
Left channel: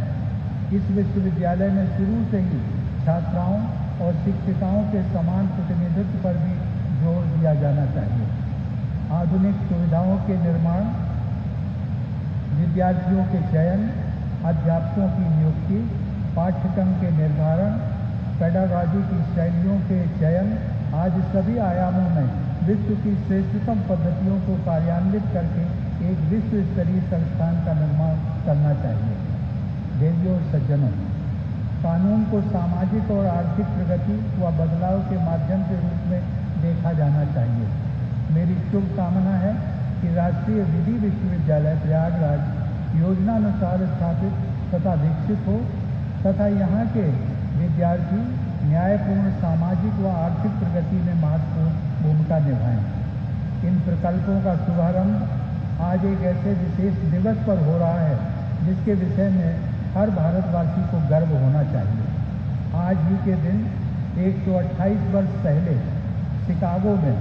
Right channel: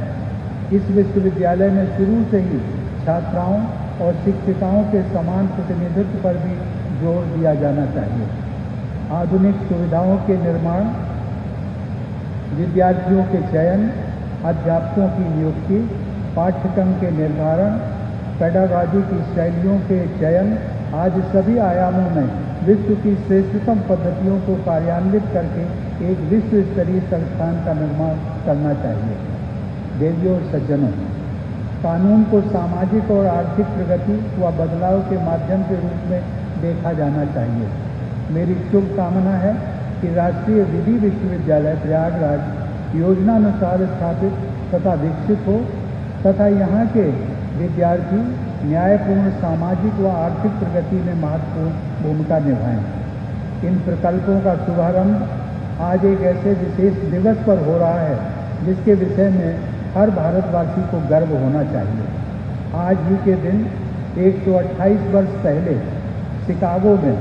इस विश्वविद्यालय में शुरू से ही छात्राओं और शिक्षिकाओं के समान प्रतिनिधित्व पर भी जोर दिया जाना चाहिए। आधुनिक सुविधाओं के निर्माण, विद्यार्थियों के चयन, अध्यापकों की नियुक्ति, पाठ्यक्रम के निर्धारण, पेडागॉजी की शैलियों के चयन आदि सभी आयामों में विश्व की श्रेष्ठतम पद्धतियों को कार्यान्वित करके एक विश्व स्तरीय संस्थान का निर्माण करना चाहिए। देवियों और सज्जनों, कानून को सामाजिक और आर्थिक प्रगति व बदलाव के माध्यम के रूप में देखा जाना चाहिए। मेरी शुभकामना है कि राष्ट्रीय विधि विश्वविद्यालय प्रयागराज योजनानुसार स्थापित तथा विकसित हो तथा यहाँ के विद्यार्थी न्यायपूर्ण सामाजिक व आर्थिक प्रगति में महत्वपूर्ण भूमिका निभाएं। इन प्रकल्पों का शुभारंभ आज एक ऐसे विशेष दिवस पर हो रहा है जिसके विषय में हर भारतवासी को गर्व होना चाहिए। आज ही के दिन 128 वर्ष पहले शिकागो में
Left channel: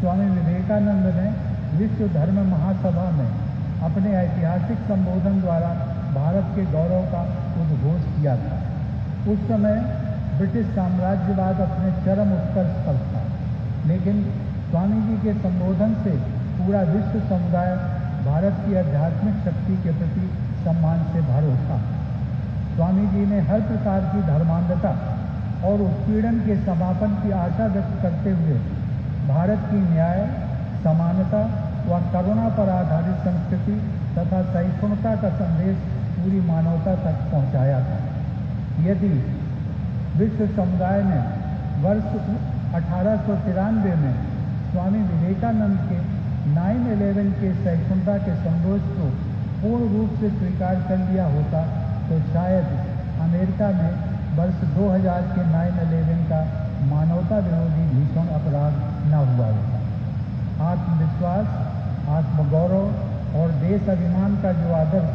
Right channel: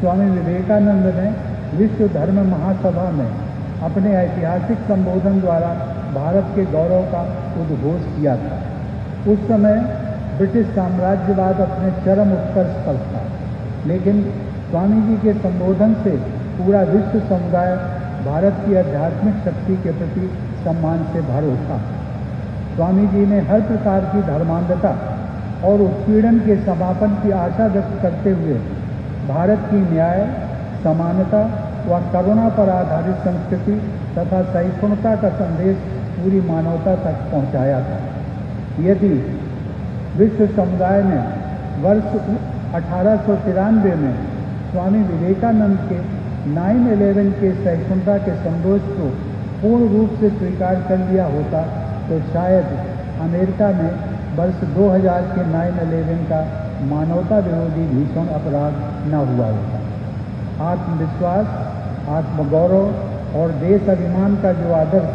स्वामी विवेकानंद ने विश्व धर्म महासभा में अपने ऐतिहासिक संबोधन द्वारा भारत के गौरव का उद्घोष किया था। उस समय ब्रिटिश साम्राज्यवाद अपने चरम उत्कर्ष पर था, लेकिन स्वामी जी के संबोधन से पूरा विश्व समुदाय भारत की आध्यात्मिक शक्ति के प्रति सम्मान से भर उठा। स्वामी जी ने हर प्रकार की धर्मांधता और उत्पीड़न के समापन की आशा व्यक्त करते हुए भारत की न्याय, समानता व करुणा पर आधारित संस्कृति तथा सहिष्णुता का संदेश पूरी मानवता तक पहुंचाया था। यदि विश्व समुदाय ने वर्ष 1893 में स्वामी विवेकानंद के 9/11 के सहिष्णुता के संदेश को पूर्ण रूप से स्वीकार कर लिया होता तो शायद अमेरिका में वर्ष 2000 के 9/11 का मानवता विरोधी भीषण अपराध न हुआ होता। आत्मविश्वास, आत्मगौरव और देश अभिमान का जो आदर्श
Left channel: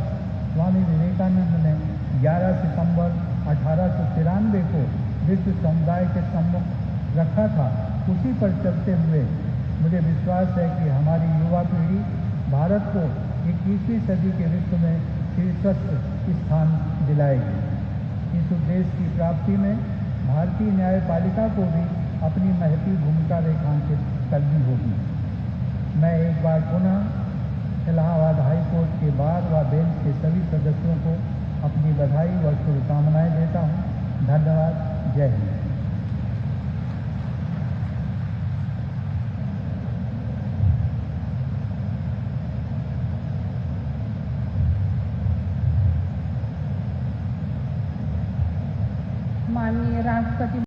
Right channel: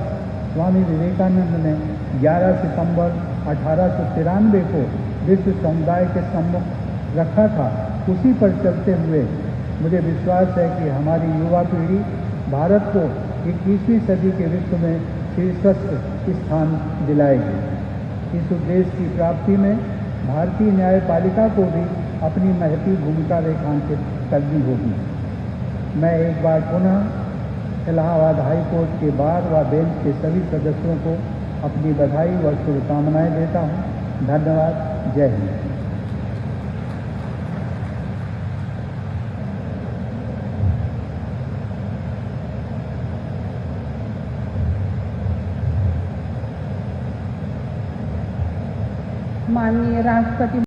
स्वामी विवेकानंद ने 11 सितंबर 1893 को विश्व समुदाय के सम्मुख रखा था, उसी पर चलते हुए मुझे विश्वास है कि हमारी युवा पीढ़ी भारत को 21वीं सदी के विश्व में शीर्षस्थ स्थान दिलाएगी। इस उद्देश्य की प्राप्ति में भारतीय न्यायपालिका को भी अपनी महती भूमिका रेखांकित करनी होगी। मैं एक बार पुनः इलाहाबाद हाई कोर्ट के बार व बेंच के सभी सदस्यों को अपनी बधाई व शुभकामनाएं देता हूं। धन्यवाद। जय हिंद। माननीय राष्ट्रपति